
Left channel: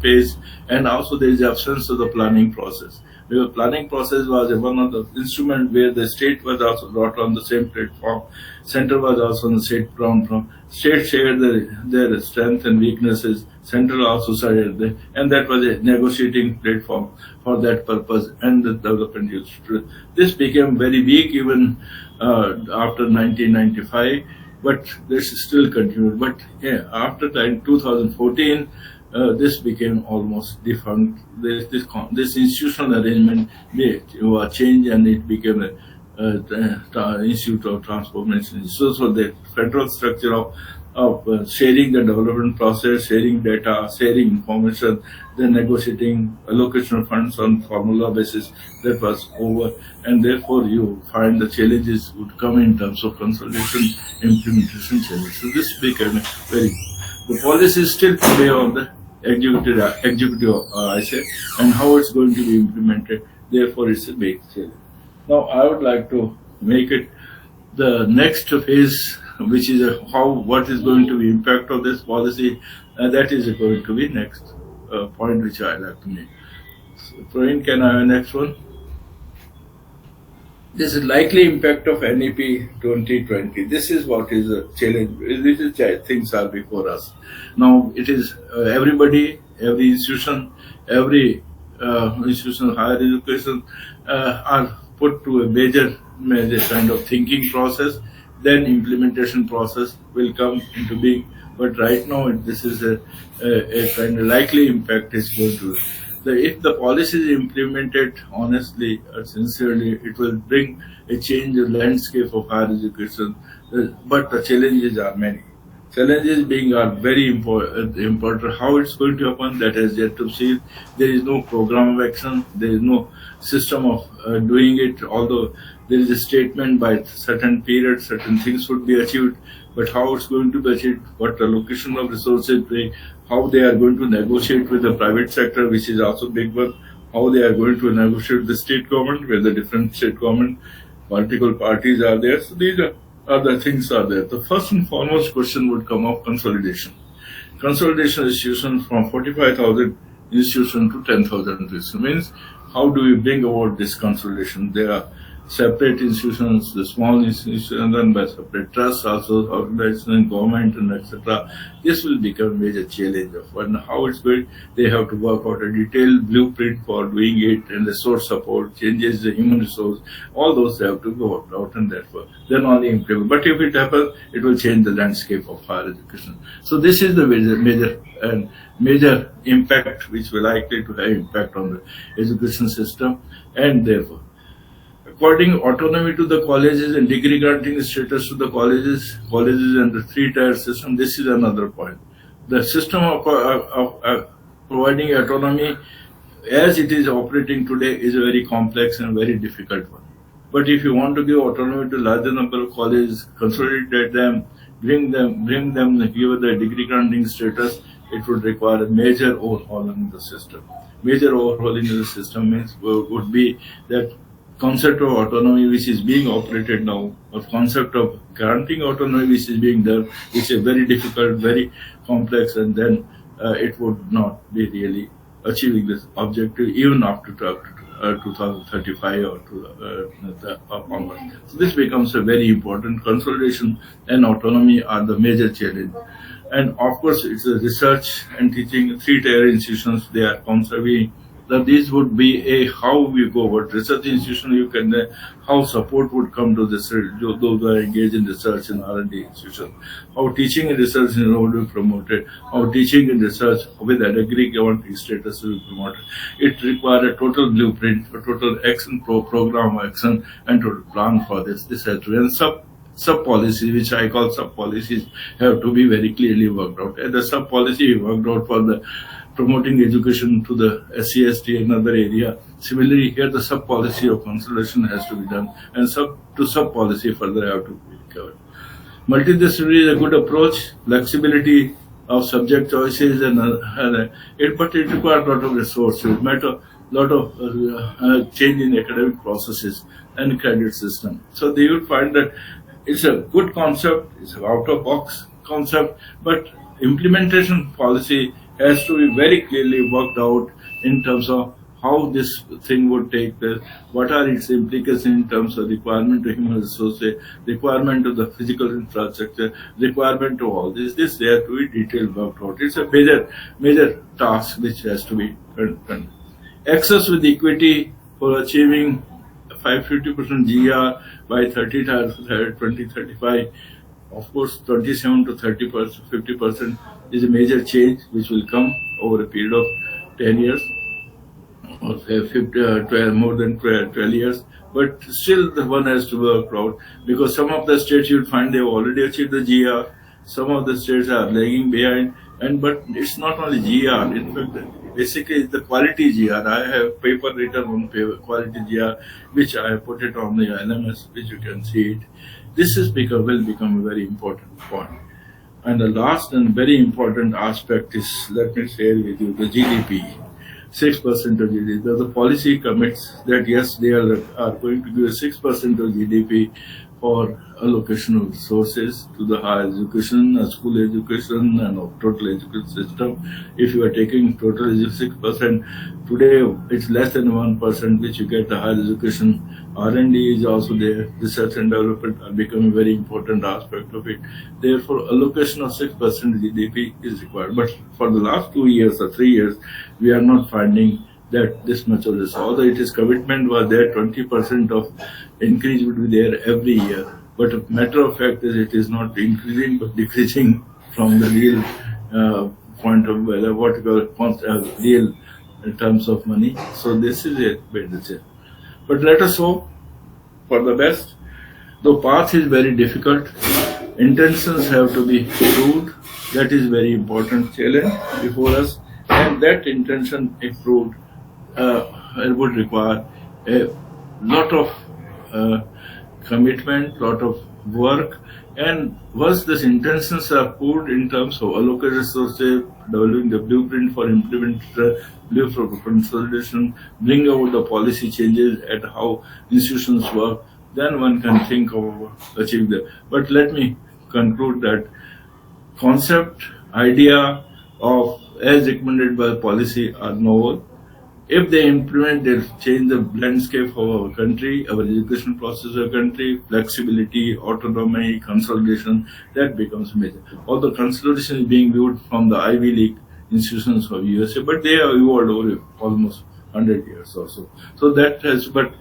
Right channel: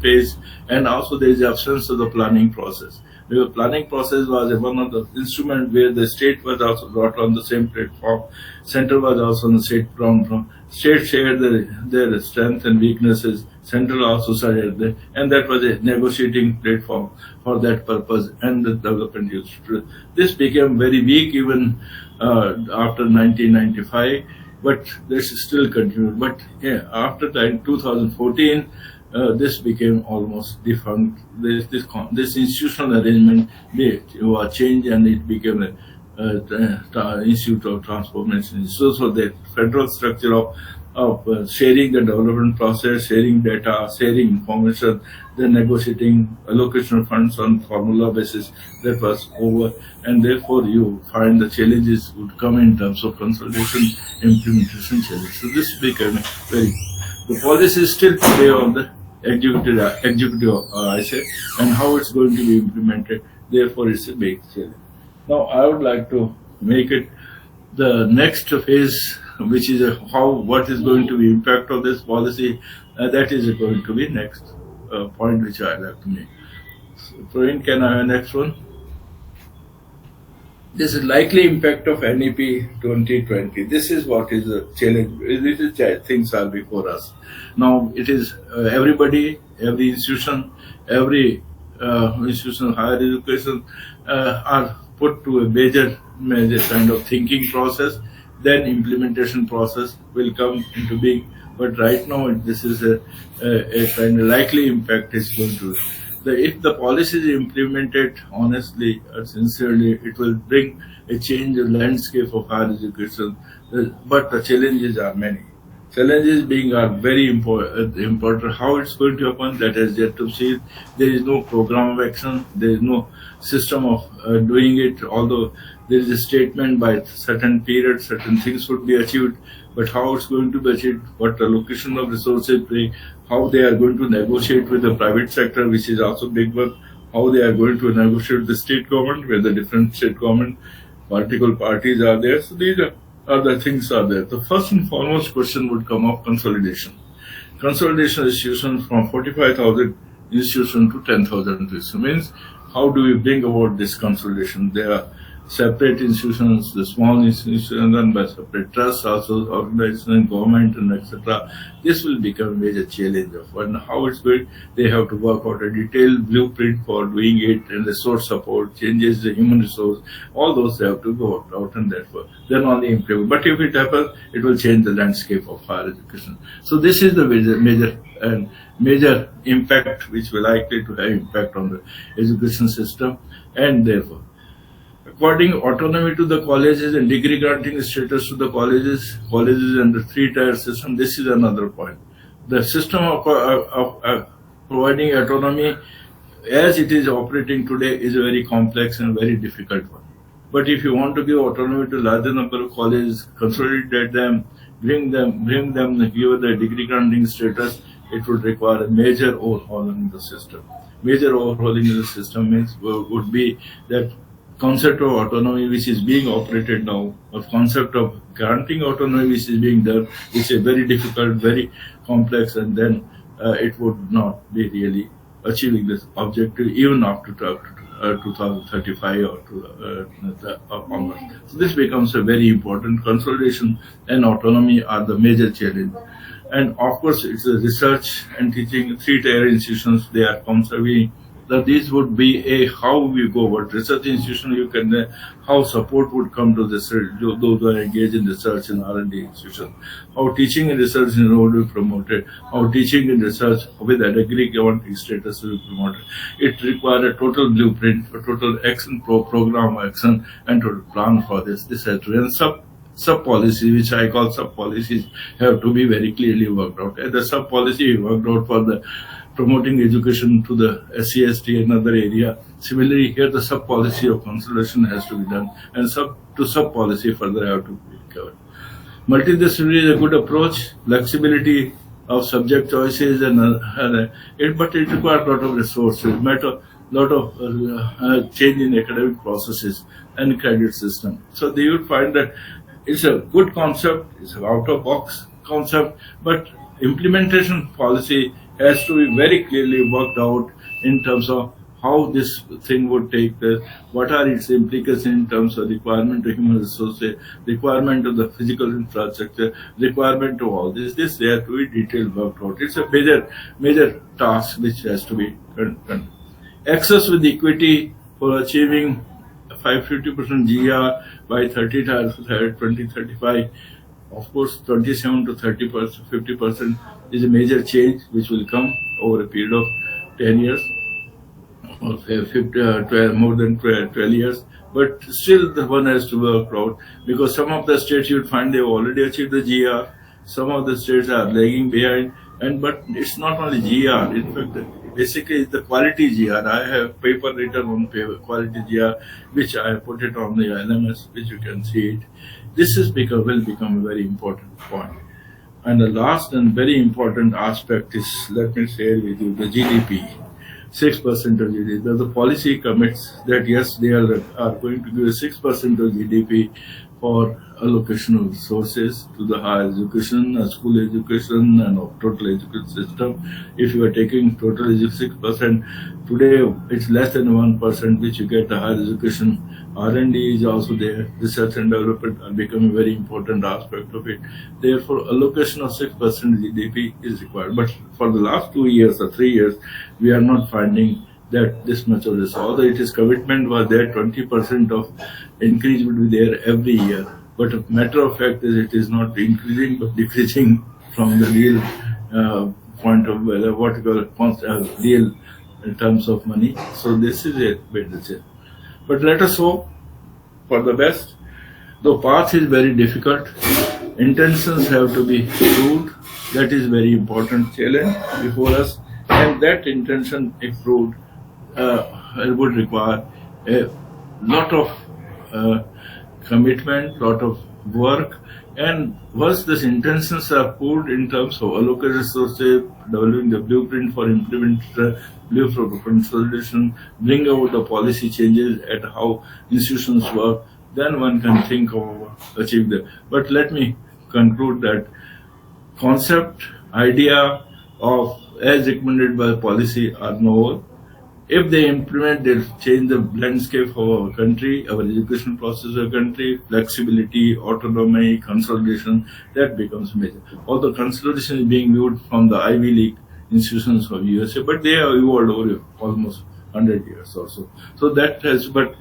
page, and also there is the absence of the planning process. Because planning process was one of the instruments where the state was also brought on the same platform, center was also on the same platform. State shared their strengths and weaknesses, central also shared them, and that was a negotiating platform for that purpose, and the development used to. This became very weak even after 1995, but this still continued. But after 2014, this became almost defunct. This institutional arrangement was changed, and it became a Institute of Transformation. So the federal structure of sharing the development process, sharing data, sharing information, then negotiating allocation of funds on formula basis, that was over, and therefore you find the challenges would come in terms of consolidation, implementation challenges. So this became the policy is still today on the executive I say, and how it's going to be implemented. Therefore, it's a big challenge. Now, I would like to make it the next phase, which is what is going to be impact of this policy. That is going to be next point which I like to make. So, Praveen, can I have next one? This is likely impact of NEP 2020. This is what is a challenge. This is things are before us. Now it is everybody, every institution, institution of higher education are put to a major kind of thinking process. Then implementation process will come into being. But right now, this is a kind of likely impact is going to. If the policy is implemented honestly and sincerely, it will bring a change in landscape of higher education. But the challenges are many. Challenges are very important. How it's going to happen, that is yet to see. There is no program of action. There is no system of doing it. Although there is a statement by certain period, certain things would be achieved. But how it's going to be achieved, what allocation of resources bring, how they are going to negotiate with the private sector, which is also big one, how they are going to negotiate with the state government, where the different state government political parties are there. So these are the things are there. The first and foremost question would come up consolidation. Consolidation institutions from 45,000 institutions to 10,000 institutions. Means how do we bring about this consolidation? There are separate institutions, the small institutions run by separate trusts, also organization, government, and etc. This will become a major challenge of how it's going. They have to work out a detailed blueprint for doing it, and resource support, changes the human resource, all those they have to go out and therefore then only implement. But if it happens, it will change the landscape of higher education. So this is the major impact which will likely to have impact on the education system, and therefore according autonomy to the colleges and degree granting status to the colleges and the three-tier system. This is another point. The system of providing autonomy as it is operating today is a very complex and very difficult one. But if you want to give autonomy to larger number of colleges, consolidate them, bring them, give the degree granting status, it would require a major overhaul in the system. Major overhauling in the system means would be that concept of autonomy which is being operated now, or concept of granting autonomy which is being done, is a very difficult, very complex, and then it would not be really achieving this objective even after 2035 or onward. So this becomes a very important. Consolidation and autonomy are the major challenge. And of course, it's a research and teaching, three-tier institutions, they are conserving. That these would be a how we go about research institution. You can how support would come to this those who are engaged in research and R&D institution. How teaching and research will be promoted. How teaching and research with a degree granting status will be promoted. It requires a total blueprint, a total action program action, and total plan for this. This has to be and sub policies, which I call sub policies, have to be very clearly worked out. And the sub policy worked out for the promoting education to the SC/ST and other area. Similarly, here the sub policy of consolidation has to be done, and sub policy further have to be covered. Multidisciplinary is a good approach. Flexibility of subject choices but it requires a lot of resources, lot of change in academic processes and credit system. So they will find that it's a good concept, it's an out-of-box concept, but implementation policy has to be very clearly worked out in terms of how this thing would take place, what are its implications in terms of requirement of human resources, requirement of the physical infrastructure, requirement of all this. This there to be detailed worked out. It's a major task which has to be done. Access with equity for achieving 50% GR by 2035. Of course, 27 to 30%, 50% is a major change which will come over a period of 10 years or 12, more than 12 years. But still, the one has to work out because some of the states you'll find they've already achieved the GR. Some of the states are lagging behind, but it's not only GR. In fact, basically it's the quality GR. I have paper written on quality GR, which I have put it on the LMS, which you can see it. This will become a very important point. And the last and very important aspect is, let me share with you, the GDP. 6% of GDP. The policy commits that yes, they are going to give 6% of GDP for allocation of resources to the higher education, school education, and total education system. If you are taking total 6%, today it's less than 1% which you get the higher education. R&D is also there. Research and development are becoming a very important aspect of it. Therefore, allocation of 6% GDP is required. But for the last 2 years or 3 years, we are not finding that this much of this. Although it is commitment was there, 20% of increase would be there every year. But a matter of fact is it is not increasing but decreasing from the real point of what you call real in terms of money. So this is a bit. But let us hope for the best. The path is very difficult. Intentions have to be proved. That is very important challenge before us. And that intention, if proved, would require a lot of commitment, lot of work. And once these intentions are proved in terms of allocated resources, developing the blueprint for implementation, blueprint for consolidation, bring about the policy changes at how institutions work, then one can think of achieving that. But let me conclude that concept, idea of as recommended by policy are novel. If they implement, they'll change the landscape of our country, our education process of our country, flexibility, autonomy, consolidation, that becomes major. Although consolidation is being viewed from the Ivy League institutions of USA, but they have evolved over almost 100 years or so. So that has, but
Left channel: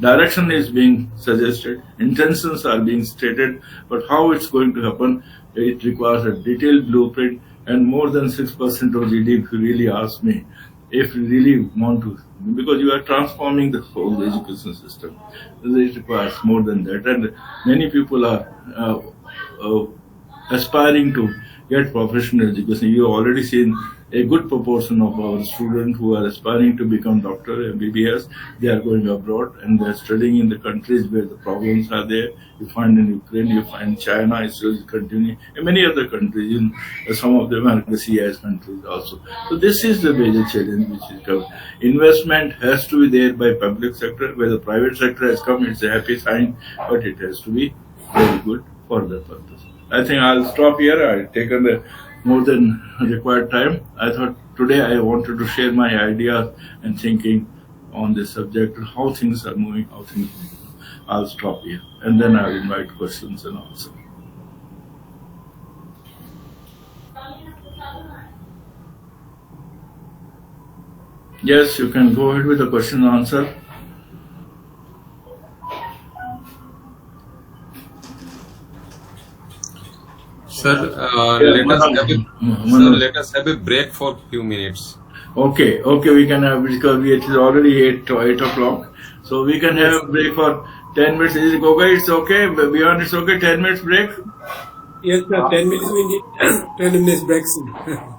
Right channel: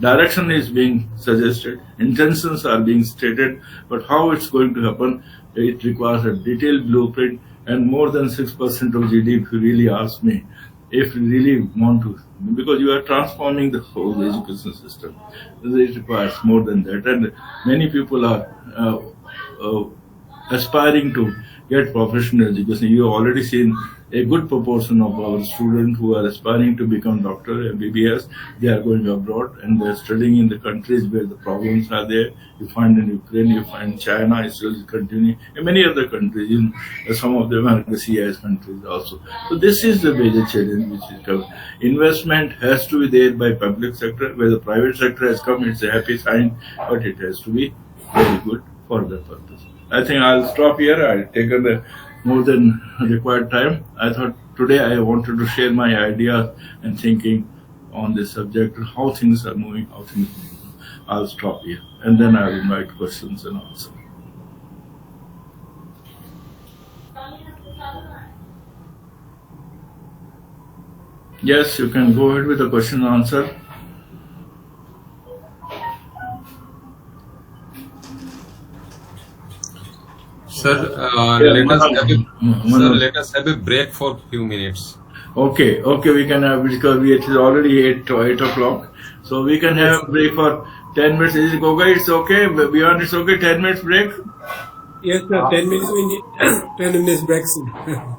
direction is being suggested, intentions are being stated, but how it's going to happen, it requires a detailed blueprint and more than 6% of GDP, if you really ask me. if you really want to, because you are transforming the whole education system. It requires more than that, and many people are uh, aspiring to get professional education. You have already seen a good proportion of our students who are aspiring to become doctor, MBBS. They are going abroad and they are studying in the countries where the problems are there. You find in Ukraine, you find China is still continuing, and many other countries, in some of them are the CIS countries also. So this is the major challenge which is coming. Investment has to be there by public sector. Where the private sector has come, it's a happy sign, but it has to be very good for the purpose. I think I'll stop here. I've taken more than required time. I thought today I wanted to share my ideas and thinking on this subject, how things are moving, how things are moving. I'll stop here and then I'll invite questions and answers. Yes, you can go ahead with the question and answer. Sir, let us have a break for few minutes. Okay, we can have, because it is already 8 o'clock, so we can have a break for 10 minutes. Is it okay? It's okay. Beyond it's okay. 10 minutes break. Yes, sir. 10 minutes. We need 10 minutes break.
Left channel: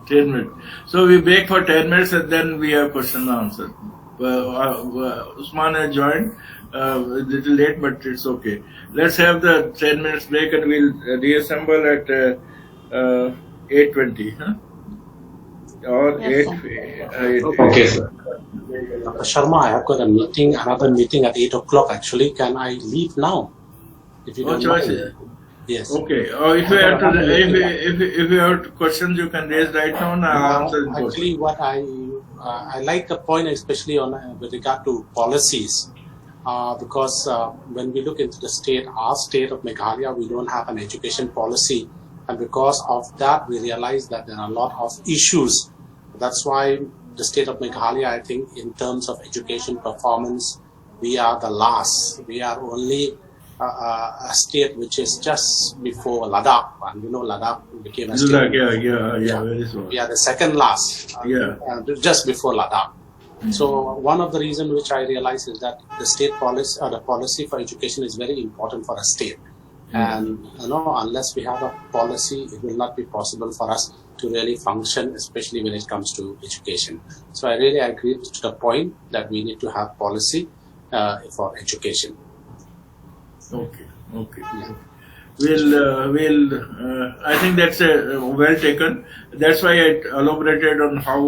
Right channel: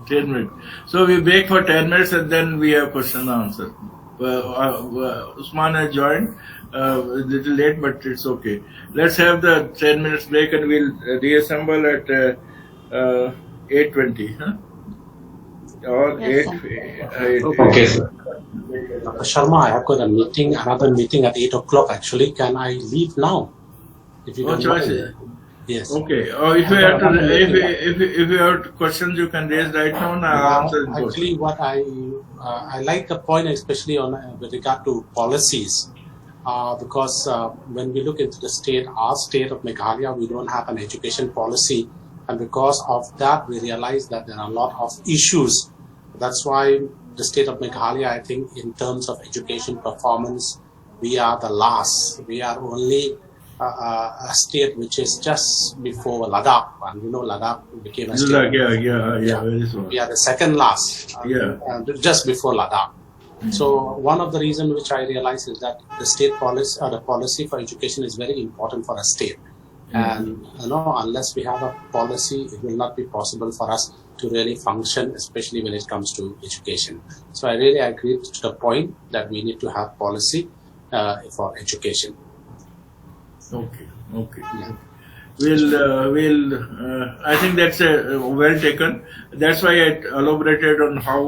10 minutes. So we break for 10 minutes and then we have question and answer. Usman has joined a little late, but it's okay. Let's have the 10 minutes break and we'll reassemble at 8:20. Huh? Or Yes, 8. Okay, sir. Dr. Sharma, I have got a meeting, another meeting at 8 o'clock actually. Can I leave now? If you No don't choice. mind. Yes. Okay. Or if you have to, if you have questions, you can raise right now and I'll answer. Actually, what I like the point, especially on with regard to policies, because when we look into the state, our state of Meghalaya, we don't have an education policy, and because of that, we realize that there are a lot of issues. That's why the state of Meghalaya, I think, in terms of education performance, we are the last. We are only a state which is just before Ladakh, and you know Ladakh became a state. Yeah, very small. We are the second last, just before Ladakh. So one of the reasons which I realize is that the state policy or the policy for education is very important for a state. And you know, unless we have a policy, it will not be possible for us to really function, especially when it comes to education. So I really agree to the point that we need to have policy for education. Okay. We'll. I think that's well taken. That's why I elaborated on how,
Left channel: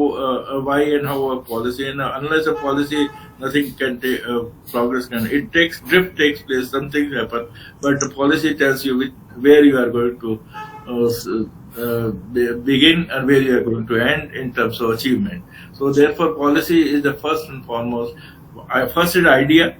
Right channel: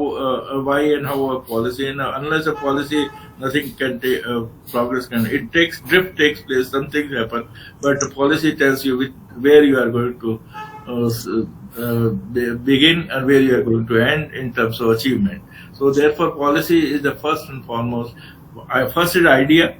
why, and how a policy. And unless a policy, nothing can take progress. It takes drift takes place. Some things happen, but the policy tells you where you are going to begin and where you are going to end in terms of achievement. So therefore, policy is the first and foremost. First is idea,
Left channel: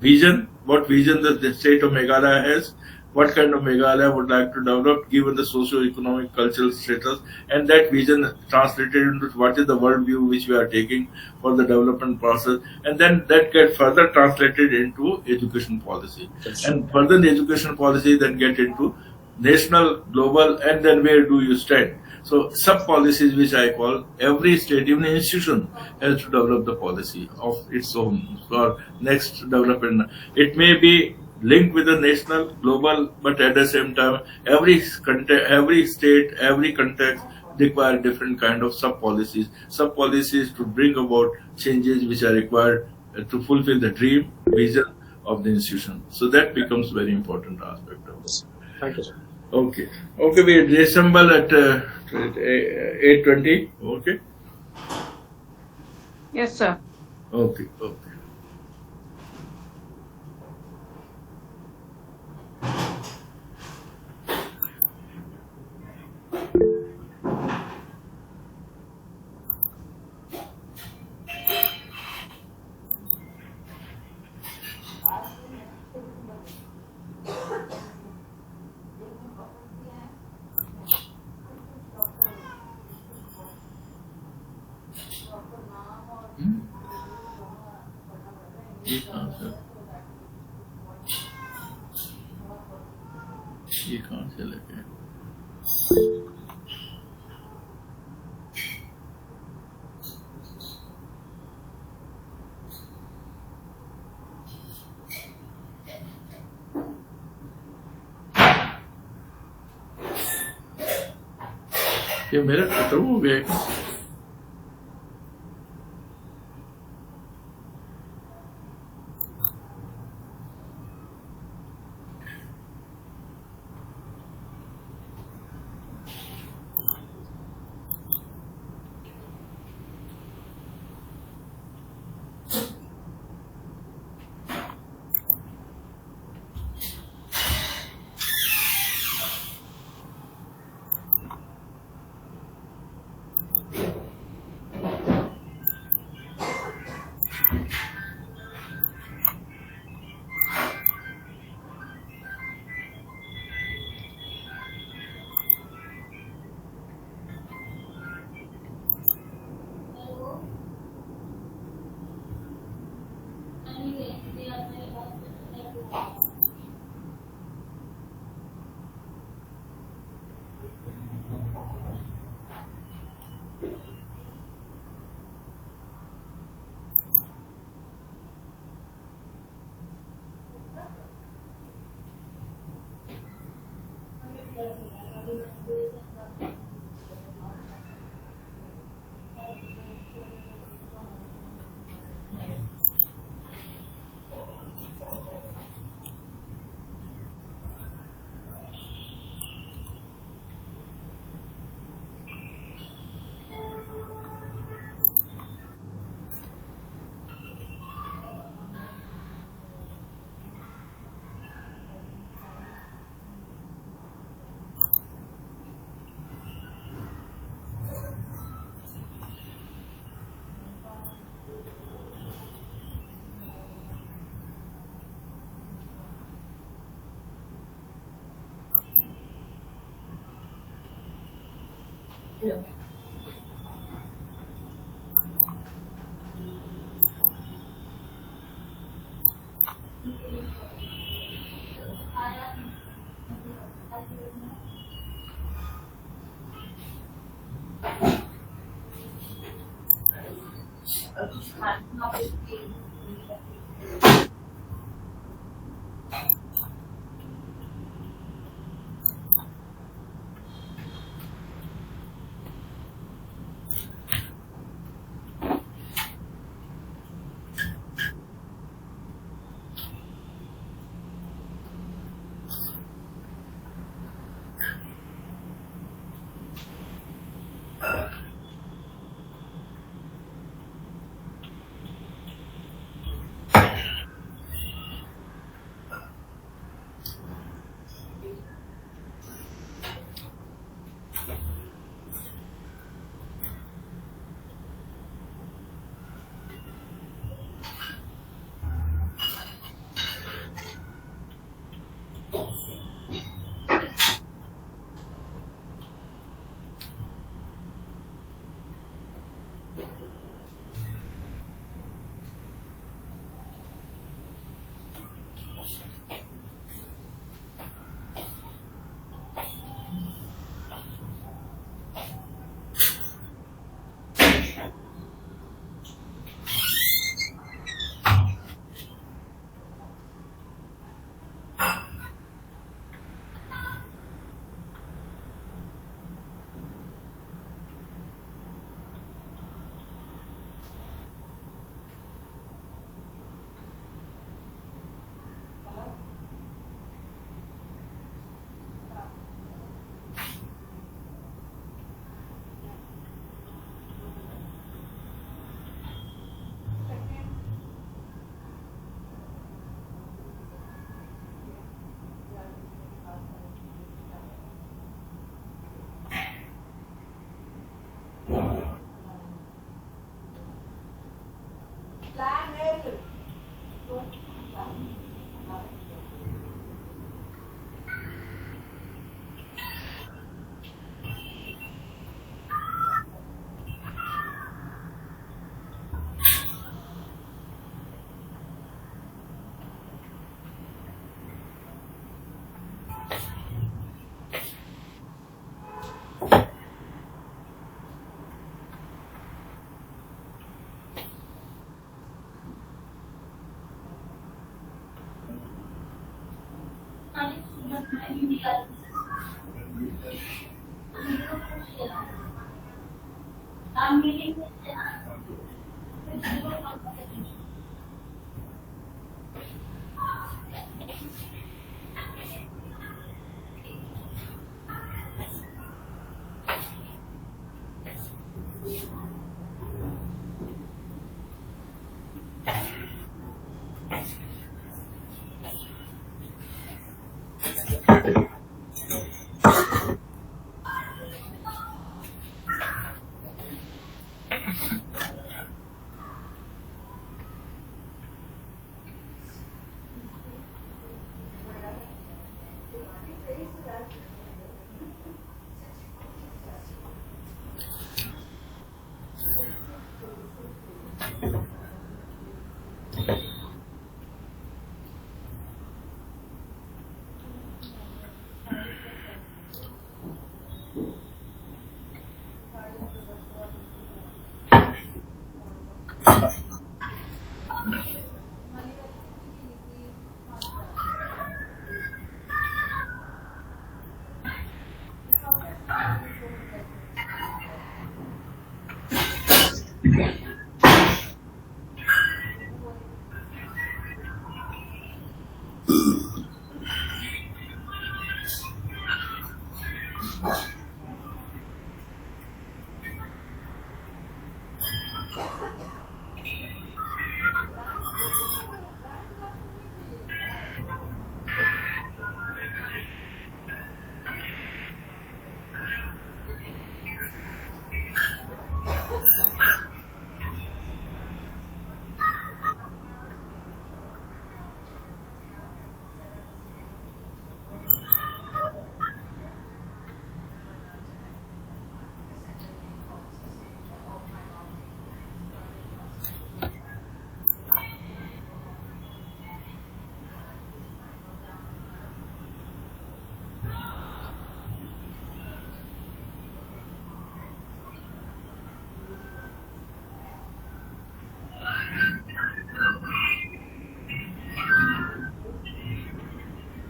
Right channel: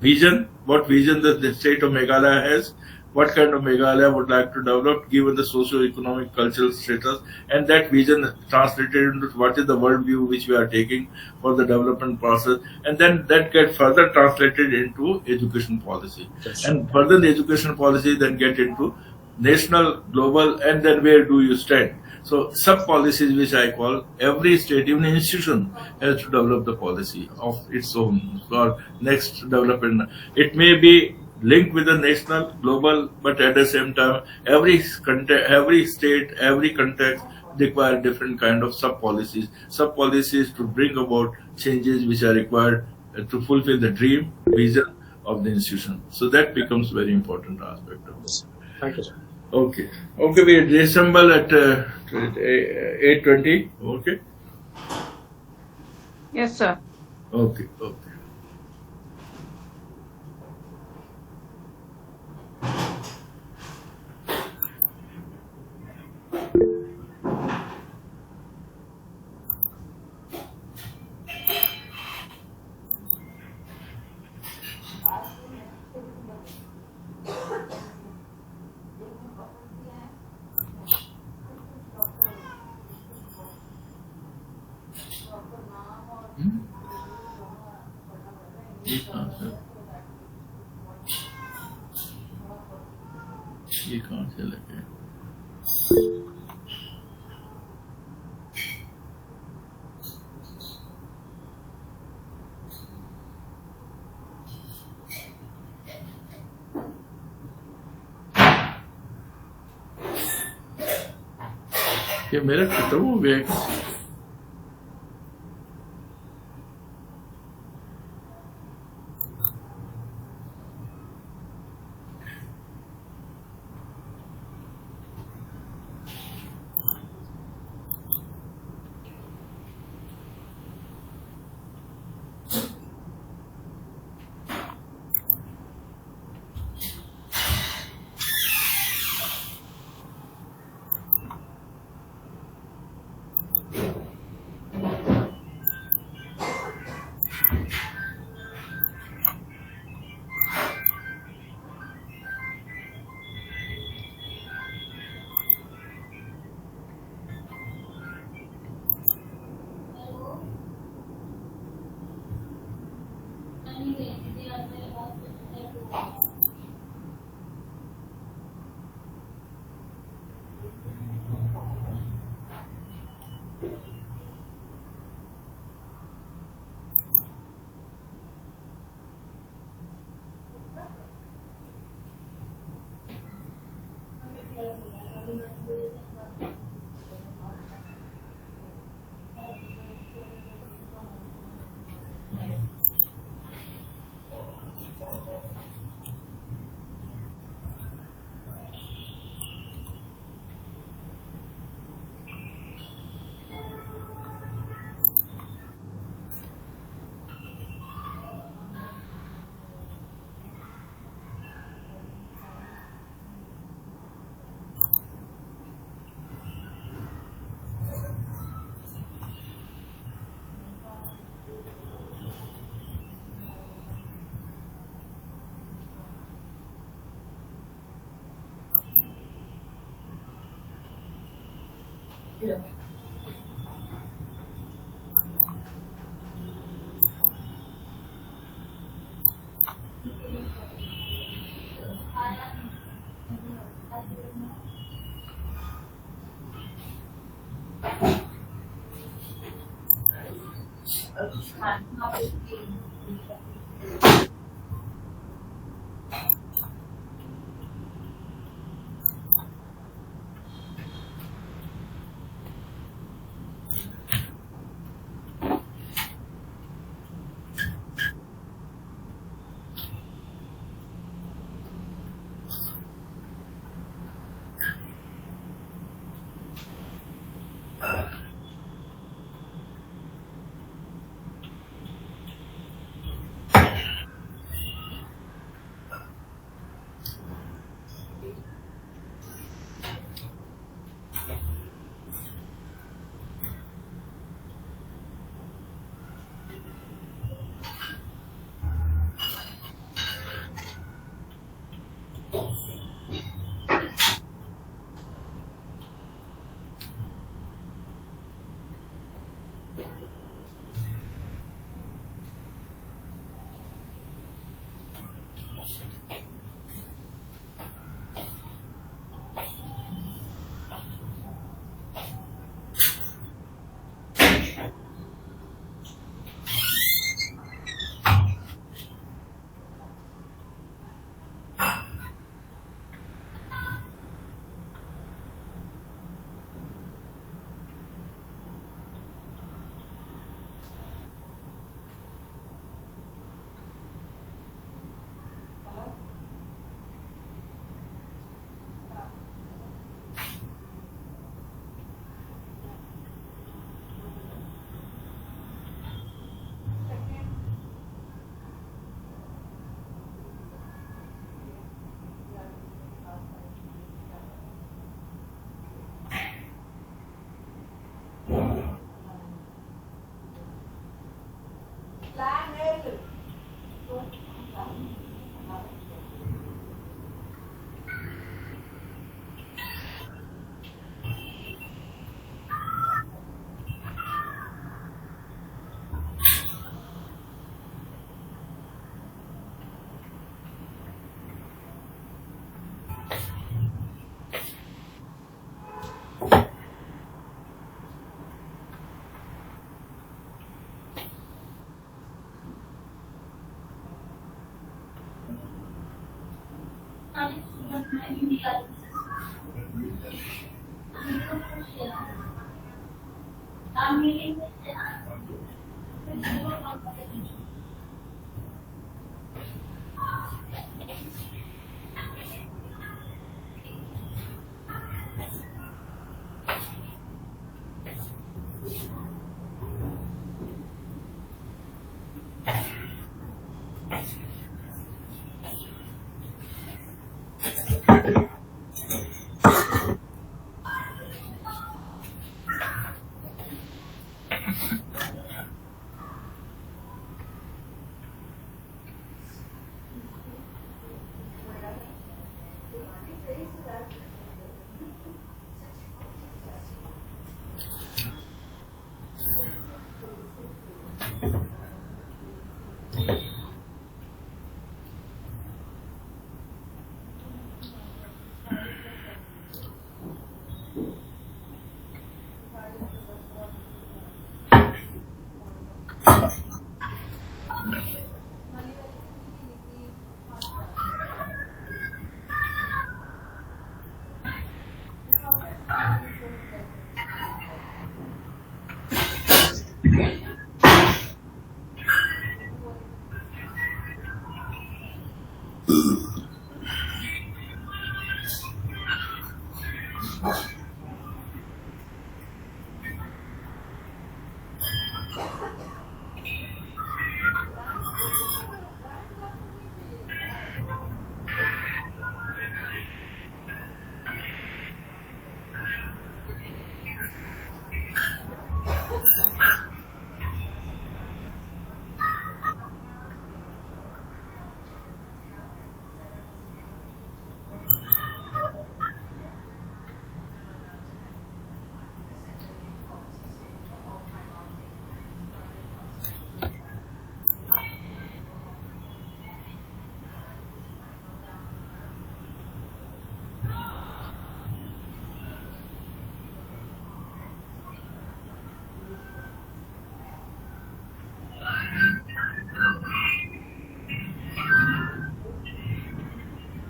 vision. What vision the state of Meghalaya has, what kind of Meghalaya would like to develop given the socio-economic cultural status, and that vision translated into what is the worldview which we are taking for the development process, and then that gets further translated into education policy. And further the education policy then get into national, global, and then where do you stand. So sub-policies, which I call, every state, even institution, has to develop the policy of its own for next development. It may be linked with the national, global, but at the same time, every state, every context require different kind of sub-policies. Sub-policies to bring about changes which are required to fulfill the dream, vision of the institution. So that becomes very important aspect of this. Thank you, sir. Okay, we reassemble at 8:20. Okay. Yes, sir. Okay. ये कहाँ से लगे? ये मेरा खत्म हो गया है।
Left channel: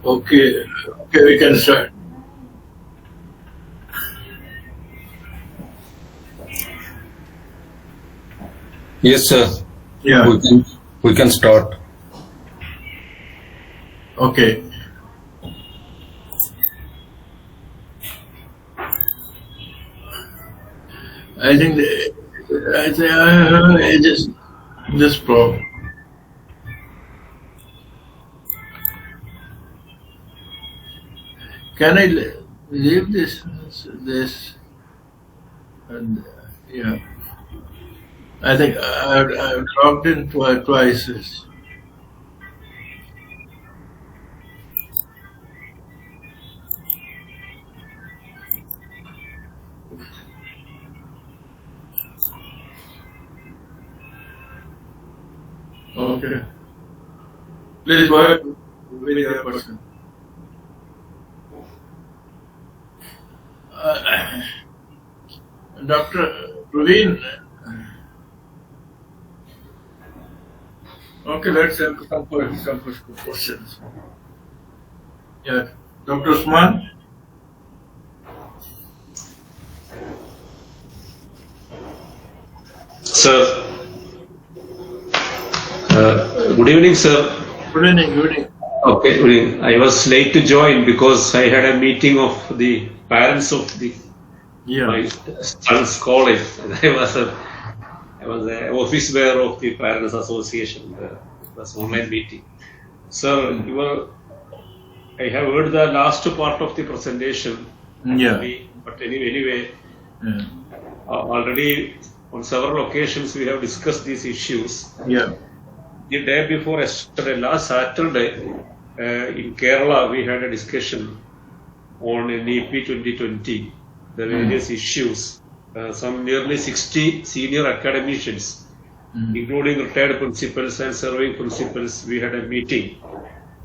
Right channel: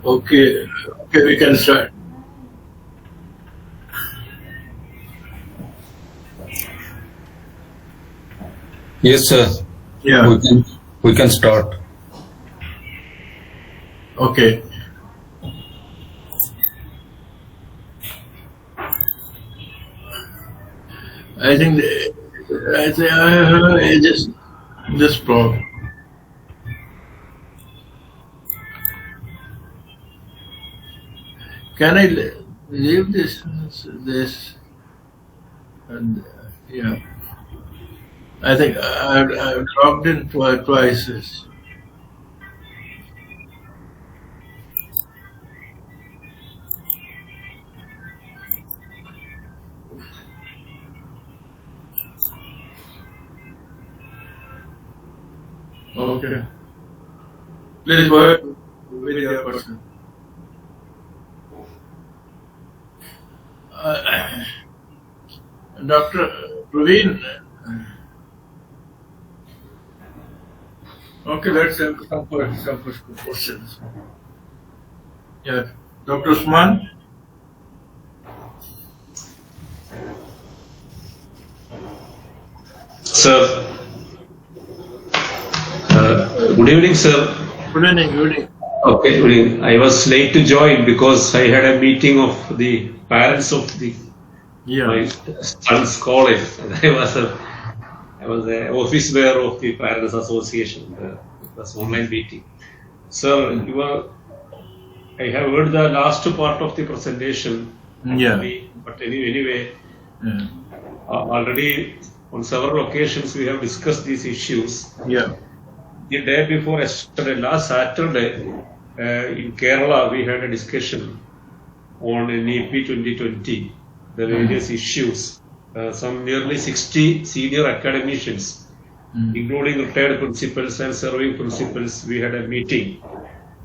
Okay, we can start. Yes, sir. Yeah. We can start. Okay. I think I just pro. Can I leave this? And yeah, I think I've logged in twice. Okay. Please go ahead with your question. Dr. Praveen. Okay, let's have some questions. Yeah, Dr. Usman. Sir, good evening, sir. Good evening. Okay, good evening. I was late to join because I had a meeting of the parents of my son's college. I was the office bearer of the Parents Association. It was online meeting. Sir, I have heard the last part of the presentation. Yeah. But anyway, already on several occasions we have discussed these issues. Yeah. The day before yesterday, last Saturday, in Kerala, we had a discussion on NEP 2020, the various issues. Some nearly 60 senior academicians, including retired principals and serving principals, we had a meeting.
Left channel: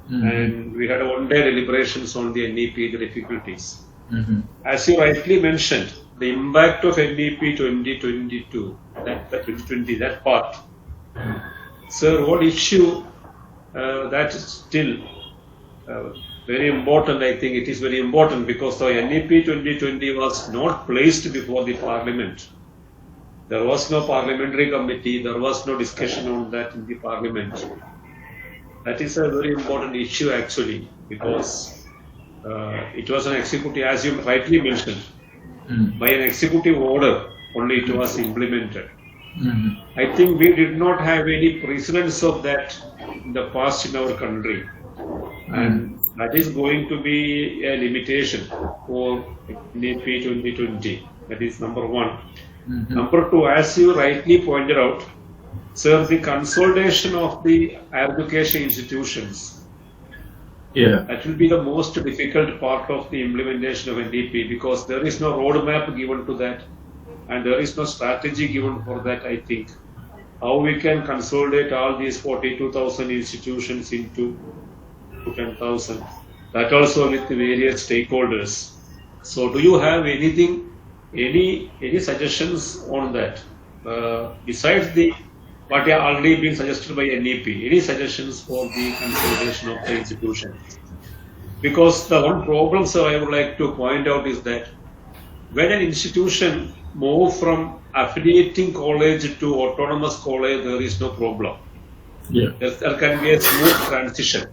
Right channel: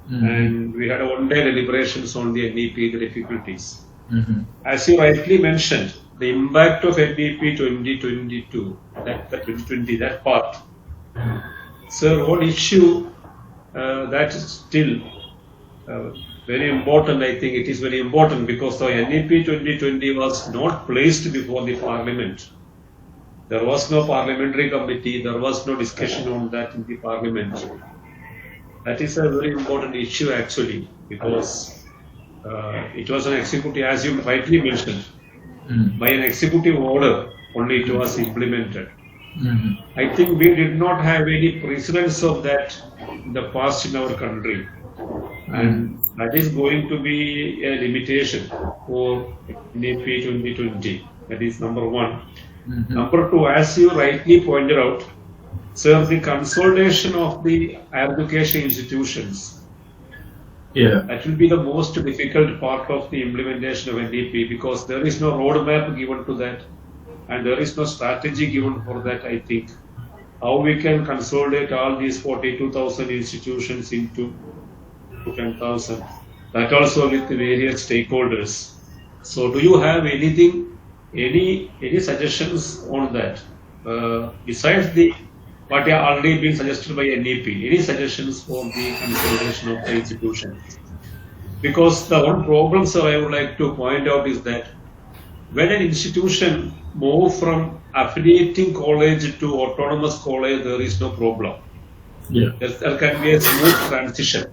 And we had one-day deliberations on the NEP, the difficulties. As you rightly mentioned, the impact of NEP 2022, that part. Sir, what issue that still very important. I think it is very important because the NEP 2020 was not placed before the Parliament. There was no parliamentary committee. There was no discussion on that in the Parliament. That is a very important issue actually because it was an executive, as you rightly mentioned, by an executive order only it was implemented. I think we did not have any precedence of that in the past in our country. And that is going to be a limitation for NEP 2020. That is number one. Number two, as you rightly pointed out, sir, the consolidation of the higher education institutions. That will be the most difficult part of the implementation of NEP because there is no roadmap given to that and there is no strategy given for that, I think. How we can consolidate all these 42,000 institutions into 10,000, that also with the various stakeholders. So do you have anything, any suggestions on that? Besides the what are already been suggested by NEP, any suggestions for the consolidation of the institution? Because the one problem, sir, I would like to point out is that when an institution moves from affiliating college to autonomous college, there is no problem. There can be a smooth transition.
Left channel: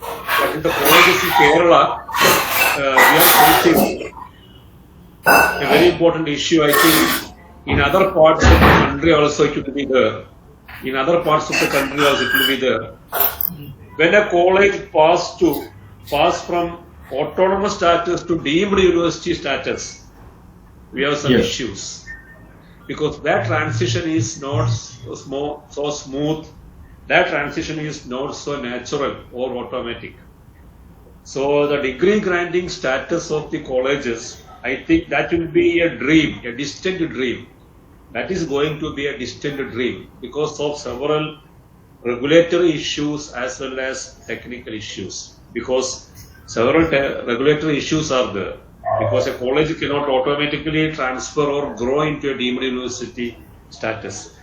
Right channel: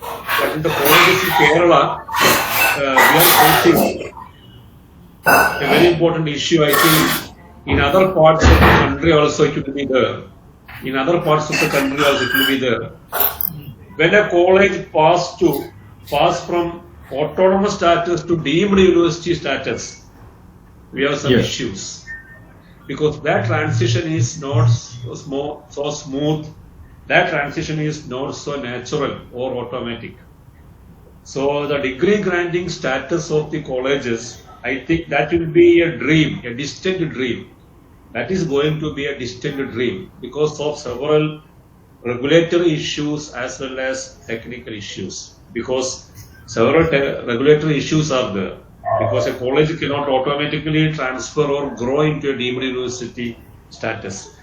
But in the colleges in Kerala, we are facing a very important issue. I think in other parts of the country also it will be there. In other parts of the country also it will be there. When a college pass from autonomous status to deemed university status, we have some issues. Because that transition is not so smooth, that transition is not so natural or automatic. So the degree granting status of the colleges, I think that will be a dream, a distant dream. That is going to be a distant dream because of several regulatory issues as well as technical issues. Because several regulatory issues are there. Because a college cannot automatically transfer or grow into a deemed university status.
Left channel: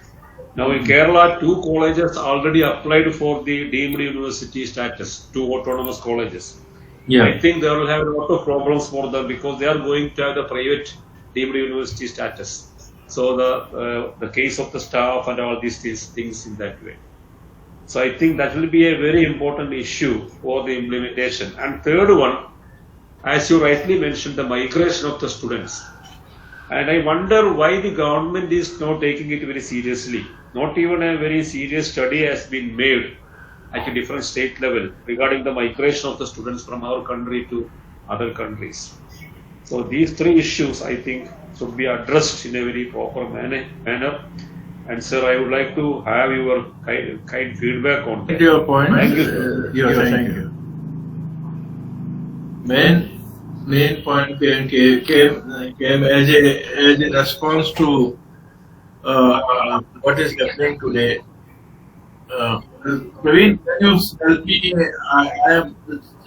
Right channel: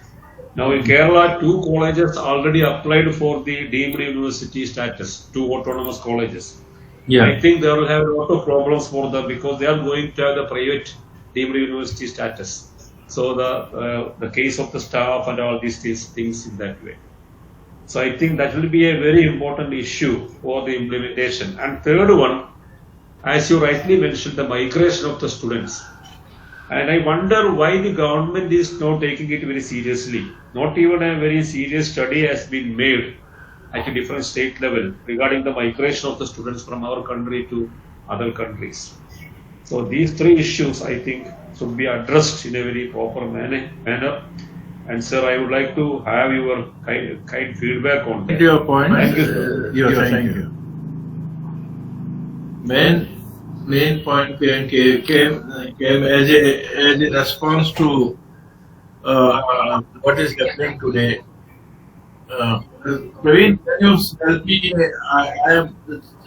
Now in Kerala, 2 colleges already applied for the deemed university status, 2 autonomous colleges. I think they will have a lot of problems for them because they are going to have the private deemed university status. So the case of the staff and all these things in that way. So I think that will be a very important issue for the implementation. And third one, as you rightly mentioned, the migration of the students. And I wonder why the government is not taking it very seriously. Not even a very serious study has been made at a different state level regarding the migration of the students from our country to other countries. So these 3 issues, I think, should be addressed in a very proper manner. And sir, I would like to have your kind feedback on that. Your point. Thank you. Thank you. Main point came as a response to what is happening today. Praveen, can you help me? I am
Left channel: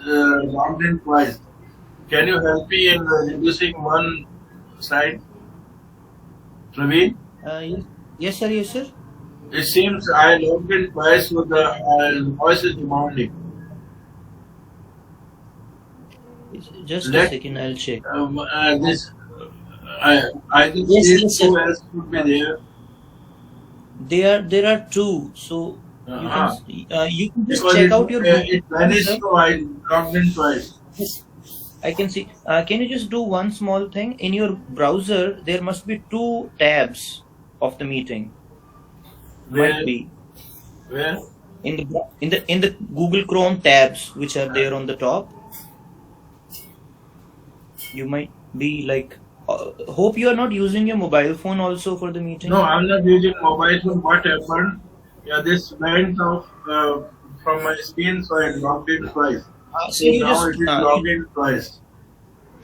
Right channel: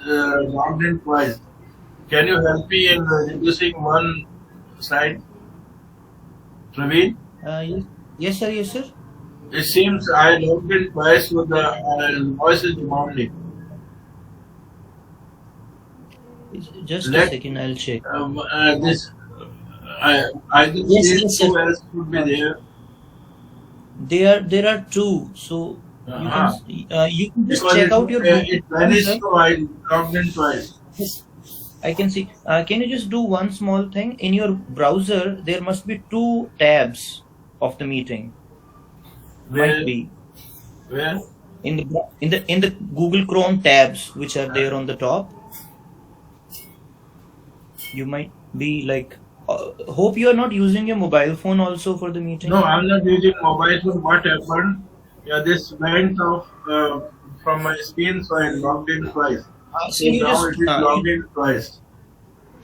logged in twice. Can you help me in reducing one slide? Praveen? Yes, sir. Yes, sir. It seems I logged in twice with the voice is demanding. Just a second, I'll check. I think Yes, who else would be there? There are 2, so you can just Because check out your it vanished, sir. so I logged in twice. Yes, I can see. Can you just do one small thing? In your browser, there must be 2 tabs of the meeting. Where? Might be Where? in the Google Chrome tabs which are there on the top. You might be like. Hope you are not using your mobile phone also for the meeting. No, I'm not using mobile phone. What happened? Yeah, this went off from my screen, so I logged in twice. So you now just it is logged in twice.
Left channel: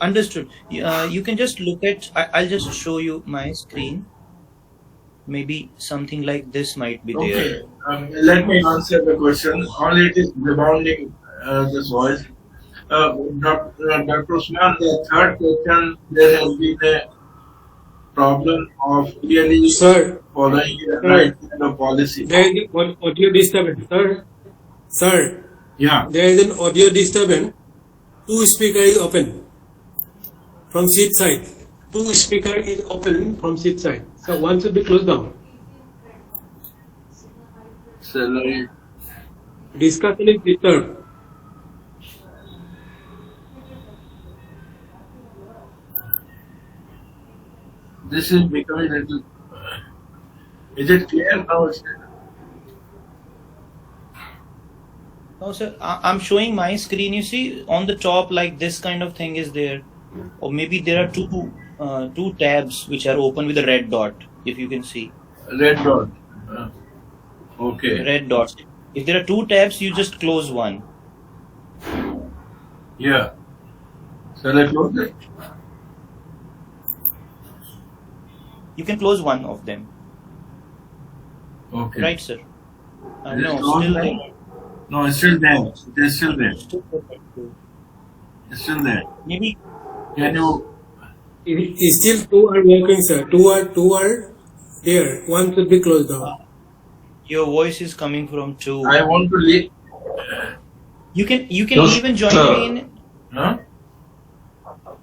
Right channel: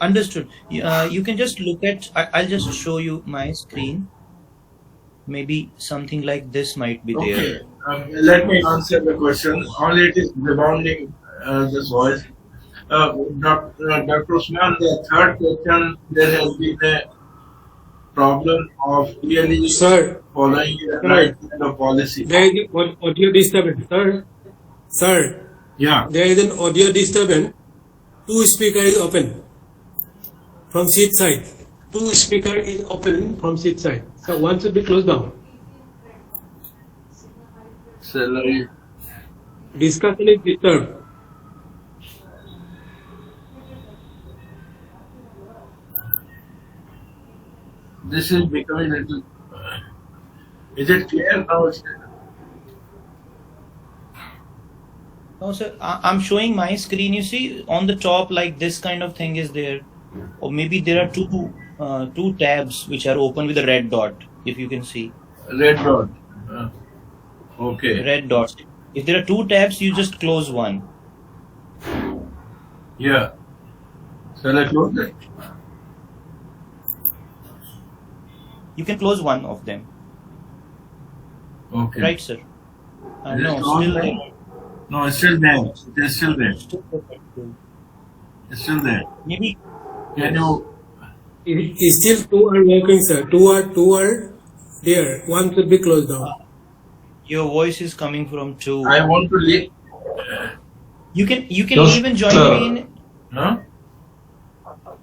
understood. You can just look at. I'll just show you my screen. Maybe something like this might be there. Okay, let me answer the question. Only it is rebounding this voice. Dr. Usman, the third question, there has been a problem of really following the right kind of policy. There is audio disturbance, sir. Sir, Yeah. there is an audio disturbance. Two speaker is open from seat side. Two speaker is open from seat side. So one should be closed down. Salary. Discussion is disturbed. This is becoming a little. Is it clear now? No, sir. I'm showing my screen. You see, on the top, like this kind of thing is there, or maybe there are two tabs which are open with a red dot. If you can see, Red dot. Okay. red dots. If there are two tabs, you just close one. Yeah. Shall I close it? You can close one of them, Okay. right, sir? Is it No, closed still now? there. No, it's still there. It is still there. It's still there. Maybe Can you? Still two are working, sir. Two are there. One should be closed down. your voice is coming from two. I want to leave. You can Yes, even join sir. me in. Huh?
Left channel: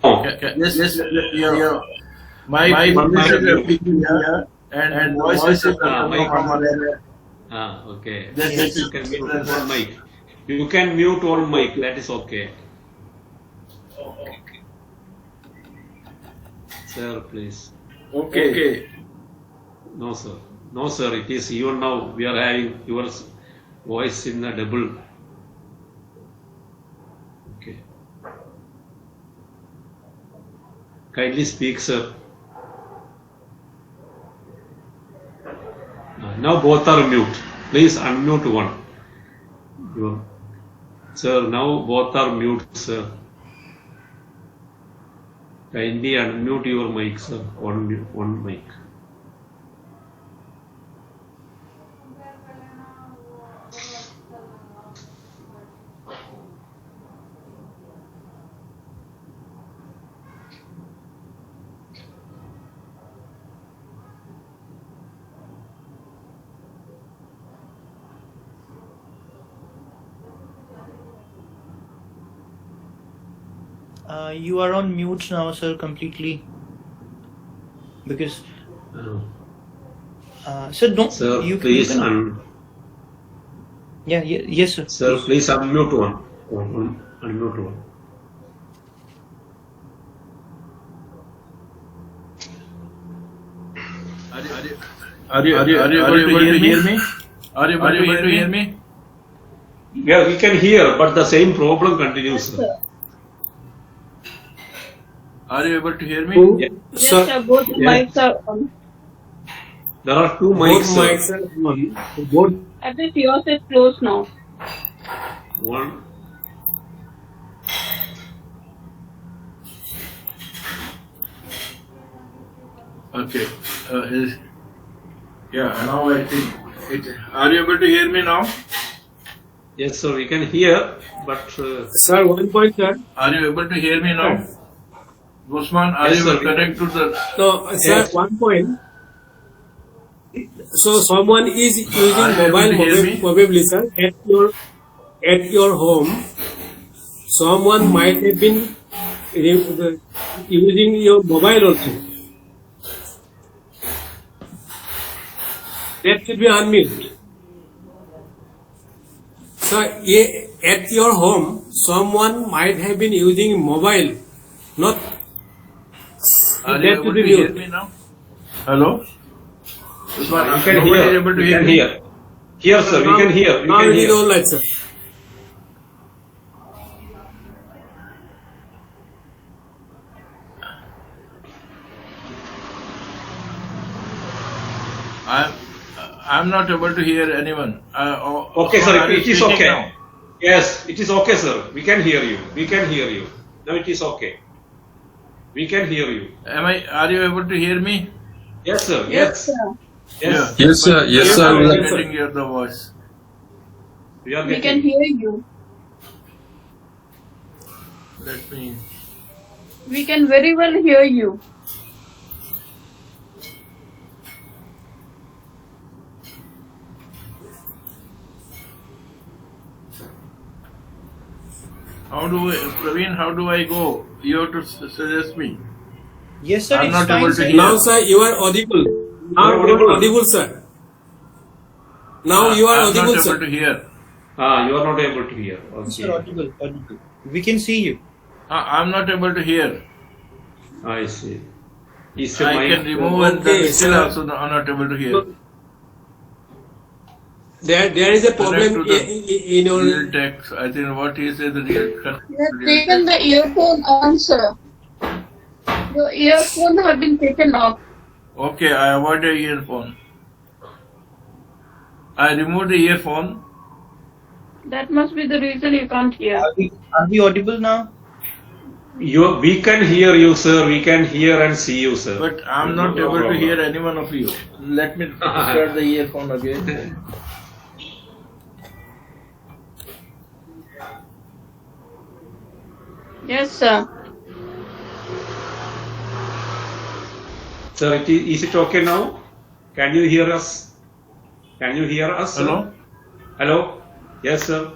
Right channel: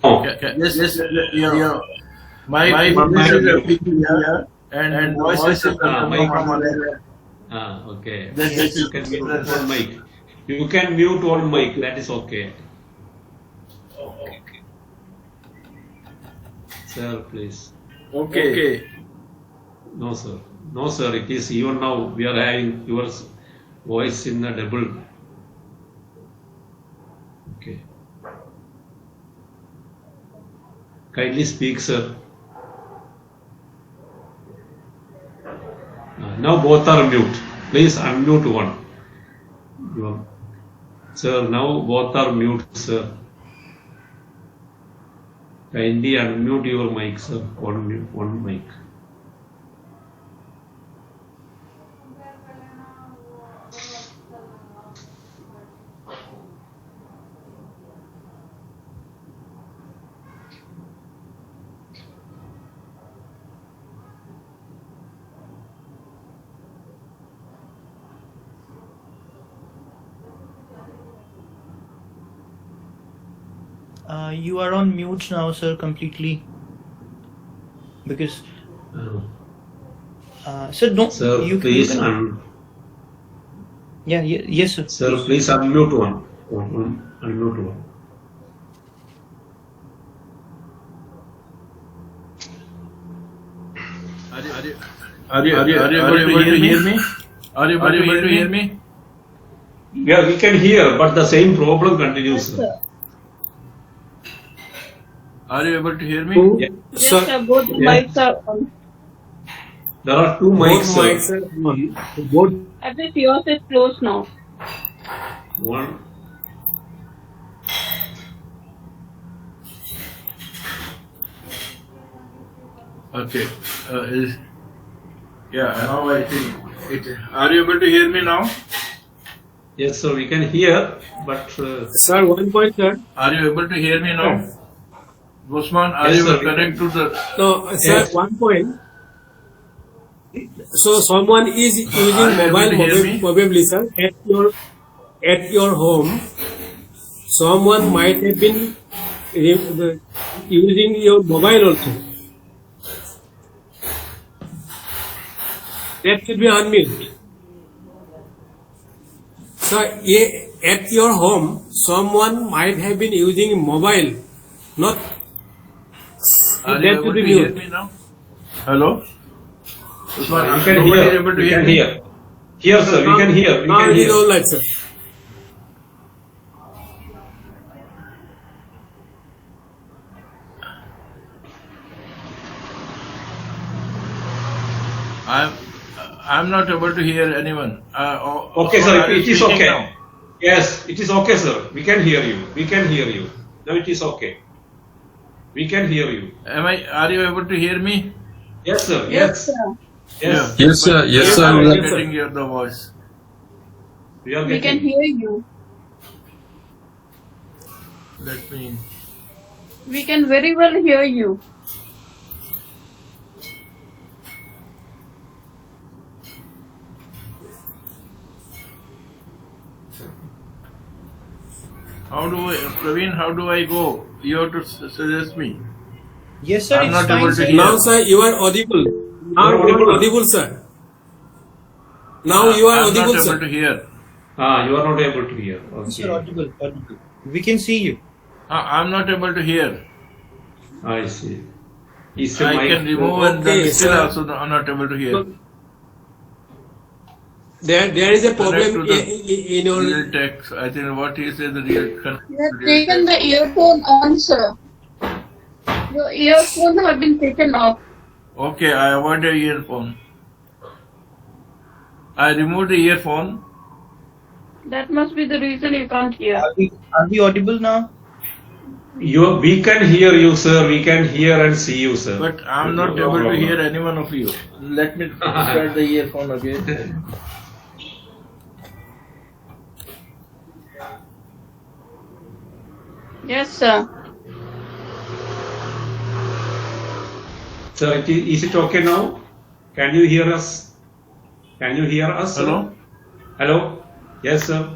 Oh, Yes. Yeah. My voice is appearing here, and voice is coming from other. okay. Yes. You can mute on mic. You can mute on mic. That is okay. Sir, please. Okay. No, sir. No, sir. It is even now we are having your voice in a double. Okay. Kindly speak, sir. Now both are mute. Please unmute one. Sir, now both are mute, sir. Kindly unmute your mic, sir. One mic. You are on mute now, sir, completely. Because, sir, no, Sir, you please can. Yes, sir. Sir, please unmute one. Unmute one. Are you able to hear me? Are you able to hear me? Yeah, we can hear, but the same problem continues. Sir. Are you able to hear me? Yeah. Yes, sir, both mics are on. There are two Both mics. mics are on. Both. At least yours is closed now. One. Okay. Now I think it. Are you able to hear me now? Yes, sir, we can hear, but Sir, 1 point, sir. Are you able to hear me now? Usman, are Yes, you sir. connected to the? No, sir, Yes. 1 point. So someone is using Are you able mobile to hear me? probably, sir, at your home. Someone might have been using your mobile also. That should be unmute. So at your home, someone might have been using mobile, not. Are that you should able be to hear mute. me now? Hello. Usman, we can nobody hear. is able to We hear can me? hear. Here, sir, we can hear. We Now can it is hear. all right, sir. I'm not able to hear anyone. Okay, sir, are you it is speaking okay. now? Yes, it is okay, sir. We can hear you. We can hear you. Now it is okay. We can hear you. Are you able to hear me? Yes, sir. Yes, Yes. sir. Yes. Yes, sir. Yes, I sir. was We are- getting hear the voice. We are We can getting. hear you. Let me. We can very well hear you. Praveen, how do I go? You have to suggest me. Yes, sir. I'm It's not fine, able to sir. hear. Now, sir, you are audible. Now you are audible, sir. Now you are I'm audible, not sir. able to hear. You are not able to hear. Yes, sir. Okay. Audible. Audible. We can see you. I'm not able to hear. I see. Is the I mic can remove Okay, and then still sir. also I'm not able to hear. There is a problem Connect to the in your. real text. I think what he said the real You have real taken text. the earphone on, sir. Your earphone have been taken off. Okay, I avoided earphone. I removed the earphone. That must be the reason you can't hear. Are we audible now? We can hear you, sir. We can hear and see you, sir. But I'm not No able to problem. hear any one of you. Let me start the earphone again. Yes, sir. Sir, is it okay now? Can you hear us? Can you hear us, sir? Hello? Hello? Yes, sir.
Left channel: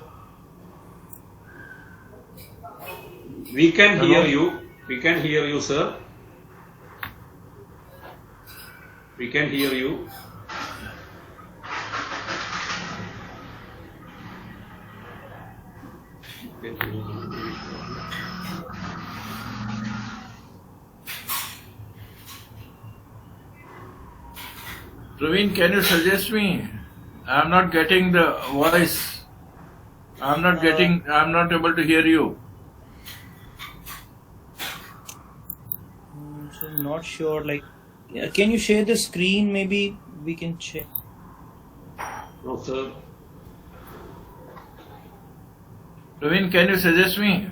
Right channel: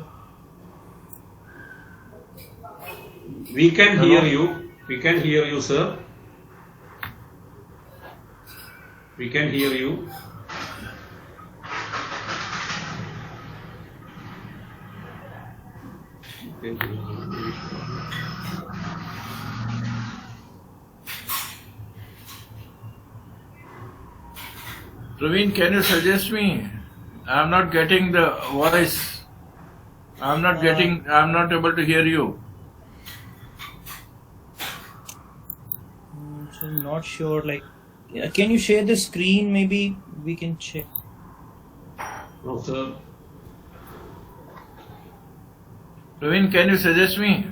We can Hello? hear you. We can hear you, sir. We can hear you. Praveen, can you suggest me? I'm not getting the voice. I'm not able to hear you. So I'm not sure. Like, can you share the screen? Maybe we can check. No, sir. Praveen, can you suggest me?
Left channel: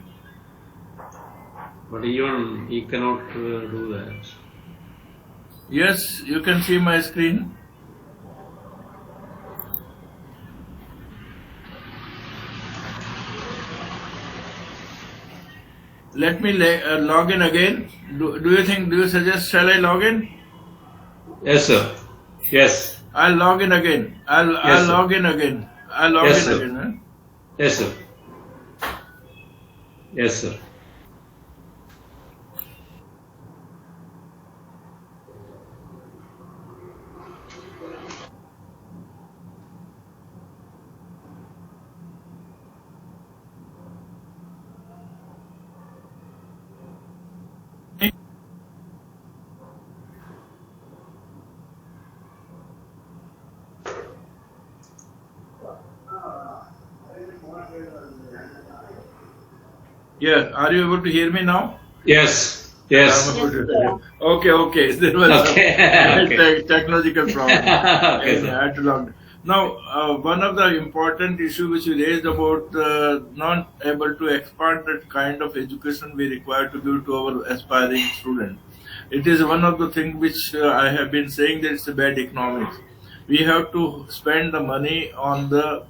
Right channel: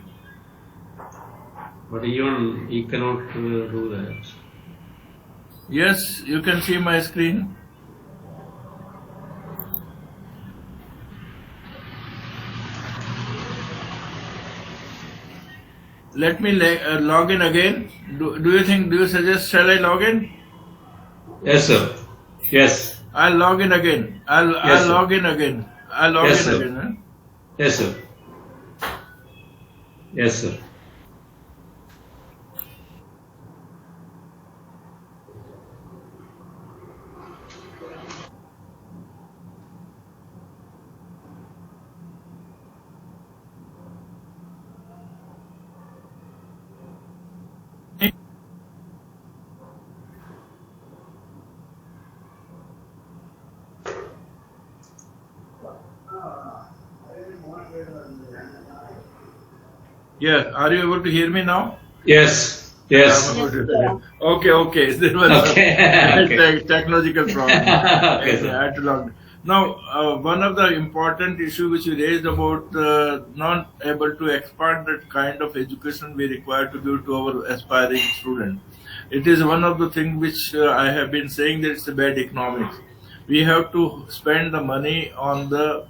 But even he cannot do that. Yes, you can see my screen. Let me log in again. Do you suggest, shall I log in? Yes, sir. Yes. I'll log in again. I'll Yes, sir. log in again. I'll log Yes, in sir. again. Huh? Yes, sir. Yes, sir. Yeah, are you able to hear me now? Yes. Yes. I'm able to hear you. Okay. There was Okay. a Okay. technological problem. Okay, I sir. had to log. Now, one of the important issues which you raised about not able to expand the kind of education we require to give to our aspiring students. It is one of the things which I have been saying that it's a bad economics. We have to spend the money on the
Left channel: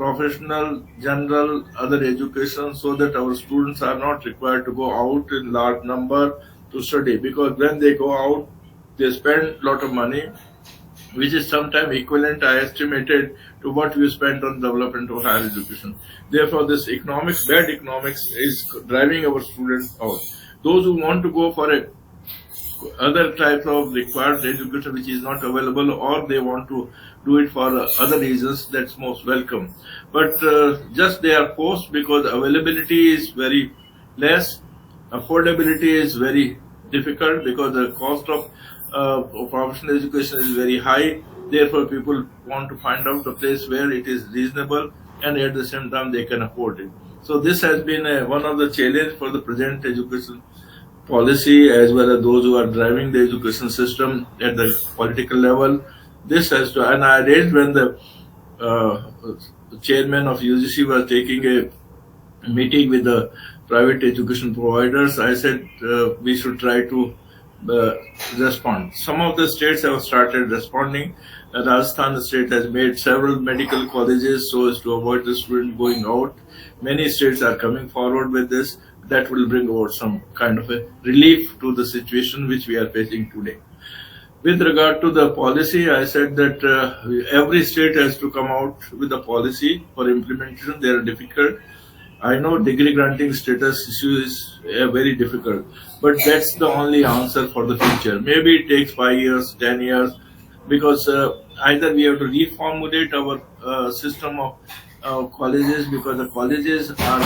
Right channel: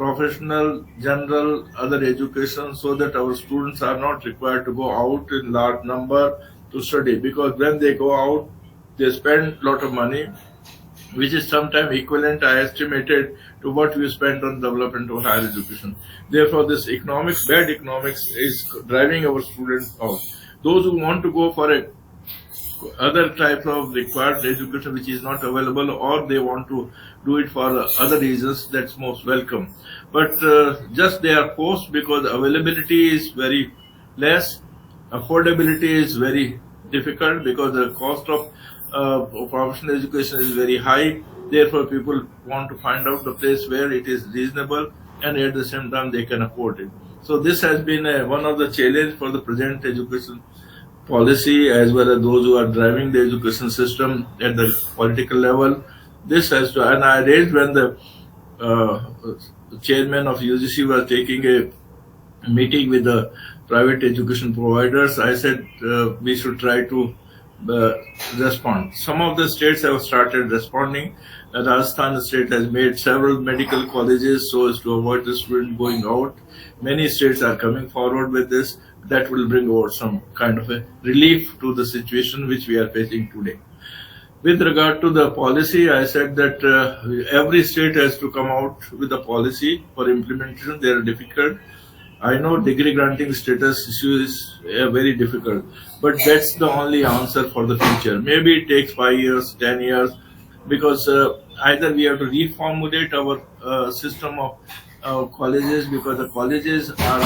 professional, general, other education so that our students are not required to go out in large number to study, because when they go out, they spend a lot of money, which is sometimes equivalent, I estimated, to what we spend on development of higher education. Therefore, this bad economics is driving our students out. Those who want to go for other types of required education which is not available, or they want to do it for other reasons, that's most welcome. But just they are forced because availability is very less, affordability is very difficult because the cost of professional education is very high. Therefore, people want to find out a place where it is reasonable and at the same time they can afford it. So this has been one of the challenges for the present education policy, as well as those who are driving the education system at the political level. This has to, and I raised when the chairman of UGC was taking a meeting with the private education providers, I said we should try to respond. Some of the states have started responding. Rajasthan state has made several medical colleges so as to avoid the student going out. Many states are coming forward with this. That will bring about some kind of a relief to the situation which we are facing today. With regard to the policy, I said that every state has to come out with a policy for implementation. They are difficult. I know degree granting status issue is very difficult, but that's the only answer for the future. Maybe it takes 5 years, 10 years, because either we have to reformulate our system of colleges, because the colleges are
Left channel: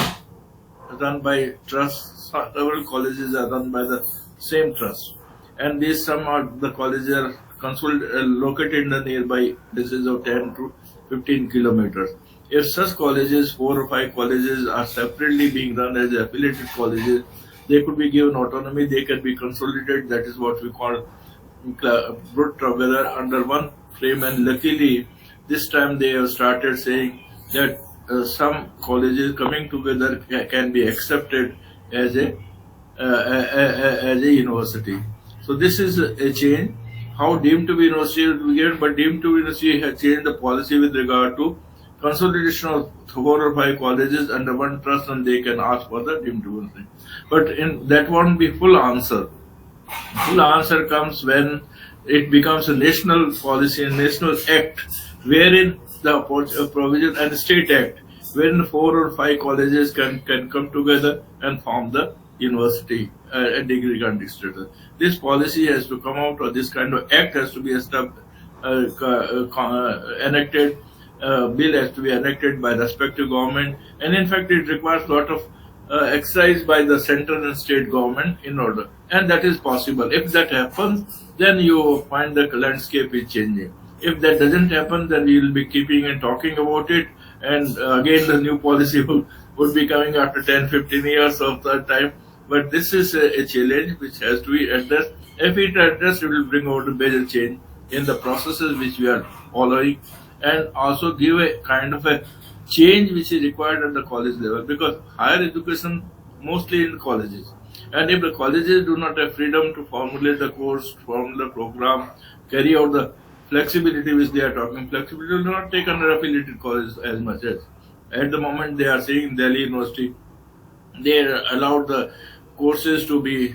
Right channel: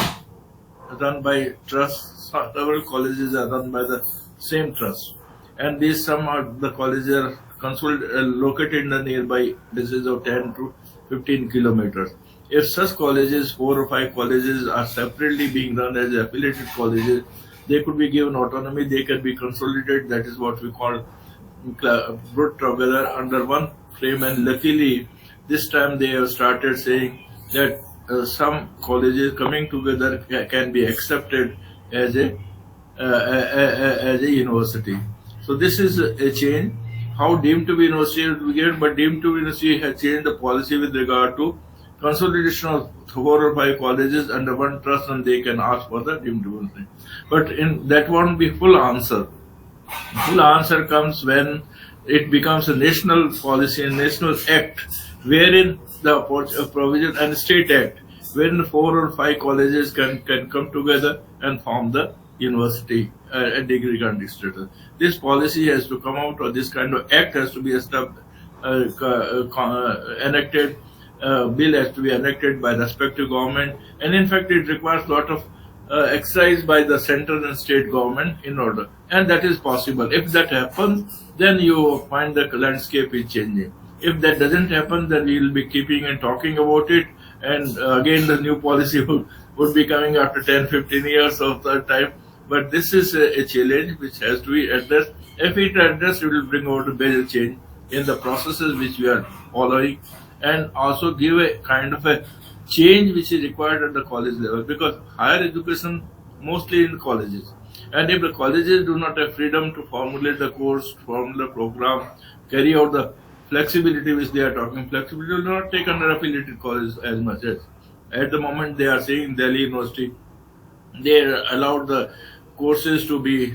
run by trusts. Several colleges are run by the same trust, and these some of the colleges are located in the nearby distances of 10 to 15 kilometers. If such colleges, 4 or 5 colleges, are separately being run as affiliated colleges, they could be given autonomy, they can be consolidated. That is what we call brought together under one frame. And luckily, this time they have started saying that some colleges coming together can be accepted as a university. So this is a change. How deemed to be university will be given, but deemed to be university has changed the policy with regard to consolidation of 4 or 5 colleges under one trust, and they can ask for the deemed to be university. But that won't be full answer. Full answer comes when it becomes a national policy and national act, wherein the provision and state act, wherein 4 or 5 colleges can come together and form the university, a degree granting status. This policy has to come out, or this kind of act has to be enacted. Bill has to be enacted by respective government, and in fact it requires a lot of exercise by the central and state government in order, and that is possible. If that happens, then you find the landscape is changing. If that doesn't happen, then we will be keeping and talking about it, and again the new policy would be coming after 10-15 years of that time. But this is a challenge which has to be addressed. If it addressed, it will bring about a major change in the processes which we are following, and also give a kind of a change which is required at the college level, because higher education mostly in colleges, and if the colleges do not have freedom to formulate the course, formulate program, carry out the flexibility which they are talking, flexibility will not take under affiliated colleges as much as at the moment they are saying. Delhi University, they allowed the courses to be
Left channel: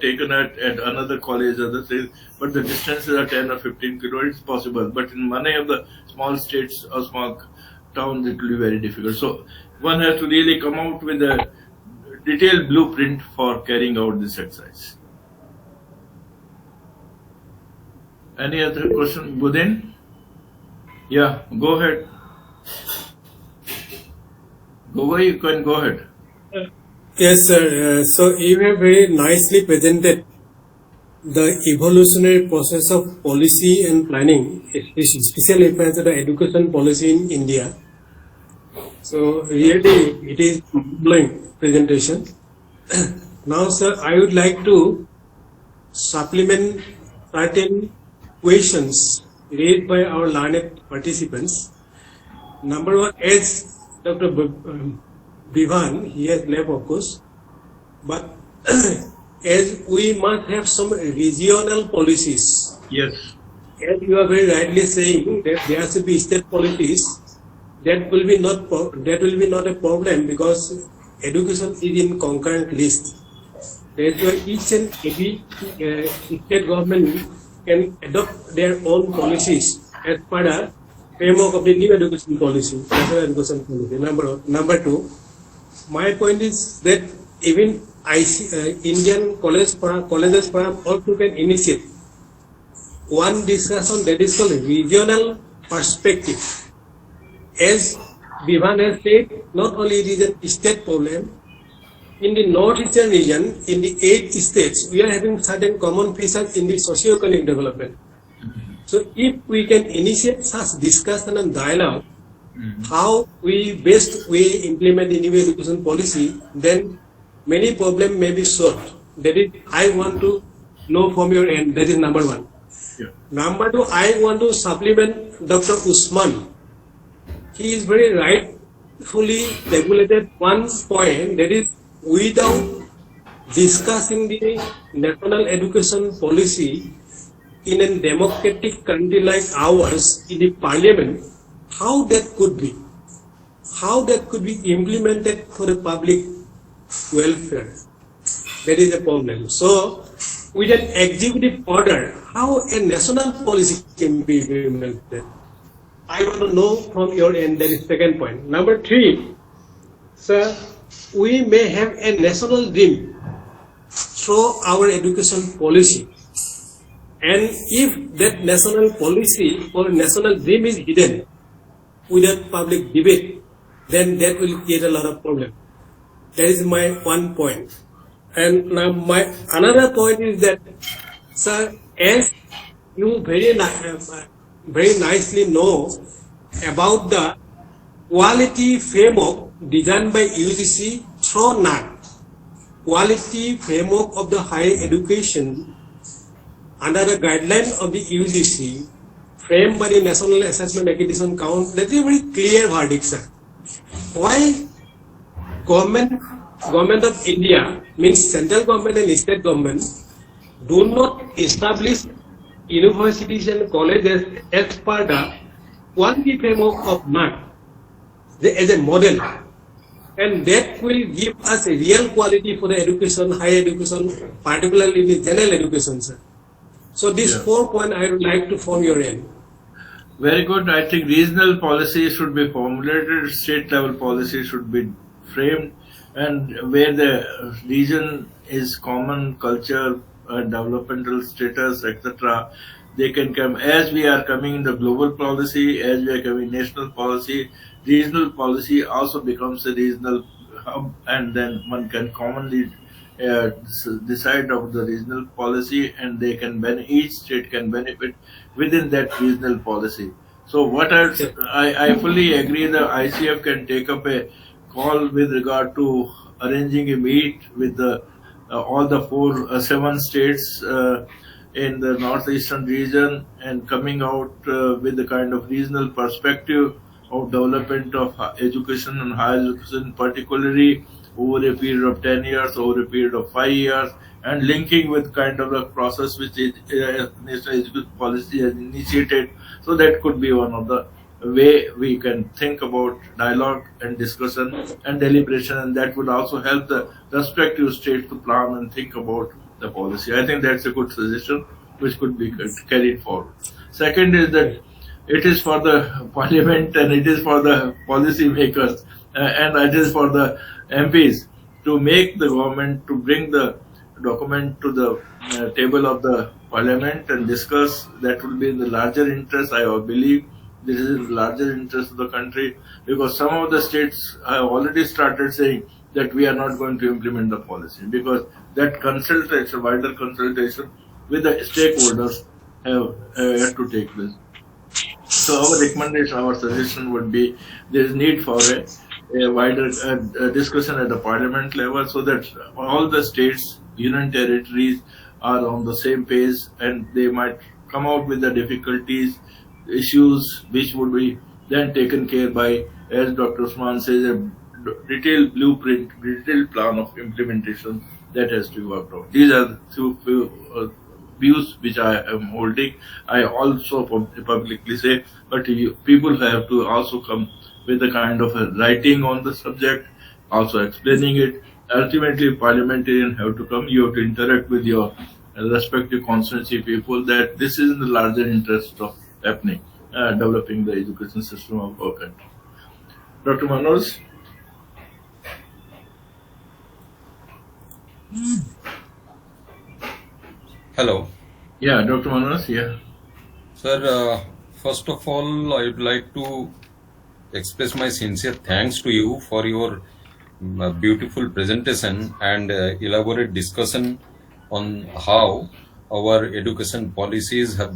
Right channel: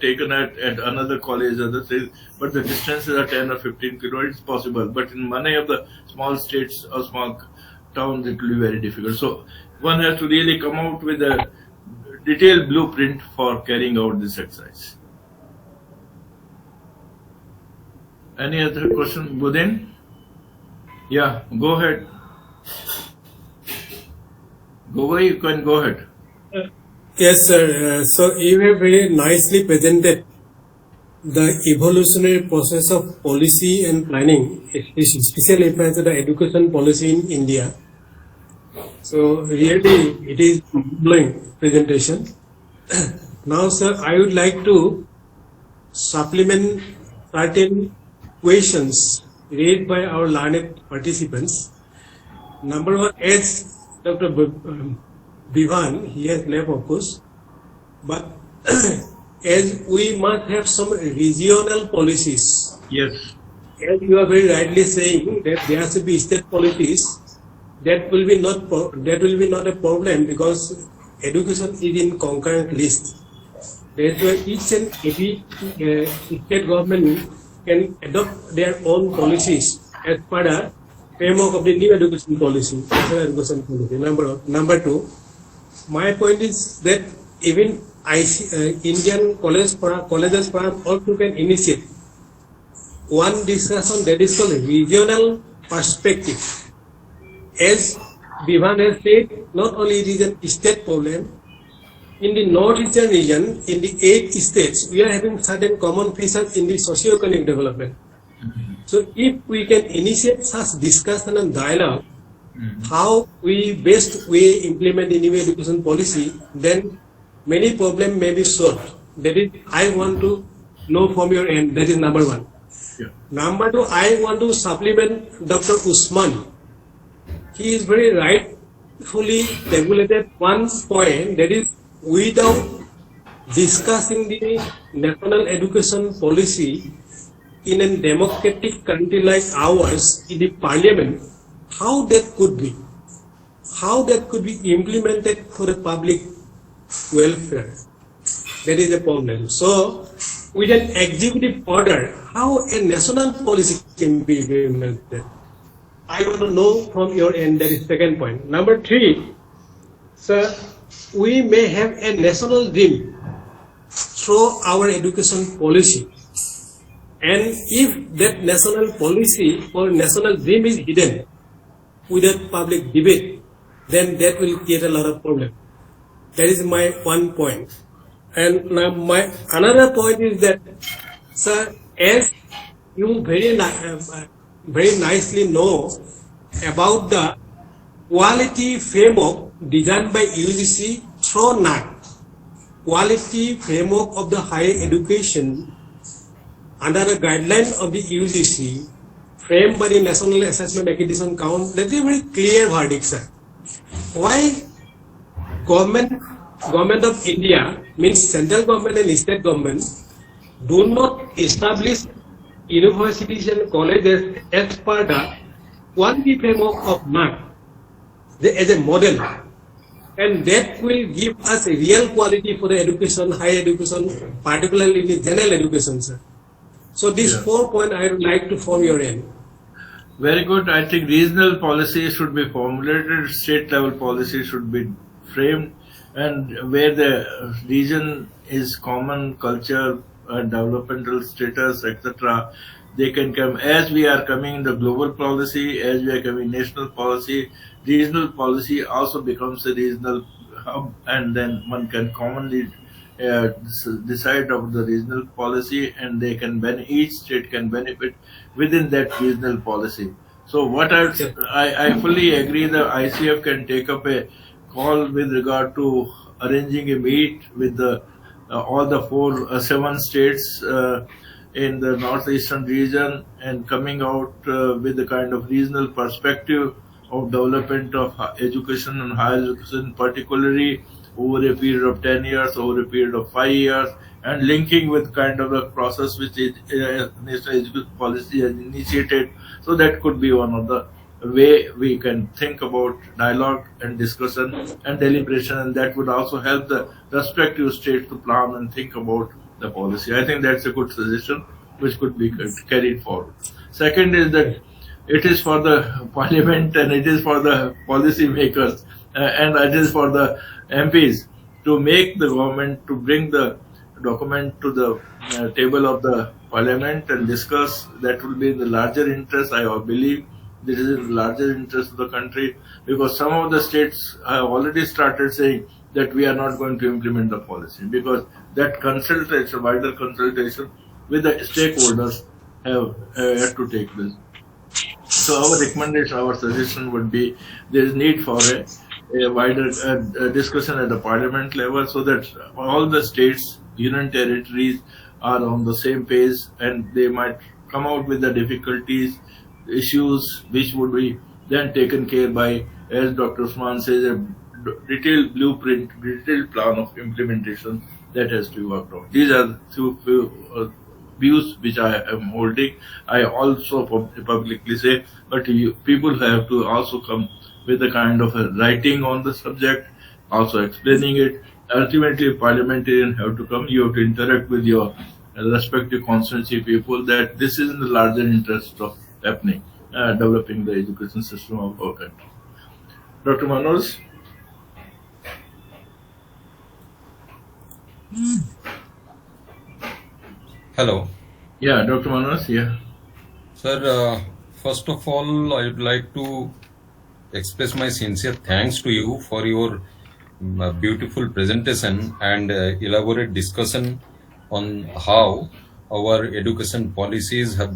taken at another college, other things, but the distances are 10 or 15 kilometers. It's possible, but in many of the small states or small towns it will be very difficult. So one has to really come out with a detailed blueprint for carrying out this exercise. Any other question, Budin? Yeah, go ahead. You can go ahead. Yes, sir. So you have very nicely presented the evolutionary process of policy and planning, especially referring to the education policy in India. So really, it is mind-blowing presentation. Now, sir, I would like to supplement certain questions raised by our learned participants. Number one, as Dr. Bivan, he has left, of course, but as we must have some regional policies. Yes. As you are very rightly saying that there should be state policies, that will be not a problem, because education is in concurrent list. That's why each and every state government can adopt their own policies as per the framework of the new education policy, national education policy. Number two, my point is that even Indian colleges perhaps also can initiate one discussion that is called regional perspective. As Bivan has said, not only it is a state problem, in the northeastern region, in the 8 states, we are having certain common features in the socio-economic development. So if we can initiate such discussion and dialogue, how we best implement the new education policy, then many problems may be solved. That is, I want to know from your end. That is number one. Yeah. Number two, I want to supplement Dr. Usman. He is very rightfully regulated one point, that is, without discussing the national education policy in a democratic country like ours in the parliament, how that could be? How that could be implemented for the public welfare? That is the problem. So, with an executive order, how a national policy can be implemented? I want to know from your end. That is second point. Number three, Sir, we may have a national dream through our education policy. And if that national policy or national dream is hidden without public debate, then that will create a lot of problem. That is my one point. And now my another point is that, sir, as you very nicely know about the quality framework designed by UGC through NAC, quality framework of the higher education under the guideline of the UGC framed by the National Assessment Accreditation Council, that is a very clear verdict, sir. Why government of India, means central government and state government, do not establish universities and colleges as per the quality framework of NAC as a model, and that will give us a real quality for the education, higher education, particularly the general education, sir. So these 4 points I would like to form your end. Very good. I think regional policy should be formulated, state level policy should be framed, and where the region is common culture, developmental status, etc., they can come. As we are coming in the global policy, as we are coming national policy, regional policy also becomes a regional hub, and then one can commonly decide of the regional policy, and they can each state can benefit within that regional policy. So what I fully agree, the ICF can take up a call with regard to arranging a meet with the all the 7 states in the northeastern region, and coming out with the kind of regional perspective of development of education and higher education, particularly over a period of 10 years, over a period of 5 years, and linking with kind of the process which national education policy has initiated. So that could be one of the way we can think about dialogue and discussion and deliberation, and that would also help the respective states to plan and think about the policy. I think that's a good suggestion which could be carried forward. Second is that it is for the parliament and it is for the policy makers and it is for the MPs to make the government to bring the document to the table of the parliament and discuss. That will be in the larger interest. I believe this is in the larger interest of the country, because some of the states have already started saying that we are not going to implement the policy, because that consultation, wider consultation with the stakeholders have to take place. So our recommendation, our suggestion would be there is need for a wider discussion at the parliament level, so that all the states, union territories are on the same page, and they might come out with the difficulties, issues which would be then taken care by, as Dr. Usman says, a detailed blueprint, detailed plan of implementation that has to be worked out. These are the two views which I am holding. I also publicly say, but people have to also come with a kind of a writing on the subject, also explaining it. Ultimately, parliamentarians have to come. You have to interact with your respective constituency people, that this is in the larger interest of happening, developing the education system of our country. Dr. Manoj? Hello. Yeah, Dr. Manoj, yeah. Sir, first of all, I would like to express my sincere thanks to you for your beautiful presentation and elaborate discussion on how our education policies have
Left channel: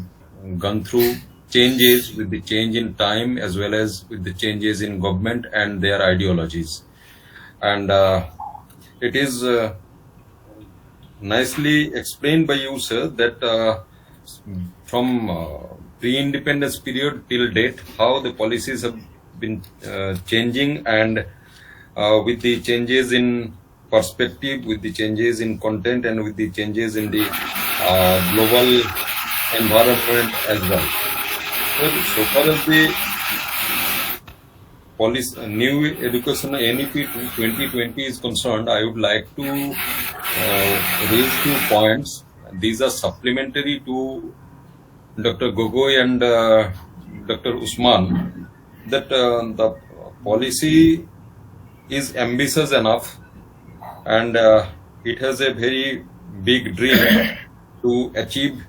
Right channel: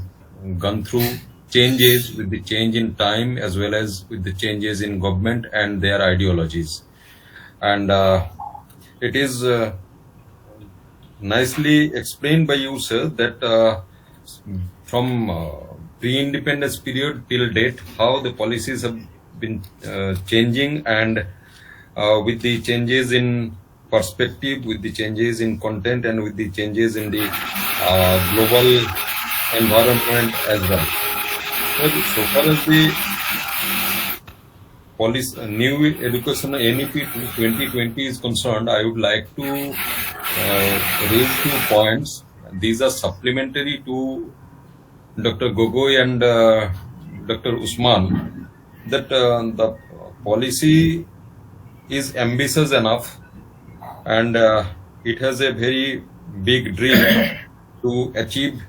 gone through changes with the change in time as well as with the changes in government and their ideologies. And it is nicely explained by you, sir, that from pre-independence period till date, how the policies have been changing, and with the changes in perspective, with the changes in content, and with the changes in the global environment as well. So far as the policy, new education NEP 2020 is concerned, I would like to raise 2 points. These are supplementary to Dr. Gogoi and Dr. Usman, that the policy is ambitious enough, and it has a very big dream to achieve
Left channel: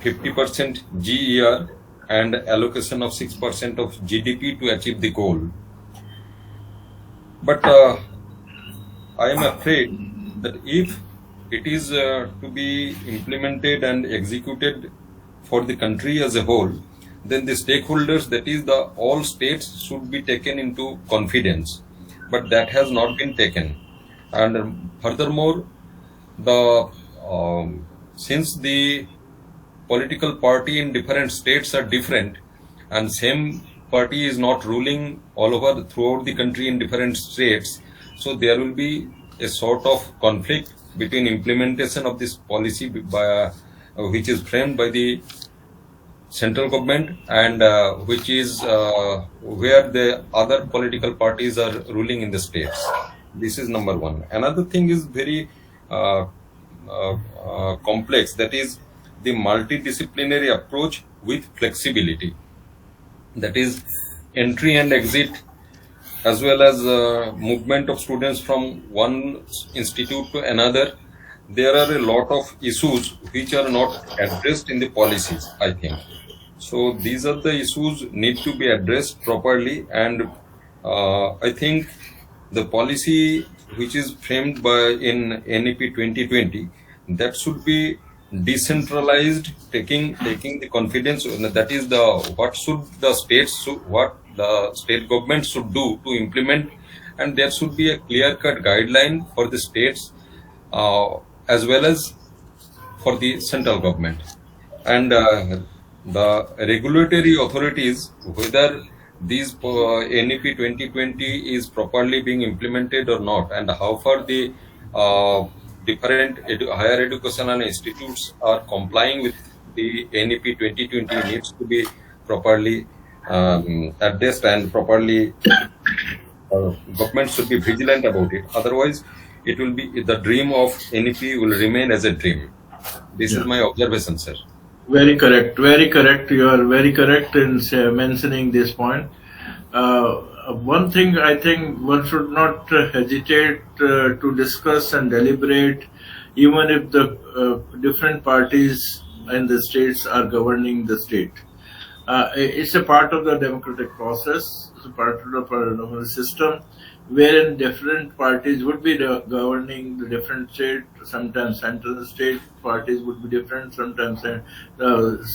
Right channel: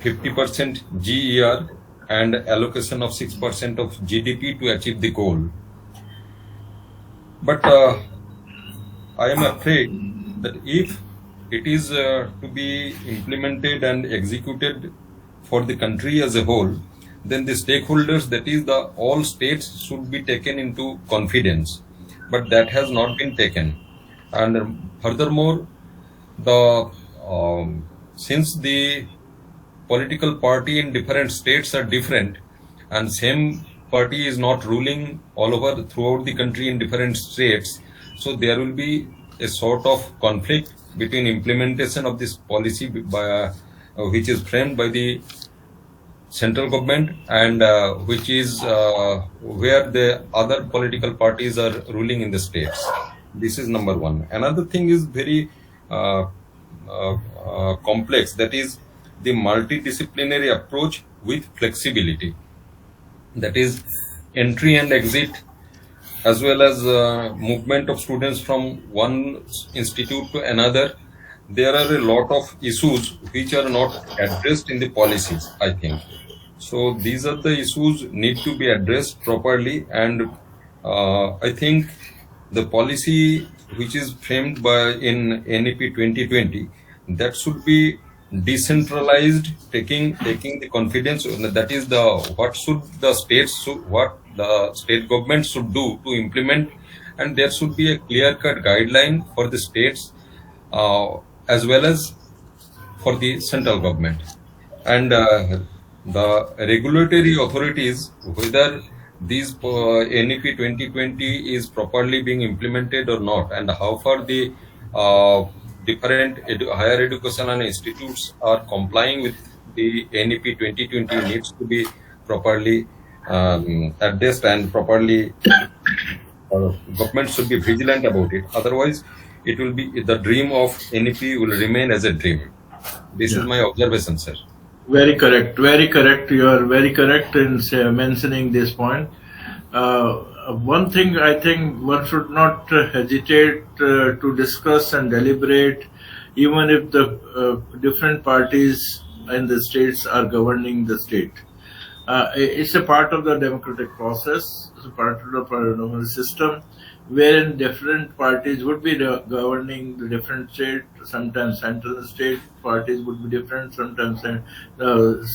50% GER and allocation of 6% of GDP to achieve the goal. But I am afraid that if it is to be implemented and executed for the country as a whole, then the stakeholders, that is the all states, should be taken into confidence. But that has not been taken. And furthermore, the since the political party in different states are different, and same party is not ruling all over throughout the country in different states, so there will be a sort of conflict between implementation of this policy by, which is framed by the central government, and which is where the other political parties are ruling in the states. This is number one. Another thing is very complex, that is the multidisciplinary approach with flexibility. That is entry and exit, as well as movement of students from one institute to another. There are a lot of issues which are not addressed in the policies, I think. So these are the issues need to be addressed properly, and I think the policy which is framed by in NEP 2020, that should be decentralized, taking the confidence, that is the what the state government should do to implement, and there should be a clear-cut guideline for the states as well as for the central government, and the regulatory authorities, whether these NEP 2020 is properly being implemented or not, and how far the different higher education and institutes are complying with the NEP 2020 needs to be properly addressed, and properly government should be vigilant about it. Otherwise, it will be the dream of NEP will remain as a dream. This is my observation, sir. Very correct. Very correct. You are very correct in mentioning this point. One thing I think one should not hesitate to discuss and deliberate, even if the different parties in the states are governing the state. It's a part of the democratic process, it's a part of the parliamentary system, wherein different parties would be governing the different state. Sometimes central state parties would be different. Sometimes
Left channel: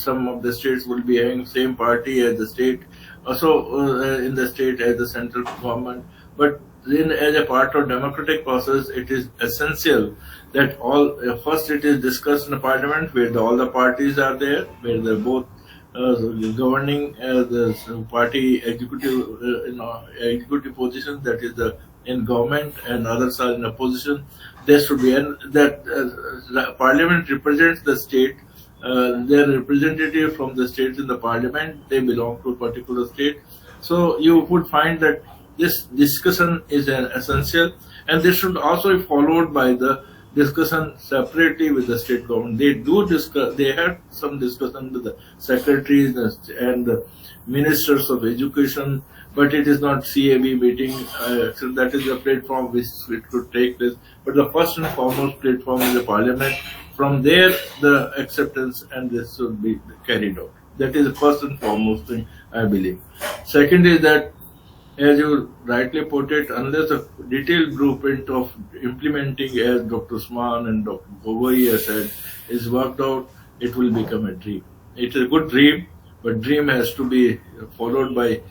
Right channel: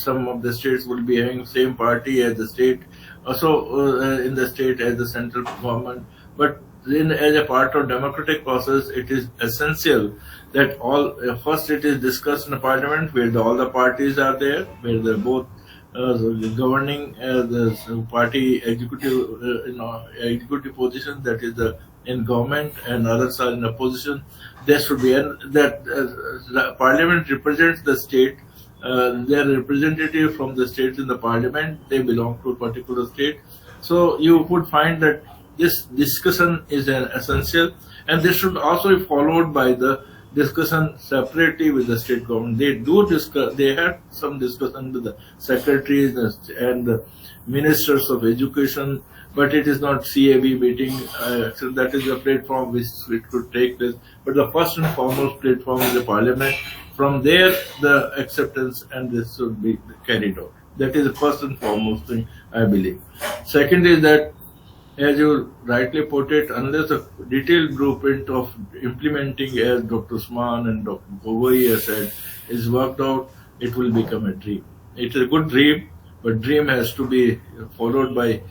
some of the states will be having same party as the state, also in the state as the central government. But as a part of democratic process, it is essential that all first it is discussed in the parliament, where all the parties are there, where they're both governing the party executive executive position, that is in government, and others are in opposition. There should be, and that the parliament represents the state. They are representative from the states in the parliament. They belong to a particular state. So you would find that this discussion is essential, and this should also be followed by the discussion separately with the state government. They do discuss. They had some discussion with the secretaries and the ministers of education, but it is not CAB meeting. So that is the platform which it could take place. But the first and foremost platform is the parliament. From there, the acceptance and this should be carried out. That is the first and foremost thing, I believe. Second is that, as you rightly put it, unless a detailed blueprint of implementing, as Dr. Usman and Dr. Gogoi has said, is worked out, it will become a dream. It is a good dream, but dream has to be followed by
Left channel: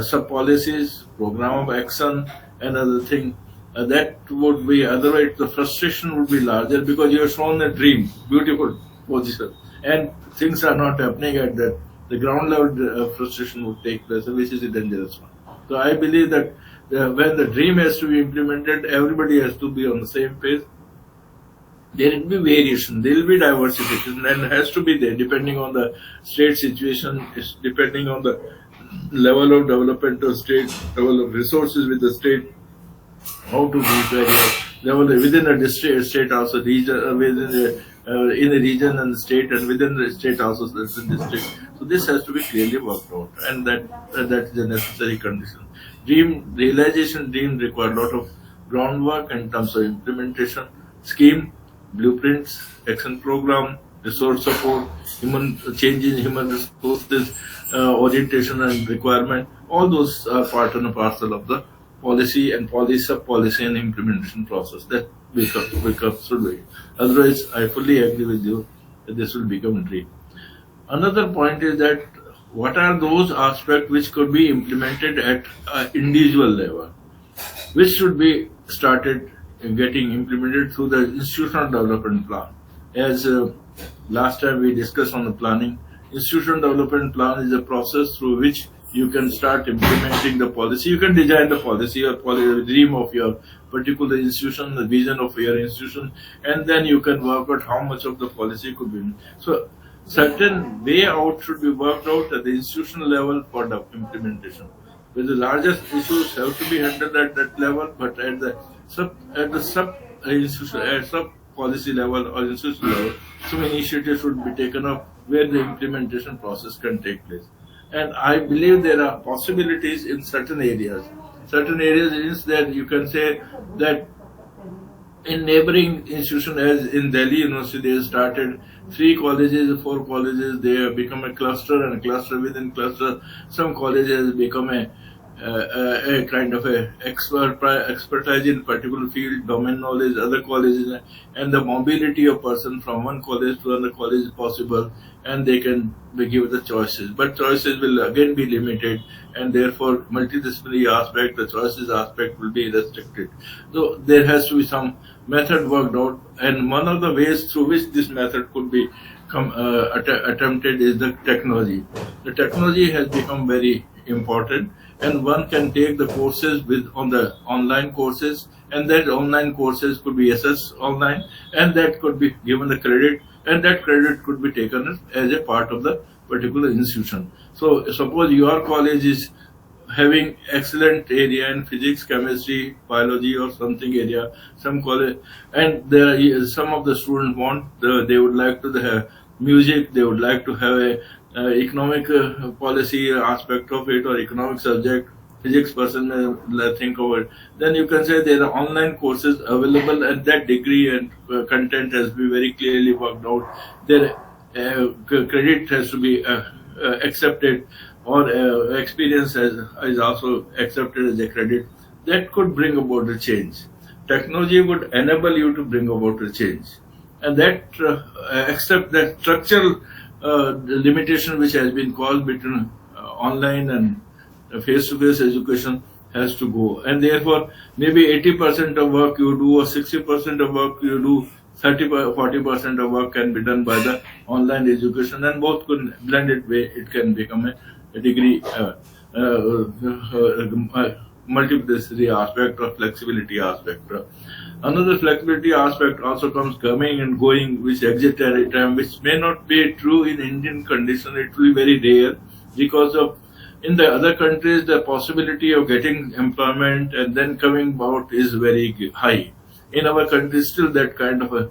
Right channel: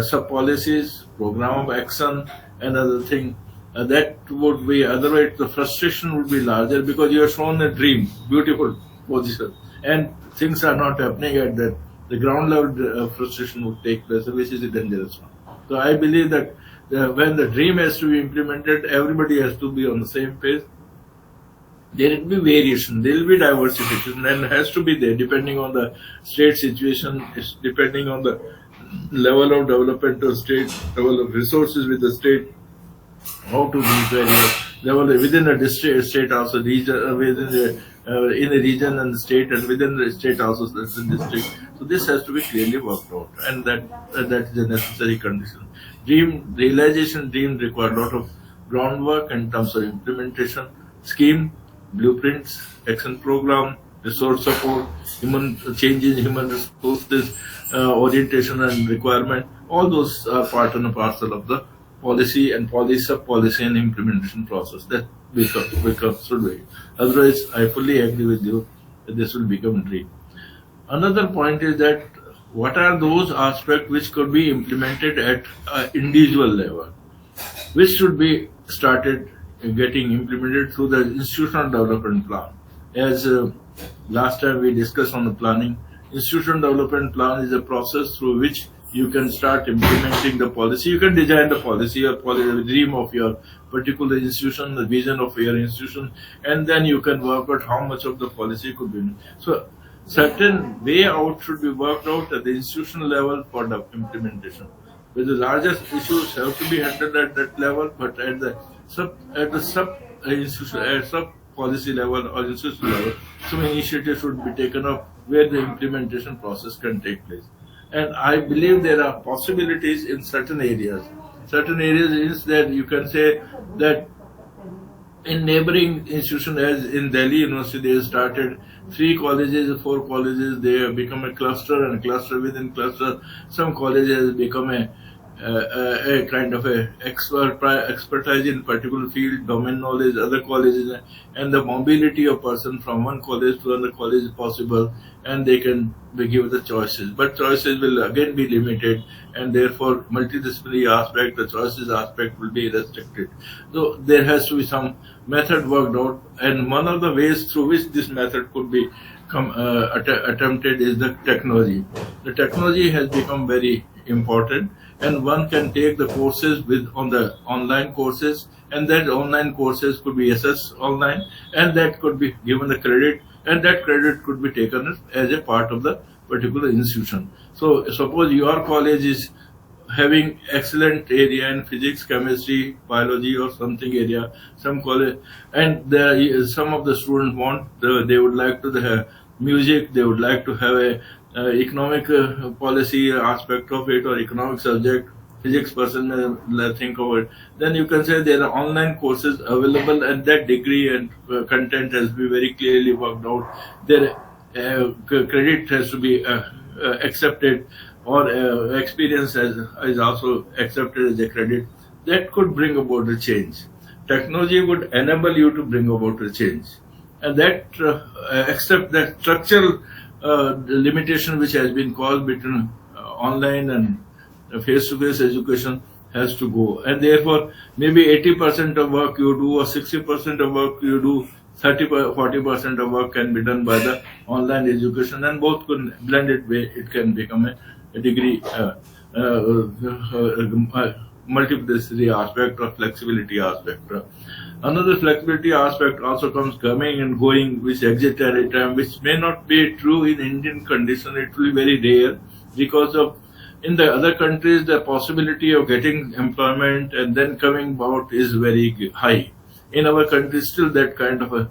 sub-policies, program of action, and other thing. That would be, otherwise the frustration would be larger, because you have shown a dream, beautiful position, and things are not happening at that. The ground level frustration would take place, which is a dangerous one. So I believe that when the dream has to be implemented, everybody has to be on the same page. There will be variation, there will be diversification, and it has to be there depending on the state situation, depending on the level of development of state, level of resources with the state, how to meet various level within the district, state also, region, within the in the region and the state, and within the state also in district. So this has to be clearly worked out, and that is a necessary condition. realization dream require a lot of groundwork in terms of implementation, scheme, blueprints, action program, resource support, human change in human resources, orientation and requirement. All those are part and parcel of the policy and sub-policy and implementation process that becomes through. Otherwise, I fully agree with you that this will become a dream. Another point is that what are those aspects which could be implemented at individual level, which should be started getting implemented through the institutional development plan. As last time we discussed on the planning, institutional development plan is a process through which you can start implementing the policy. You can design the policy or the dream of your particular institution, the vision of your institution, and then you can work out how much of the policy could be. So certain way out should be worked out at the institutional level for the implementation. Where the largest issues have to be handled at that level, but at the sub policy level or institutional level, some initiatives should be taken up where the implementation process can take place. And I believe there are possibilities in certain areas. Certain areas is that you can say that in neighboring institutions, as in Delhi University, they have started 3 colleges, 4 colleges. They have become a cluster, and cluster within cluster. Some colleges become a kind of a expertise in particular field, domain knowledge. Other colleges, and the mobility of person from one college to another college is possible, and they can be given the choices. But choices will again be limited, and therefore multidisciplinary aspect, the choices aspect will be restricted. So there has to be some method worked out, and one of the ways through which this method could be attempted is the technology. The technology has become very important, and one can take the courses on the online courses, and that online courses could be assessed online, and that could be given a credit, and that credit could be taken as a part of the particular institution. So suppose your college is having excellent area in physics, chemistry, biology, or something area, some college, and some of the students they would like to have music, they would like to have a economic policy aspect of it, or economic subject, physics person may think of it. Then you can say there are online courses available, and that degree and content has been very clearly worked out. Their credit has to be accepted, or experience is also accepted as a credit. That could bring about a change. Technology would enable you to bring about a change, and that accept that structural limitation which has been caused between online and face-to-face education has to go, and therefore maybe 80% of work you do, or 60% of work you do, 40% of work can be done by the online education, and both could blended way it can become a degree multiplicity aspect or flexibility aspect. Another flexibility aspect also comes coming and going, which exit at a time, which may not be true in Indian condition. It will be very rare, because of in the other countries the possibility of getting employment and then coming out is very high. In our country, still that kind of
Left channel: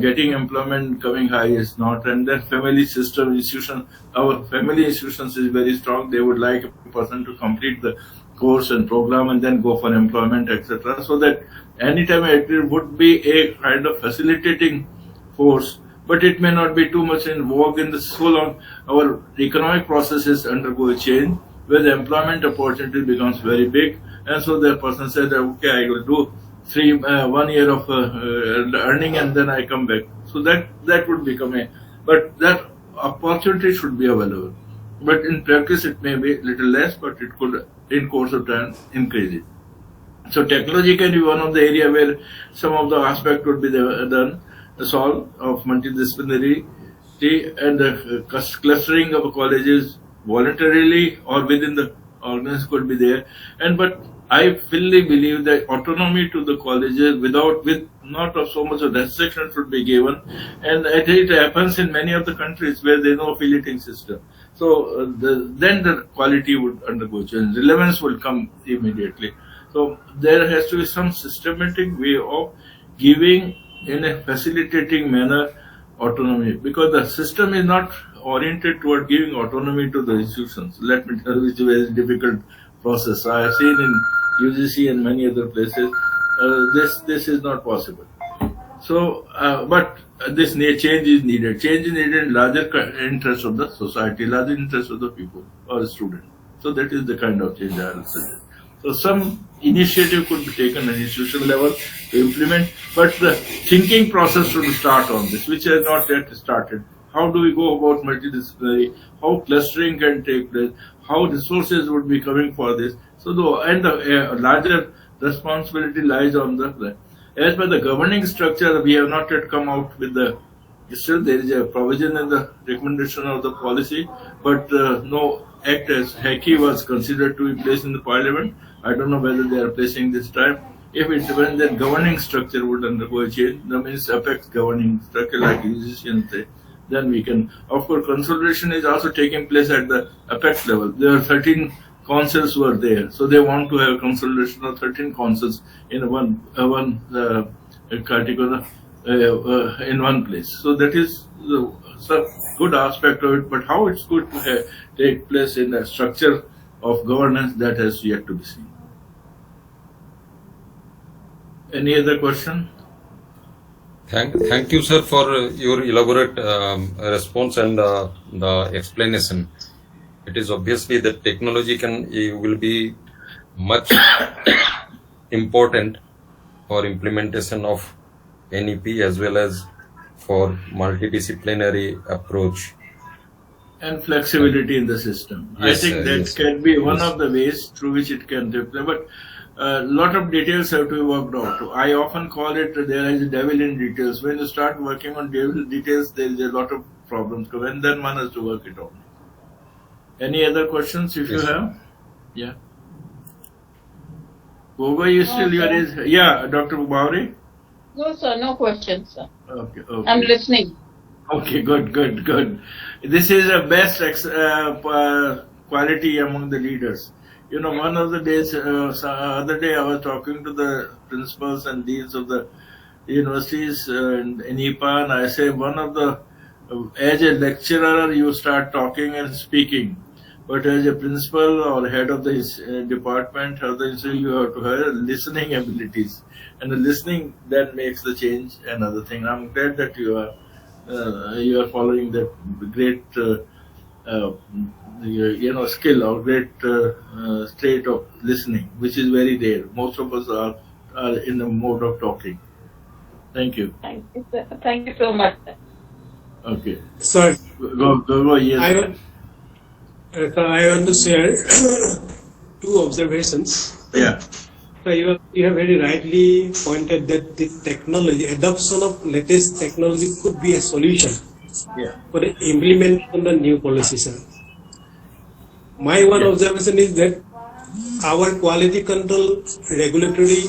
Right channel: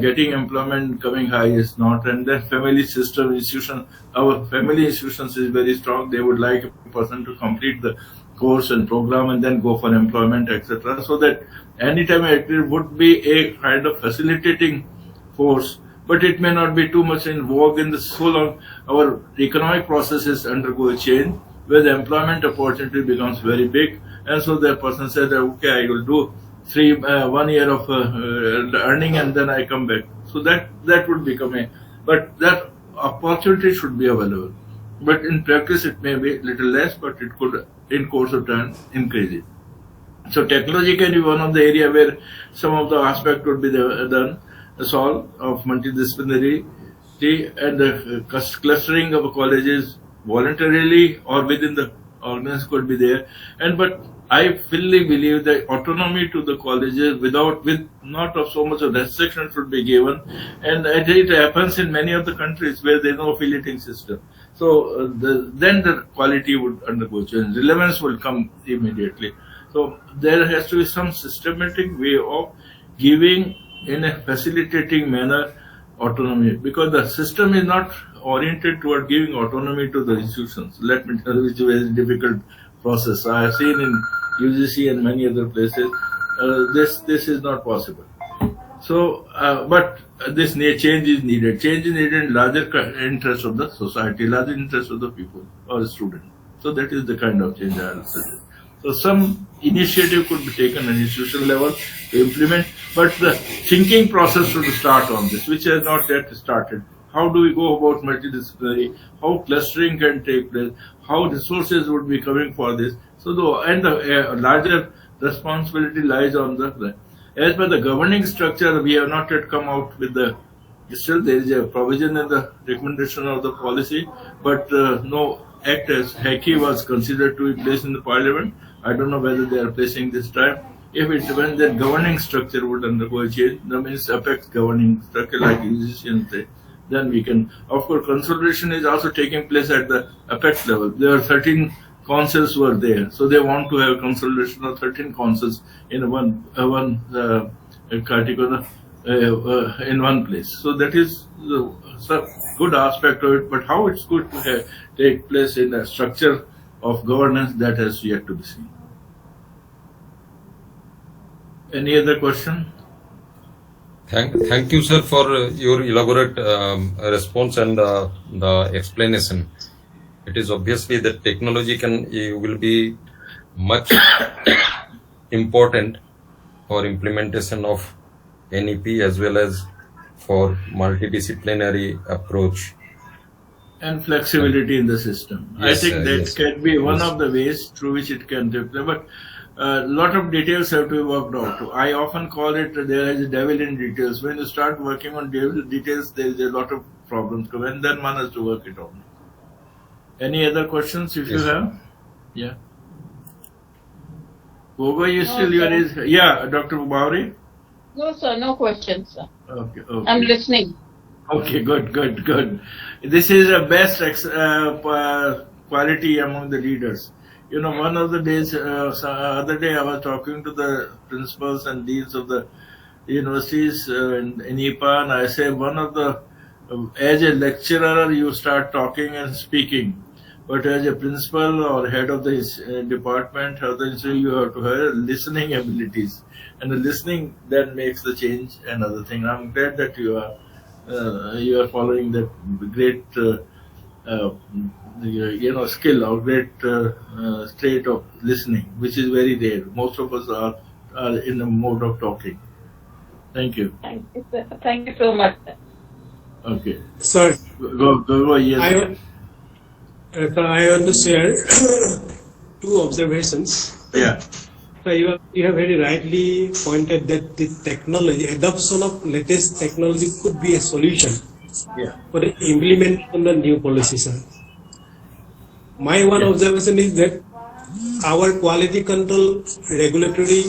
getting employment coming high is not. And then family system institution, our family institutions is very strong. They would like a person to complete the course and program and then go for employment, etc. So that anytime it would be a kind of facilitating force, but it may not be too much in vogue in the so long our economic processes undergo a change where the employment opportunity becomes very big, and so the person said, okay, I will do 1 year of earning and then I come back. So that would become but that opportunity should be available. But in practice it may be little less, but it could in course of time increase it. So technology can be one of the area where some of the aspect would be done, the solve of multidisciplinary and the clustering of colleges voluntarily or within the organization could be there. But I fully believe that autonomy to the colleges with not of so much of restriction should be given, and it happens in many of the countries where there is no affiliating system. So then the quality would undergo change, relevance will come immediately. So there has to be some systematic way of giving in a facilitating manner autonomy, because the system is not oriented toward giving autonomy to the institutions. Let me tell you, which is very difficult process. I have seen in UGC and many other places, this is not possible. So, but this change is needed. Change is needed in larger interest of the society, larger interest of the people or students. So that is the kind of change I will suggest. So some initiative could be taken at institutional level to implement, but the thinking process should start on this, which has not yet started. How do we go about multidisciplinary? How clustering can take place? How resources would be coming for this? So the larger responsibility lies on the. As per the governing structure, we have not yet come out with the. Still, there is a provision in the recommendation of the policy, but no act as HACI was considered to be placed in the parliament. I don't know whether they are placing this time. If it when the governing structure would undergo a change, that means affects governing structure like UGC and say, then we can. Of course, consolidation is also taking place at the apex level. There are 13 councils were there, so they want to have consolidation of 13 councils in one category in one place. So that is the good aspect of it. But how it's good to take place in the structure of governance, that has yet to be seen. Any other question? Thank you, sir, for your elaborate response and the explanation. It is obviously that technology will be much important for implementation of NEP as well as for multidisciplinary approach. And flexibility in the system. Yes, I think that yes, can be one yes. of the ways through which it can deploy. But a lot of details have to be worked out. I often call it there is a devil in details. When you start working on devil details, there is a lot of problems come, and then one has to work it out. Any other questions if you have? Yeah. Goga, you still yeah, Dr. Bauri? No, sir, no questions, sir. Okay. I'm listening. Okay, good. This is the best quality among the leaders. You know, one of the days, other day I was talking to the principals and deans of the universities in IPA, and I say as a lecturer you start talking and speaking, but as a principal or head of the department or the institute, you have to have listening abilities, and the listening that makes the change. Another thing, I'm glad that you are following that great skill or great state of listening, which is very rare. Most of us are in the mode of talking. Thank you. Thank you, sir. Thank you so much, sir. Okay. Sir, Go. Yes. I want to share two observations. Yeah. So you have very rightly pointed that the adoption of latest technology could be a solution for the implementation of the new policy, sir. My one observation is that our quality control regulatory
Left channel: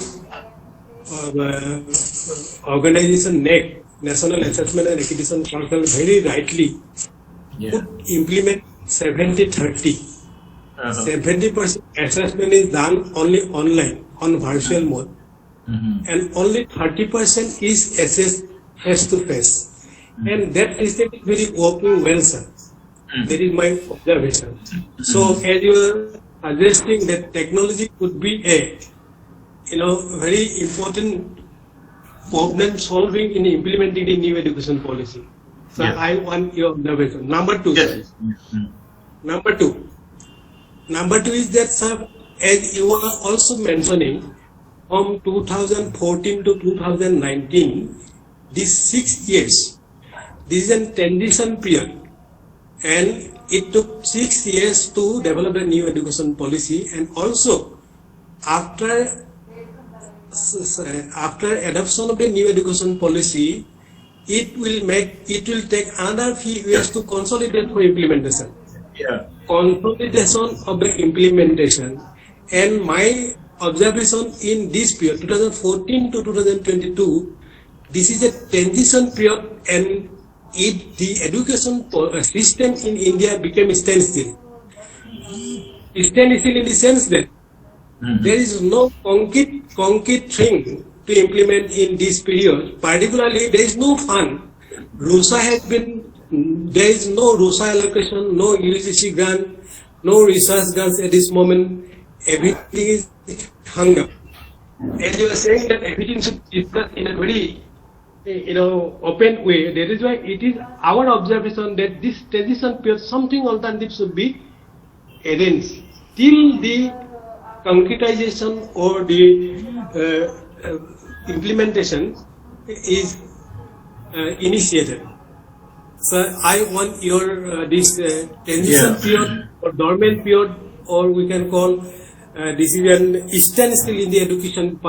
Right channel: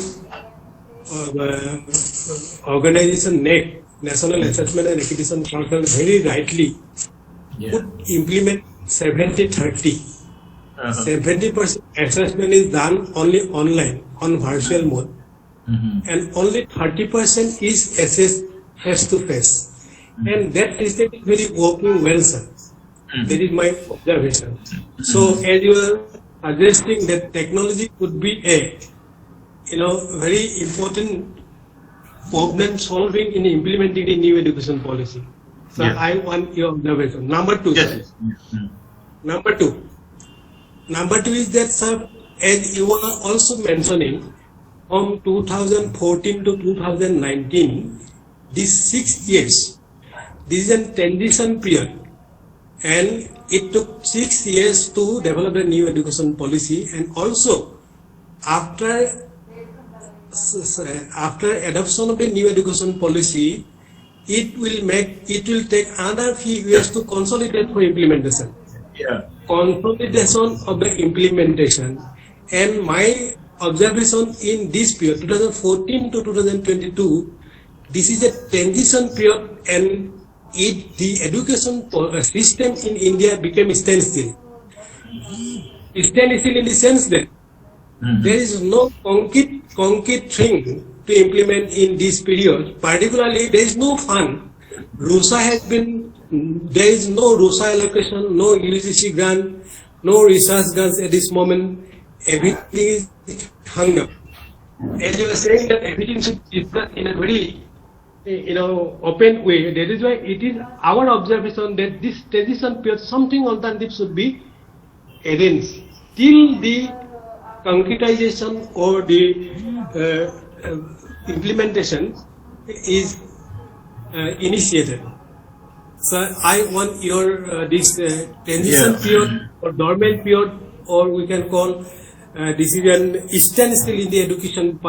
organization NAC, National Assessment and Accreditation Council, very rightly could implement 70-30. 70% assessment is done only online, on virtual mode, and only 30% is assessed face to face. And that system is very working well, sir. That is my observation. So, as you are suggesting that technology could be a very important problem solving in implementing the new education policy. So, I want your observation. Number two, sir. Number two is that, sir, as you are also mentioning, from 2014 to 2019, these 6 years, this is a transition period, and it took 6 years to develop a new education policy, and also after adoption of the new education policy, it will take another few years to consolidate for implementation. Consolidation of the implementation, and my observation in this period 2014 to 2022, this is a transition period, and the education system in India became standstill. Standstill in the sense that there is no concrete thing to implement in this period. Particularly, there is no fund. There is no RUSA allocation, no UGC grant, no research grants at this moment, everything is hung up. As you are saying that everything should be discussed in a very open way. That is why it is our observation that this transition period, something alternative should be arranged till the concretization or the implementation is initiated. So I want your this transition period or dormant period, or we can call this is an standstill in the education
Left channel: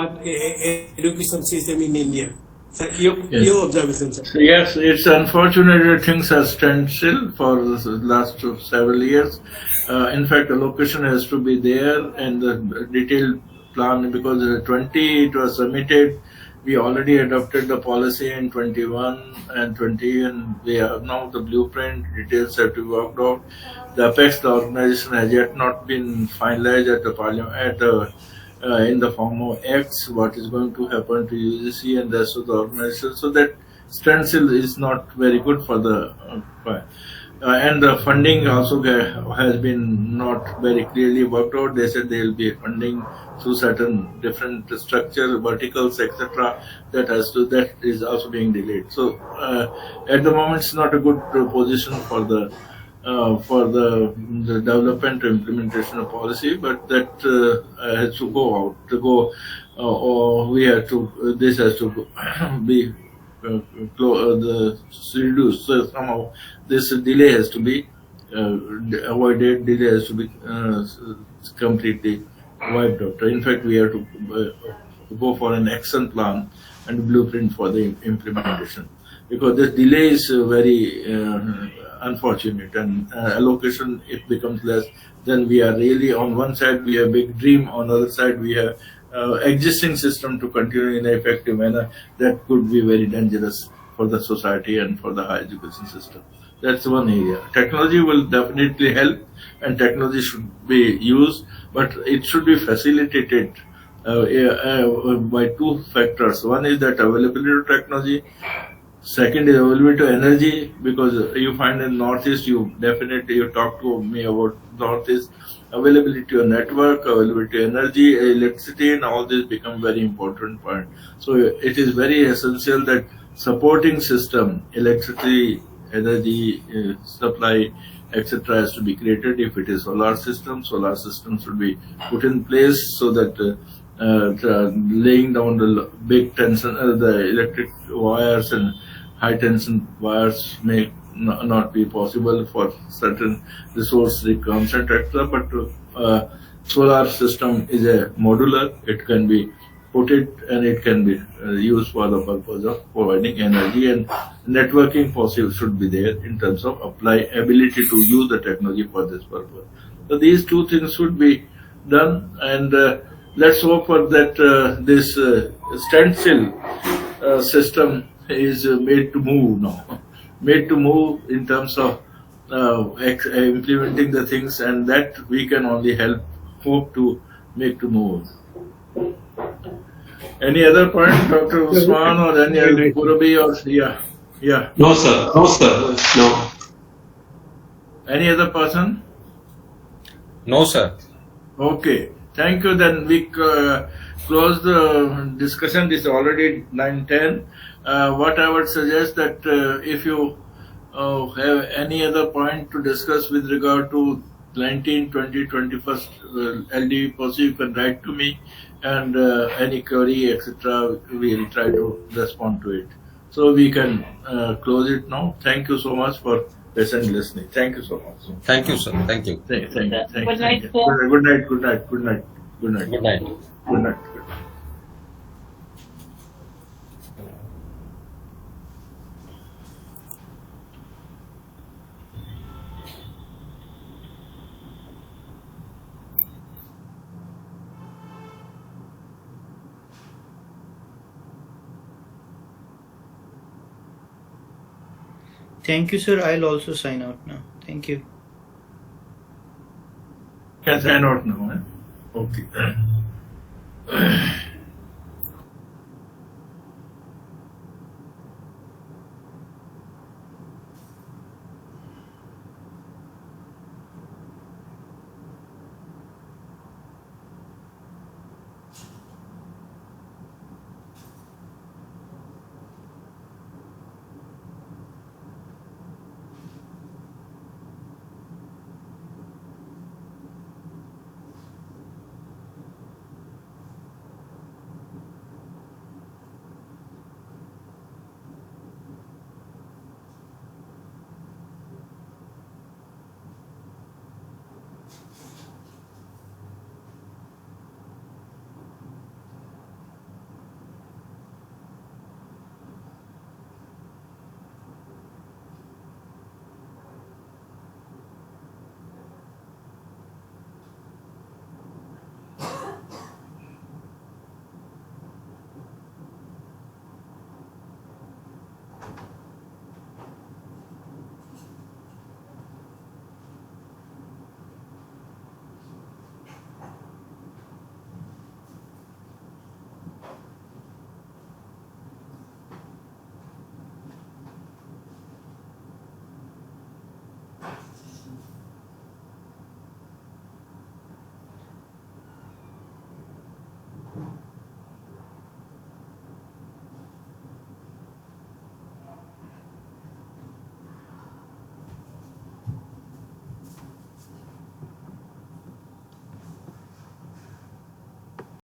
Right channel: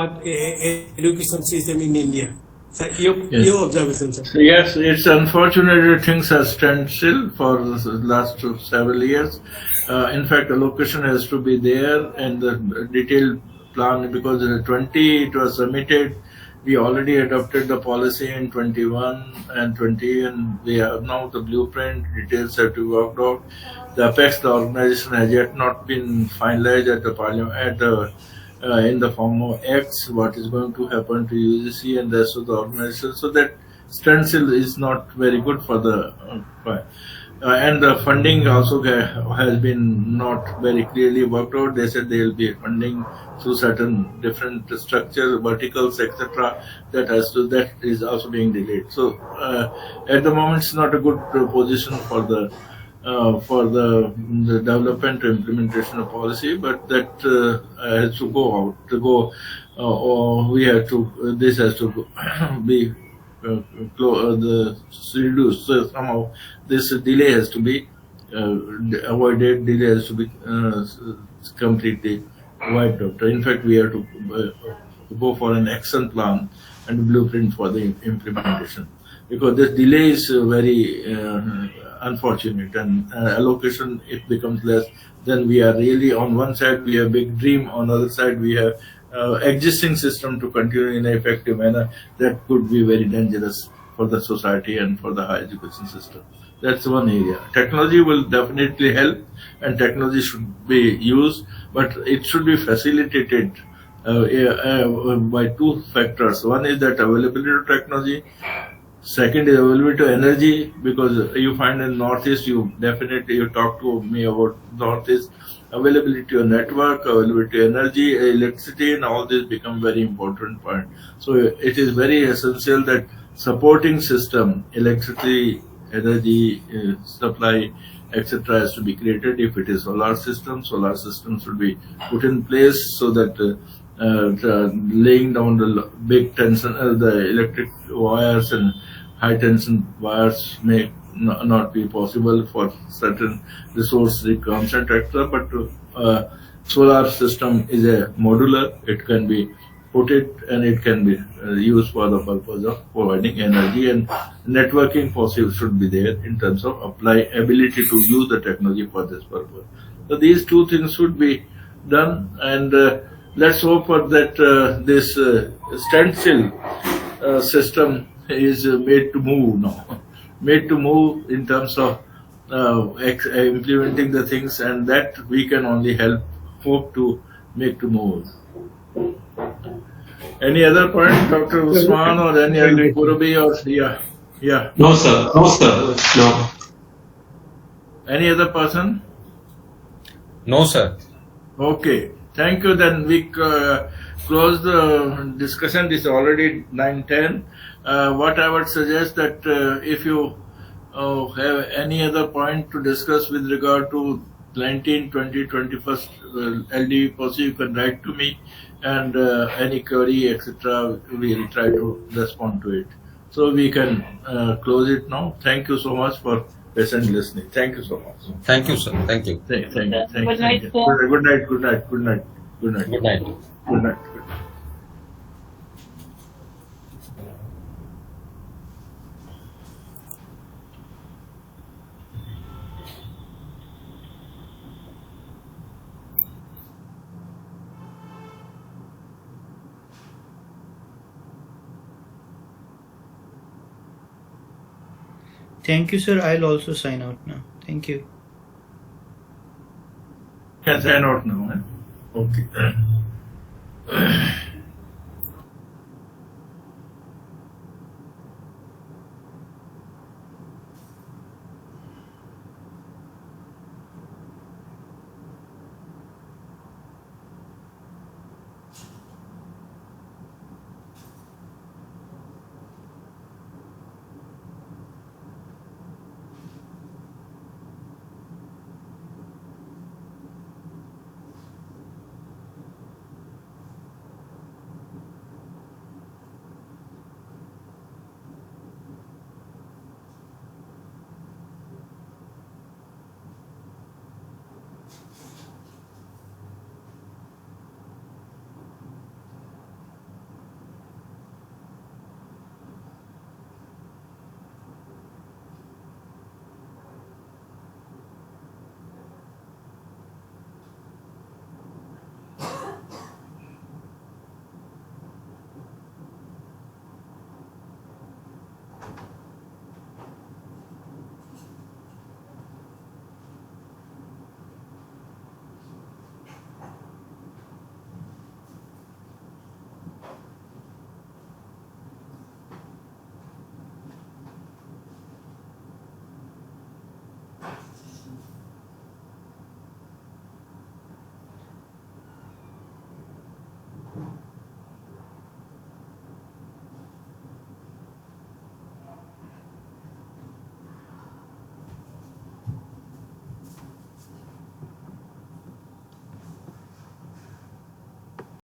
education system in India. So your observation, sir. So yes, it's unfortunate that things are standstill for the last several years. In fact, allocation has to be there and the detailed plan, because 20 it was submitted. We already adopted the policy in 21 and 20, and we have now the blueprint, details have to be worked out. The Apex, the organization, has yet not been finalized at the parliament, in the form of X, what is going to happen to UGC and the rest of the organization. So that standstill is not very good for the and the funding also has been not very clearly worked out. They said they will be funding through certain different structures, verticals, etc. That is also being delayed. So at the moment, it's not a good position for the development or implementation of policy, but that has to go out. Or we have to. This has to be reduced. So somehow this delay has to be avoided. Delay has to be completely wiped out. In fact, we have to go for an action plan and blueprint for the implementation, because this delay is very unfortunate, and allocation, it becomes less. Then we are really, on one side we have big dream, on the other side we have existing system to continue in an effective manner. That could be very dangerous for the society and for the higher education system. That's one area. Technology will definitely help, and technology should be used, but it should be facilitated by two factors. One is that availability of technology. Second is availability of energy, because you find in Northeast, you talk to me about Northeast, availability of network, availability of energy, electricity, and all this become very important point. So it is very essential that supporting system, electricity, energy supply, etc., has to be created. If it is solar systems should be put in place, so that laying down the big tension, the electric wires and high tension wires may not be possible for certain resource concept, etc. But solar system is a modular. It can be put it, and it can be used for the purpose of providing energy, and networking possible should be there in terms of ability to use the technology for this purpose. So these two things should be done, and let's hope for that this standstill system is made to move now, made to move in terms of implementing the things, and that we can only hope to make to move. Any other point, Dr. Usman, or any other Purabi, or yeah? No, sir. No. Any other person? No, sir. Okay. Thank you. Then we close the discussion. This is already 9:10. What I would suggest that if you have any other point to discuss with regard to 19, 20, 21st LDV policy, you can write to me, and any query, etc., we will try to respond to it. So we can close it now. Thank you so much for patient listening. Thank you so much. Thank you, sir. Thank you. Thank you. Good night, sir. Good night. Good night. Good night. Good night. Thank you, sir. I'll also sign out now. Thank you. Can sign out now. Okay.